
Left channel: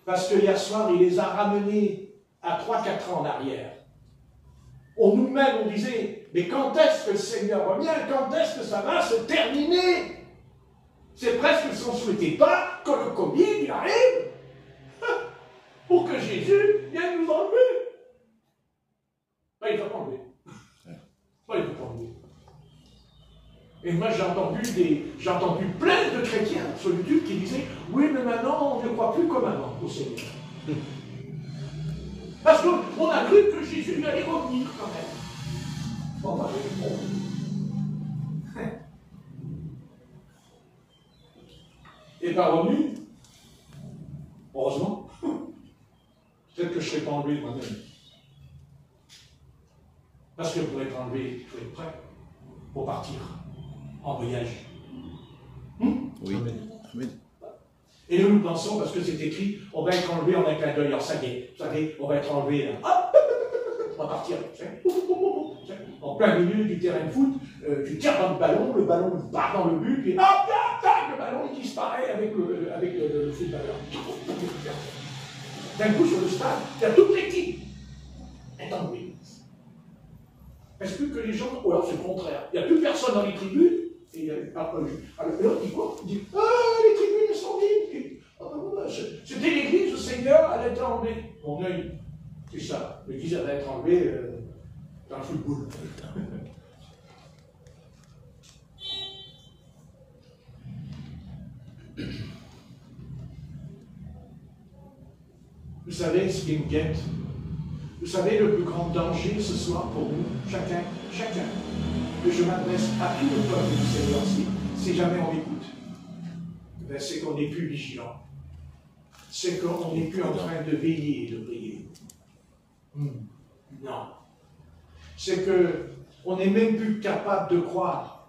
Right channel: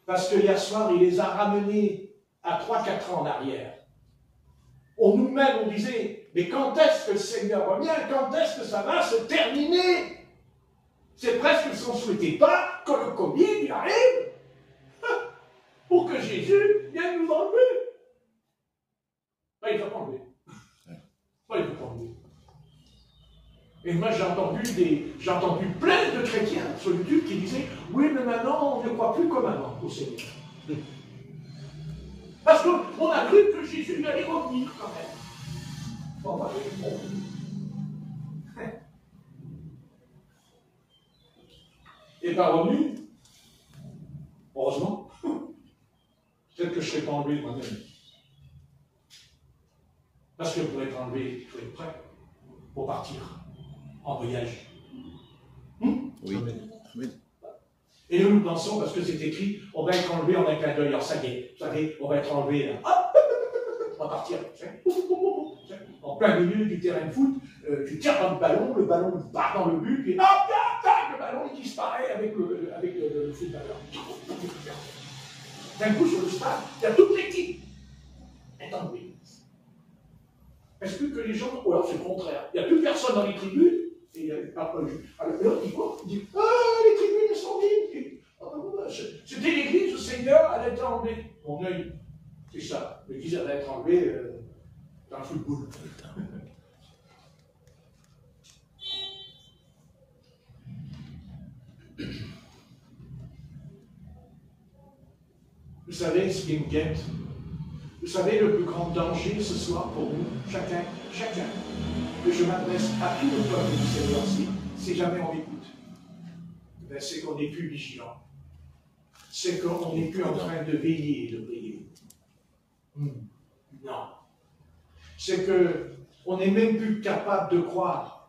Parce que hier soir, il les a ramenés à 3-4 ans en arrière. Nous-mêmes, on disait, mais quand est-ce que le Seigneur revient? Quand est-ce que ça va se terminer? C'est presque sans souhaiter pas que le Covid y arrive pour que Jésus vienne nous enlever. Il ne va pas enlever. Il ne va pas enlever. Et moi, j'ai entendu plein de chrétiens sur YouTube qui disaient, oui, mais maintenant, on ne croit plus comme avant au Seigneur. Parce qu'on a cru que Jésus allait revenir quand même. Bon, bah, il n'est pas revenu. Heureusement. Peut-être que je ne serais pas enlevé moi-même. Parce que pour être enlevé, il faut être prêt pour partir en voyage. Oui. Oui. Et nous pensons, parce que c'est écrit, on va être enlevé en un clin d'œil. Alors ça y est, vous savez, on va être enlevé là. Hop, on va partir. En plein milieu du terrain de foot, tu tires dans le ballon part dans le but, puis hop, le ballon il disparaît avec le footballeur. D'un coup, sur le stade, il y a toute l'équipe. est enlevé. Est-ce que les gens, ou alors c'est le contraire, il n'y a plus personne dans les tribunes, et il n'y a pas vu. Alors l'autre il voit, il dit, les tribunes sont vides. C'était l'église, le Seigneur, elle a été enlevée. Mon œil, c'est ça, l'église elle va être enlevée dans le football. Vous savez ce qui me guette? Vous savez le plus grand danger ce soir pour nous, chacun, que je m'adresse à tout le peuple du Seigneur, si jamais on écoute, ben c'est qu'on n'est plus vigilant. C'est qu'on n'est plus en train de veiller et de prier. Non. C'est qu'on n'est même plus capable de croire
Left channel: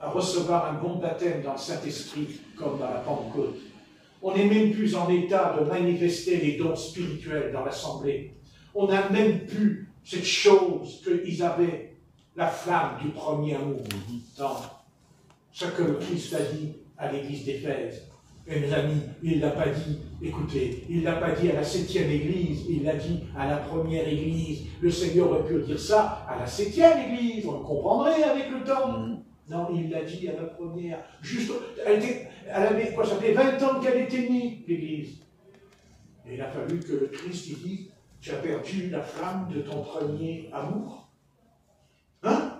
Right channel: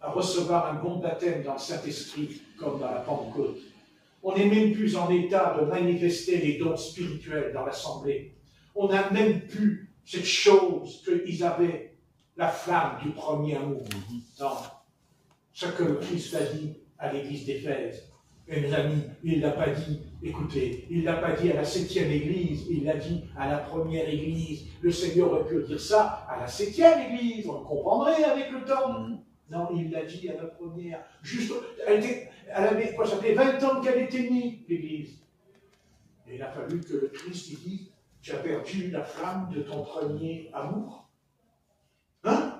à recevoir un bon baptême dans le Saint-Esprit, comme dans la Pentecôte. On n'est même plus en état de manifester les dons spirituels dans l'Assemblée. On n'a même plus cette chose qu'ils avaient, la flamme du premier amour, dans ce que le Christ a dit à l'église d'Éphèse. Et mes amis, il ne l'a pas dit, écoutez, il ne l'a pas dit à la 7e église, il l'a dit à la première église. Le Seigneur aurait pu dire ça à la 7e église, on le comprendrait avec le temps. Non, il l'a dit à la première. Juste, elle avait, quoi, ça fait 20 ans qu'elle était née, l'église. Et il a fallu que le Christ il dit, tu as perdu la flamme de ton premier amour. Hein?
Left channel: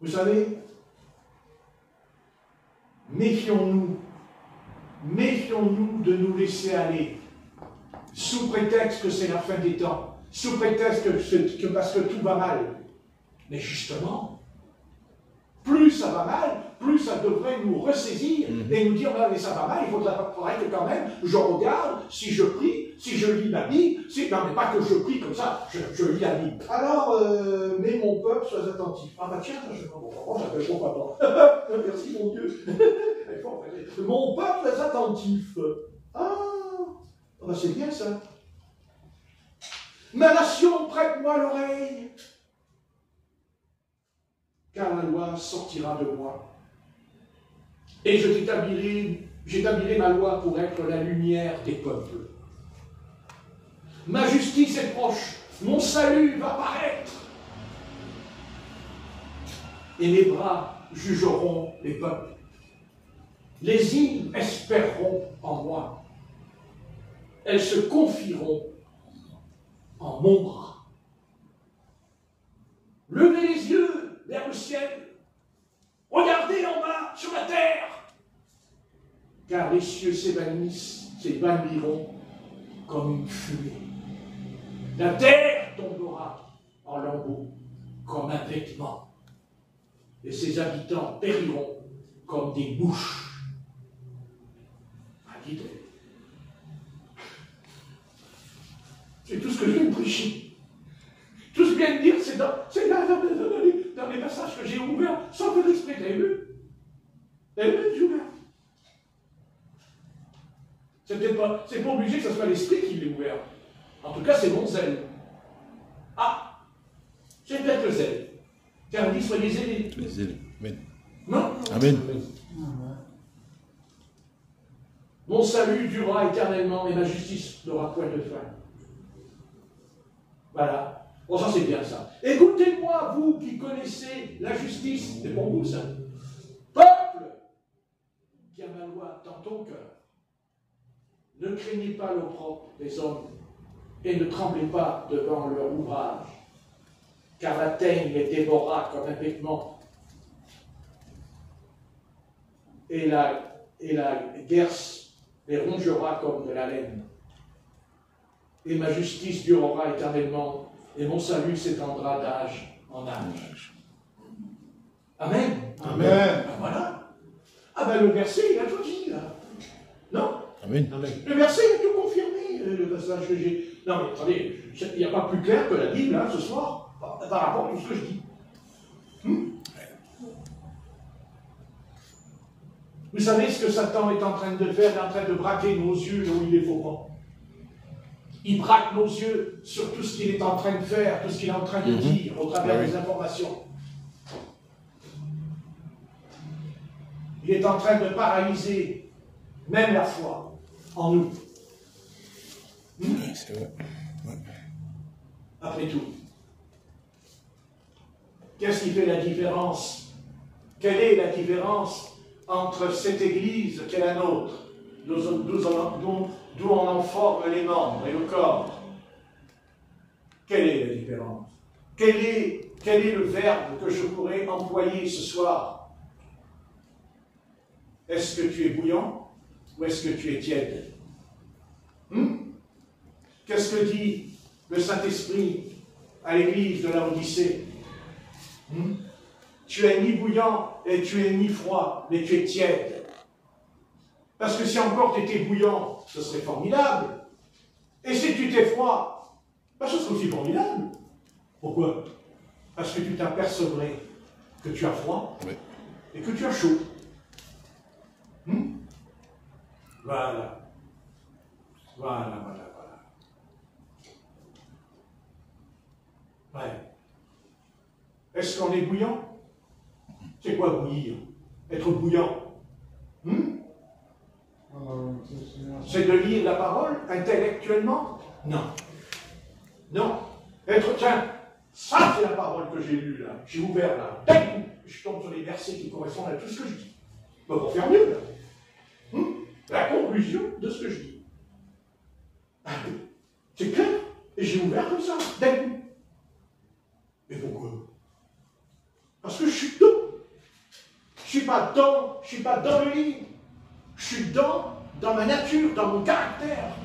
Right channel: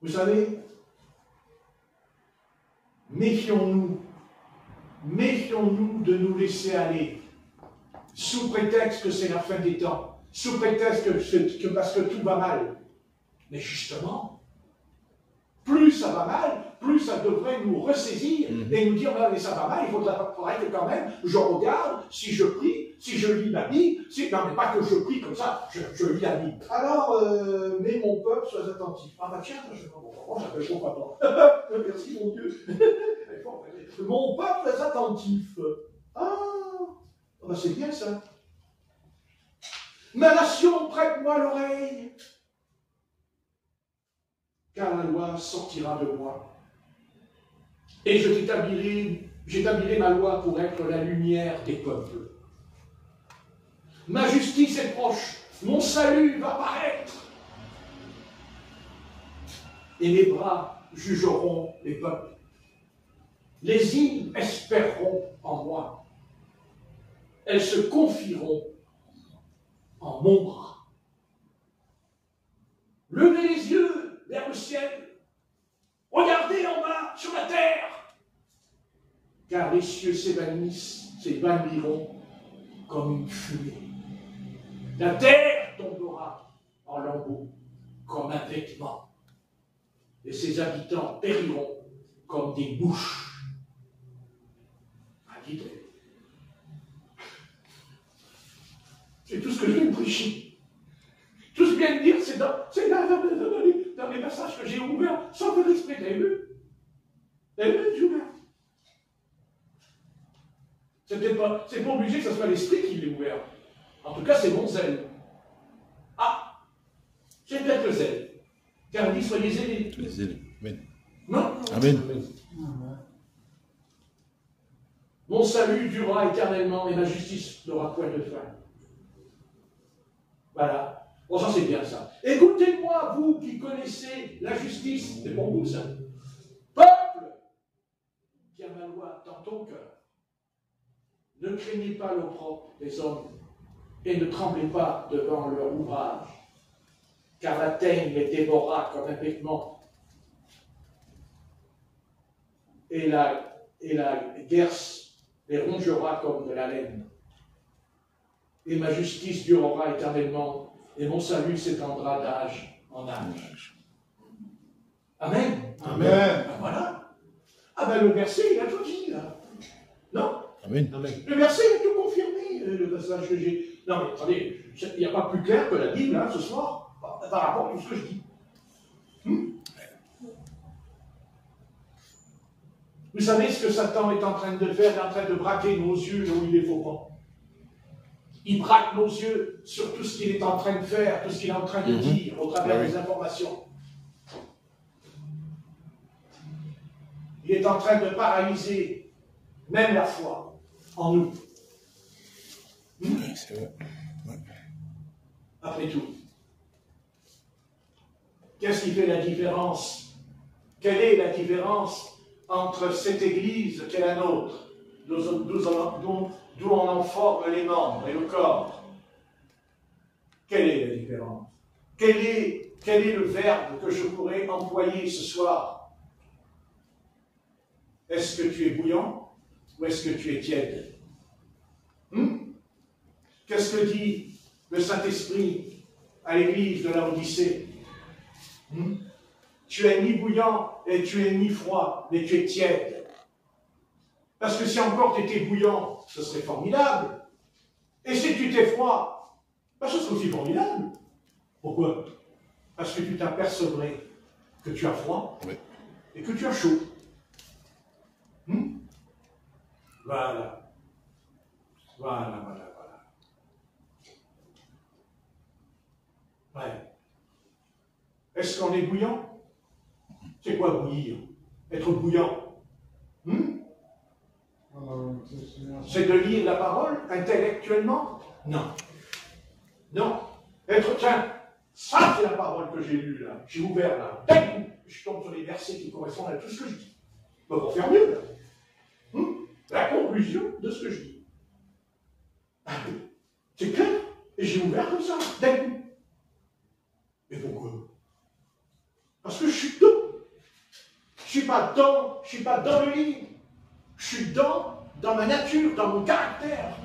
Vous savez, méfions-nous de nous laisser aller, sous prétexte que c'est la fin des temps, sous prétexte que parce que tout va mal. Mais justement, plus ça va mal, plus ça devrait nous ressaisir et nous dire, oh, mais ça va mal, il faudrait que quand même je regarde, si je prie, si je lis la Bible, non, mais pas que je prie comme ça, je lis la Bible. Alors, mais mon peuple, sois attentif. Ah bah tiens, je comprends, j'appelle mon papa. Merci mon Dieu. Mon peuple, sois attentif. Ah, bah c'est bien ça. Ma nation, prête-moi l'oreille. Car la loi sortira de moi. Et j'établirai ma loi pour être la lumière des peuples. Ma justice est proche, mon salut va paraître. Et mes bras jugeront les peuples. Les îles espéreront en moi. Elles se confieront en mon bras. Levez les yeux vers le ciel, regardez en bas sur la terre, car les cieux s'évanouiront comme une fumée. La terre tombera en lambeaux comme un vêtement, et ses habitants périront comme des mouches. C'est tout ce que je viens de prêcher. Tout ce que je viens de dire, c'est dans les passages que j'ai ouverts sans que l'esprit. Vous avez vu? Vous avez vu, j'ai ouvert. C'est pas obligé que ce soit l'esprit qui l'ait ouvert. En tout cas, c'est mon zèle. Ah, c'est peut-être le zèle. Car il dit, soyez zélés. Soyez zélés. Amen. Non. Amen. Mon salut durera éternellement et ma justice n'aura point de fin. Voilà. Bon, ça c'est bien ça. Écoutez-moi, vous qui connaissez la justice, c'est pour vous ça. Peuple qui a ma loi dans ton cœur, ne craignez pas l'opprobre des hommes et ne tremblez pas devant leur ouvrage, car la teigne les dévorera comme un vêtement et la guerse les rongera comme de la laine. Et ma justice durera éternellement, et mon salut s'étendra d'âge en âge. Amen. Amen. Ben voilà. Ah ben le verset, il a tout dit là. Non? Amen. Le verset, il a tout confirmé, le passage que j'ai. Non mais attendez, il n'y a pas plus clair que la Bible là, ce soir, par rapport à tout ce que je dis. Vous savez ce que Satan est en train de faire? Il est en train de braquer nos yeux où il est faux pas. Il braque nos yeux sur tout ce qu'il est en train de faire, tout ce qu'il est en train de dire au travers des informations. Il est en train de paralyser même la foi en nous. C'est vrai. Ouais. Après tout, qu'est-ce qui fait la différence? Quelle est la différence entre cette Église qui est la nôtre, d'où on en forme les membres et le corps? Quelle est la différence? Quel est le verbe que je pourrais employer ce soir? Est-ce que tu es bouillant ou est-ce que tu es tiède? Qu'est-ce que dit le Saint-Esprit à l'église de la Odyssée? Tu es ni bouillant et tu es ni froid, mais tu es tiède. Parce que si encore tu étais bouillant, ce serait formidable. Et si tu étais froid, ce serait aussi formidable. Pourquoi? Parce que tu t'apercevrais que tu as froid et que tu as chaud. Voilà. Ouais. Est-ce qu'on est bouillant? C'est quoi bouillir? Être bouillant? C'est de lire la parole intellectuellement? Non. Non. Tiens, ça c'est la parole que j'ai lue là. J'ai ouvert là. D'un coup, je tombe sur les versets qui correspondent à tout ce que je dis. On va faire mieux là. La conclusion de ce que je dis. C'est clair? Et j'ai ouvert comme ça, d'un coup. Mais pourquoi? Parce que je suis dedans. Je suis pas dans le livre. Je suis dans ma nature, dans mon caractère.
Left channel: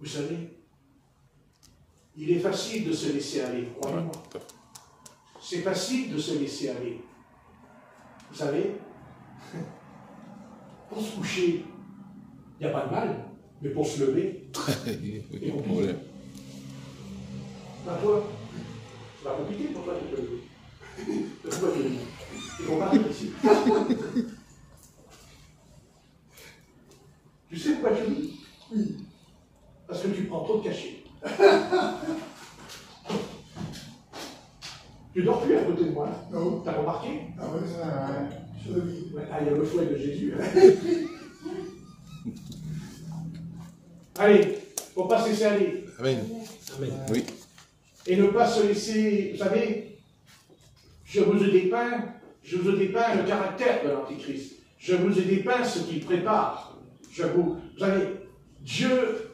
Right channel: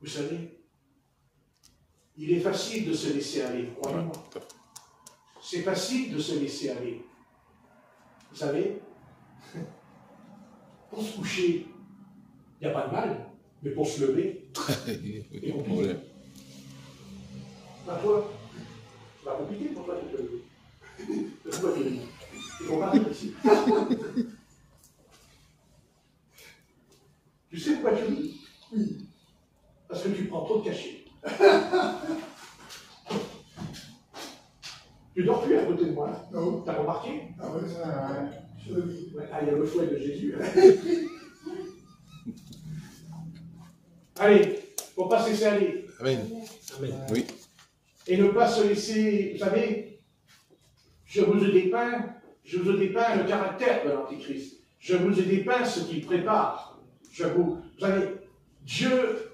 Vous savez, il est facile de se laisser aller, croyez-moi. C'est facile de se laisser aller. Vous savez, pour se coucher, il n'y a pas de mal, mais pour se lever, c'est compliqué. Toi, c'est pas compliqué pour toi de te lever. Pourquoi tu le dis? Il faut parler ici. Tu sais pourquoi tu le dis? Oui. Parce que tu prends trop de cachets. Tu dors plus à côté de moi. Non. T'as remarqué? Ah oui, joli. Ouais, il y a le fouet de Jésus. Allez, pour ne pas se laisser aller. Amen. Amen. Oui. Et ne pas se laisser, vous savez, je vous ai dépeint le caractère de l'Antichrist. Je vous ai dépeint ce qu'il prépare. Vous savez, Dieu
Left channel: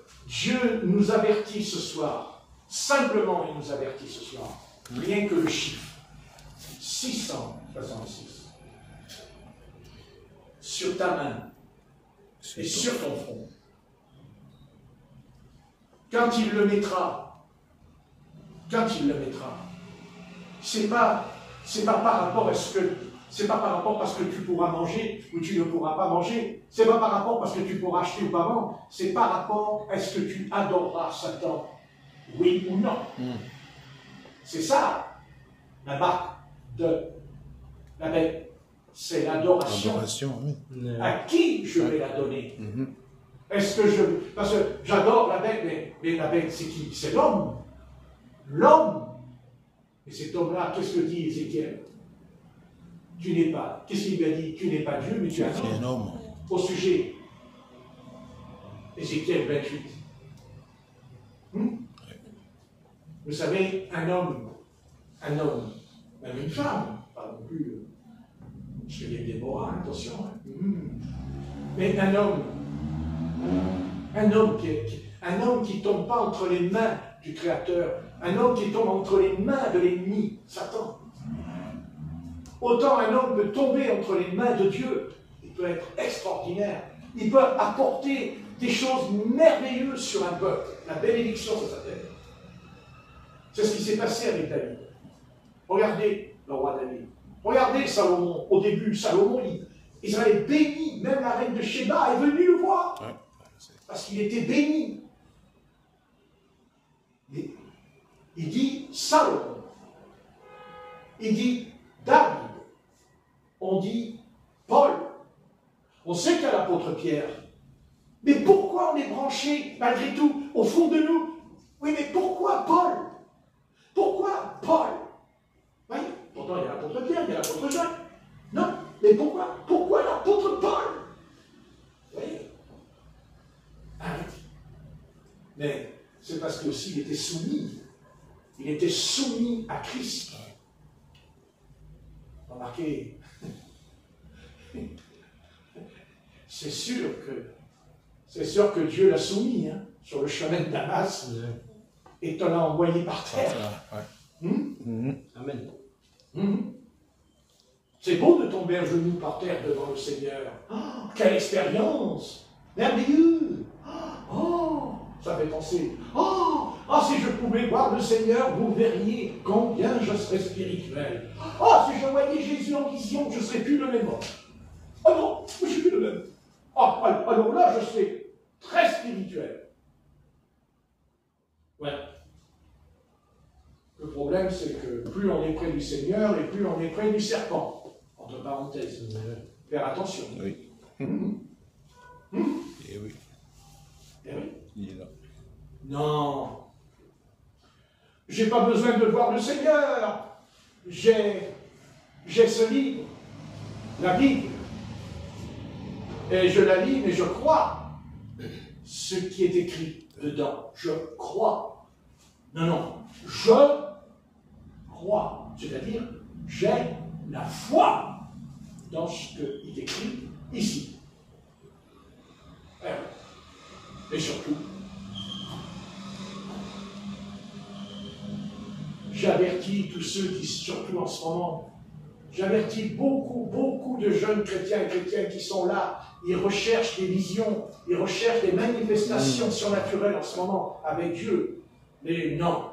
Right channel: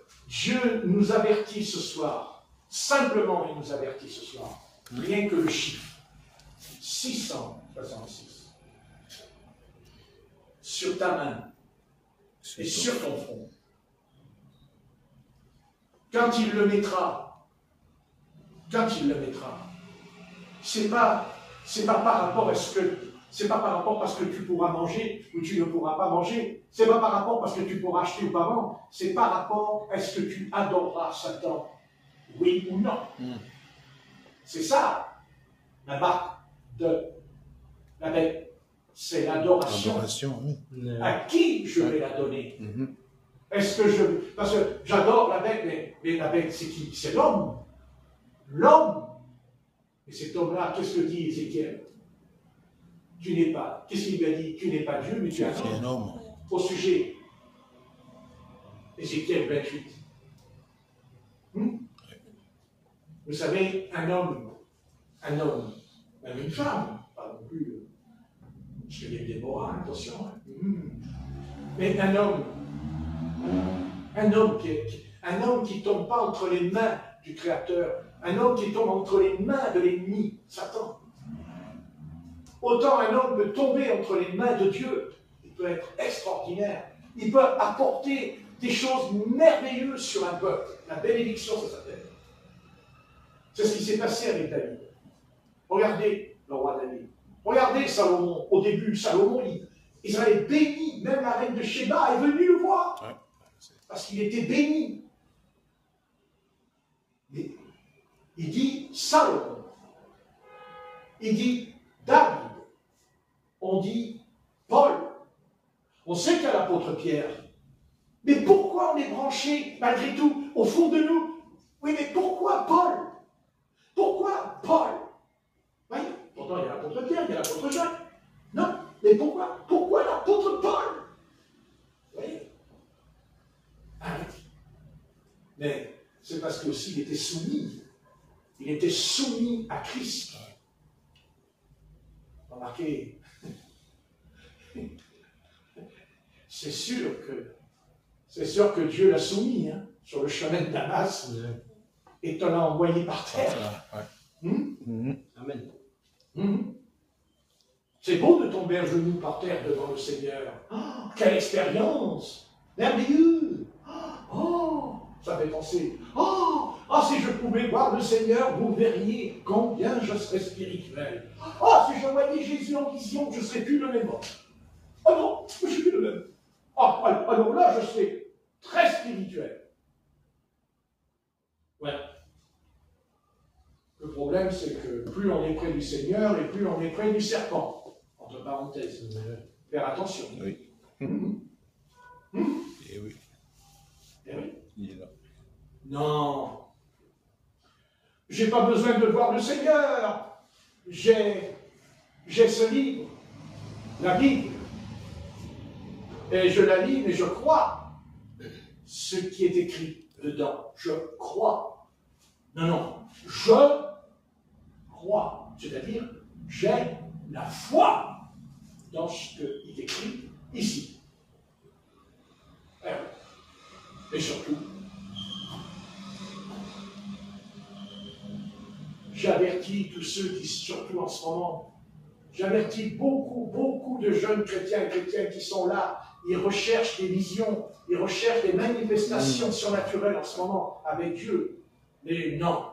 nous avertit ce soir. Simplement, il nous avertit ce soir. Rien que le chiffre. 666. Sur ta main. Et sur ton front. Quand il le mettra, quand il le mettra, c'est pas par rapport à ce que c'est pas par rapport à ce que tu pourras manger ou tu ne pourras pas manger. C'est pas par rapport à ce que tu pourras acheter ou pas vendre. C'est par rapport à ce que tu adoreras Satan, oui ou non. C'est ça la marque de la bête. C'est l'adoration. Oui. À qui je vais la donner? Est-ce que je... Parce que j'adore la bête, mais la bête, c'est qui? C'est l'homme. L'homme. Et cet homme-là, qu'est-ce que dit Ézéchiel? Tu n'es pas... Qu'est-ce qu'il lui a dit? Tu n'es pas Dieu, mais tu es un homme. Au sujet. Ézéchiel 28. Vous savez, un homme, même une femme, pas non plus... Je fais bien moral, attention. Mais un homme qui ne tombe pas entre les mains du Créateur, un homme qui tombe entre les mains de l'ennemi, Satan. Autant un homme peut tomber entre les mains de Dieu, il peut être extraordinaire, il peut apporter des choses merveilleuses sur un peuple. La bénédiction, ça s'appelle. C'est ce qui s'est passé avec David. Regardez le roi David. Regardez Salomon. Au début, Salomon, Israël béni, même la reine de Sheba est venue le voir. Ouais. Parce qu'il était béni. Il dit Salomon. Il dit David. On dit Paul. On sait qu'il y a l'apôtre Pierre. Mais pourquoi on est branché, malgré tout, au fond de nous? Oui, mais pourquoi Paul? Pourquoi Paul? Oui, pourtant il y a l'apôtre Pierre, il y a l'apôtre Jacques. Non, mais pourquoi l'apôtre Paul? Oui. Mais c'est parce qu'il aussi était soumis. Il était soumis à Christ. Remarquez, c'est sûr que Dieu l'a soumis sur le chemin de Damas et te l'a envoyé par terre. Amen. C'est beau de tomber à genoux par terre devant le Seigneur. Oh, quelle expérience! Merveilleux! Oh, ça fait penser. Oh, si je pouvais voir le Seigneur, vous verriez combien je serais spirituel. Oh, si je voyais Jésus en vision, je ne serais plus le même homme. Oh non, je ne suis plus le même. Alors là, je serais très spirituel. Ouais. Le problème, c'est que plus on est près du Seigneur et plus on est près du serpent. Entre parenthèses. Faire attention. Oui. Et oui. Et oui. Il est là. Non. J'ai pas besoin de voir le Seigneur. J'ai ce livre, la Bible. Et je la lis, mais je crois ce qui est écrit dedans. Je crois. Non. Je crois. C'est-à-dire, j'ai la foi dans ce qui est écrit ici. Et surtout, j'avertis tous ceux qui, surtout en ce moment, j'avertis beaucoup de jeunes chrétiens et chrétiennes qui sont là. Ils recherchent des visions, ils recherchent des manifestations surnaturelles en ce moment avec Dieu. Mais non.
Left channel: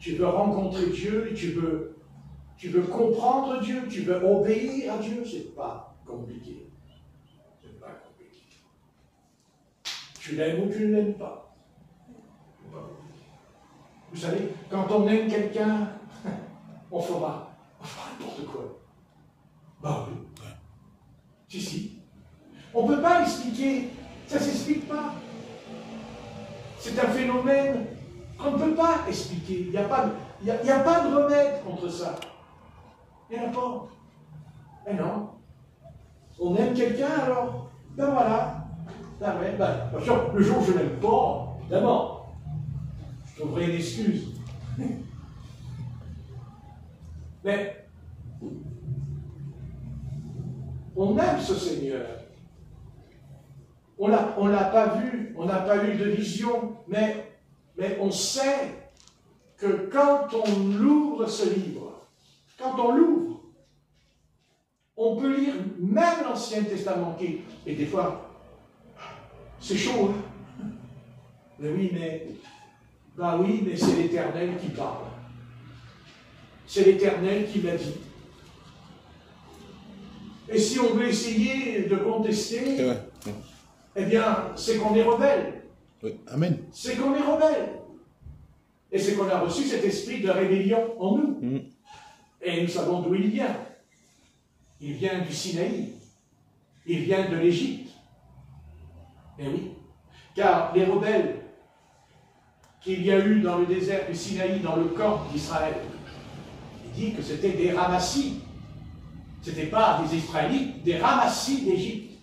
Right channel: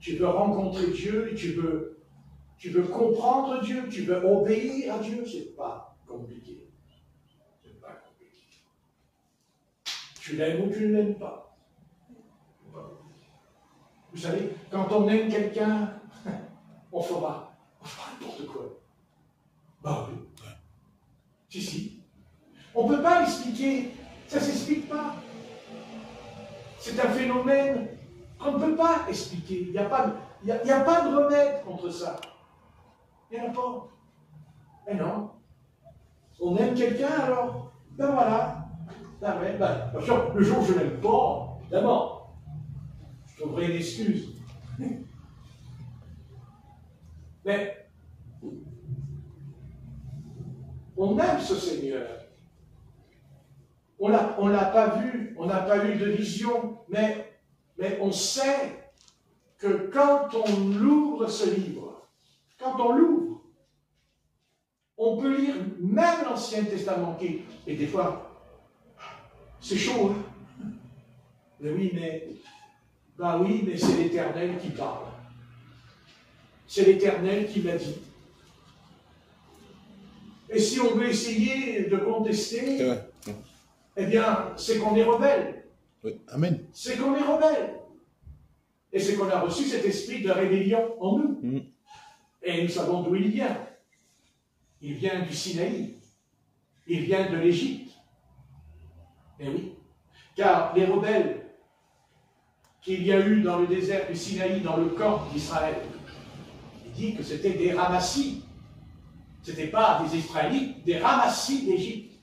Tu veux rencontrer Dieu, tu veux comprendre Dieu, tu veux obéir à Dieu, c'est pas compliqué. C'est pas compliqué. Tu l'aimes ou tu ne l'aimes pas. Vous savez, quand on aime quelqu'un, on fera n'importe quoi. Bah oui. Si. On ne peut pas l'expliquer. Ça ne s'explique pas. C'est un phénomène qu'on ne peut pas expliquer. Il n'y a pas de remède contre ça. Il n'y en a pas. Mais non. On aime quelqu'un, alors, ben voilà. Bien sûr, le jour où je ne l'aime pas, évidemment, je trouverai une excuse. Mais on aime ce Seigneur. On n'a pas vu de vision, mais on sait que quand on ouvre ce livre, on peut lire même l'Ancien Testament et des fois, C'est chaud, hein? Mais oui, mais c'est l'Éternel qui parle. C'est l'Éternel qui l'a dit. Et si on veut essayer de contester, eh bien, c'est qu'on est rebelle. Oui. Amen. C'est qu'on est rebelle. Et c'est qu'on a reçu cet esprit de rébellion en nous. Et nous savons d'où il vient. Il vient du Sinaï. Il vient de l'Égypte. Eh oui. Car les rebelles qu'il y a eu dans le désert du Sinaï, dans le camp d'Israël, il dit que c'était des ramassis. Ce n'étaient pas des Israélites, des ramassis d'Égypte.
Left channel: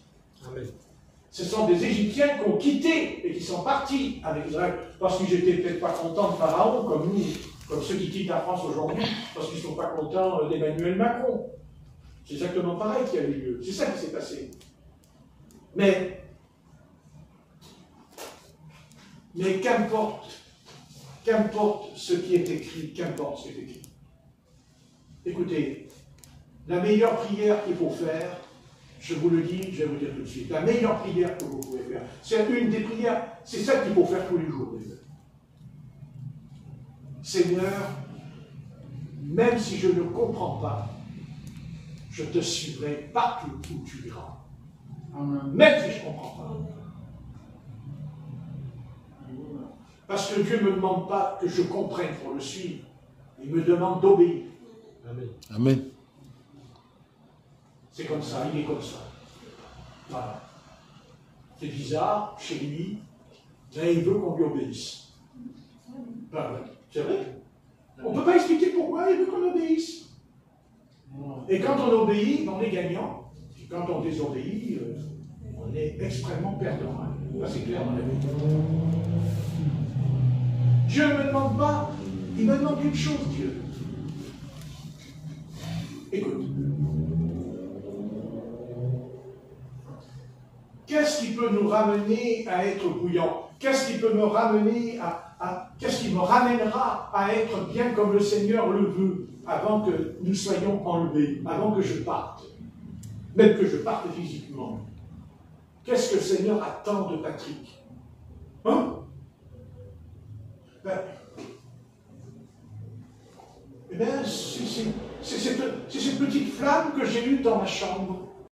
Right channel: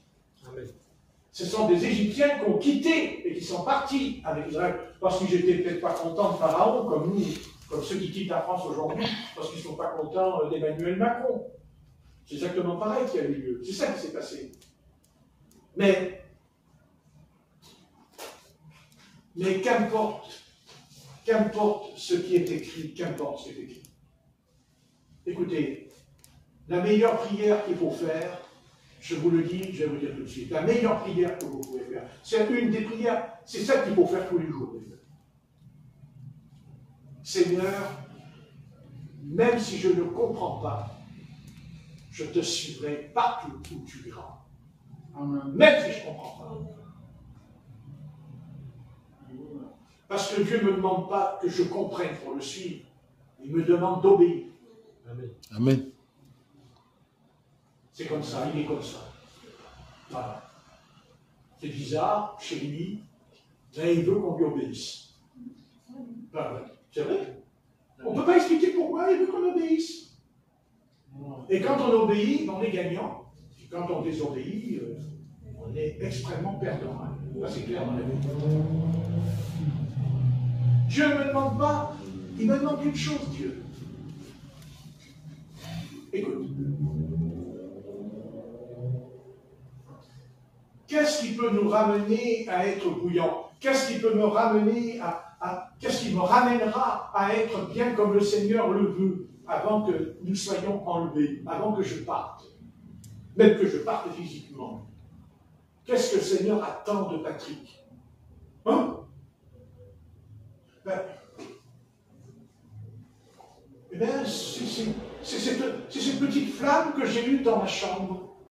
Ce sont des Égyptiens qui ont quitté et qui sont partis avec Israël. Parce qu'ils n'étaient peut-être pas contents de Pharaon, comme nous, comme ceux qui quittent la France aujourd'hui, parce qu'ils ne sont pas contents d'Emmanuel Macron. C'est exactement pareil qui a eu lieu. C'est ça qui s'est passé. Mais qu'importe ce qui est écrit, qu'importe ce qui est écrit. Écoutez, la meilleure prière qu'il faut faire, je vous le dis, je vais vous dire tout de suite, la meilleure prière que vous pouvez faire, c'est une des prières, c'est celle qu'il faut faire tous les jours. Seigneur, même si je ne comprends pas, je te suivrai partout où tu iras. Même si je ne comprends pas. Parce que Dieu ne me demande pas que je comprenne pour le suivre. Il me demande d'obéir. Amen. Amen. C'est comme ça, il est comme ça. Voilà. C'est bizarre, chez lui, mais il veut qu'on lui obéisse. Ben, c'est vrai. On ne peut pas expliquer pourquoi il veut qu'on obéisse. Et quand on obéit, on est gagnant. Et quand on désobéit, on est extrêmement perdant. Ça, c'est clair dans la vie. Dieu ne me demande pas, il me demande une chose, Dieu. Écoute. Qu'est-ce qui peut nous ramener à être bouillant? Qu'est-ce qui peut me ramener qu'est-ce qui me ramènera à être bien comme le Seigneur le veut, avant que nous soyons enlevés, avant que je parte, même que je parte physiquement? Qu'est-ce que le Seigneur attend de Patrick? Hein? C'est cette petite flamme que j'ai eue dans ma chambre.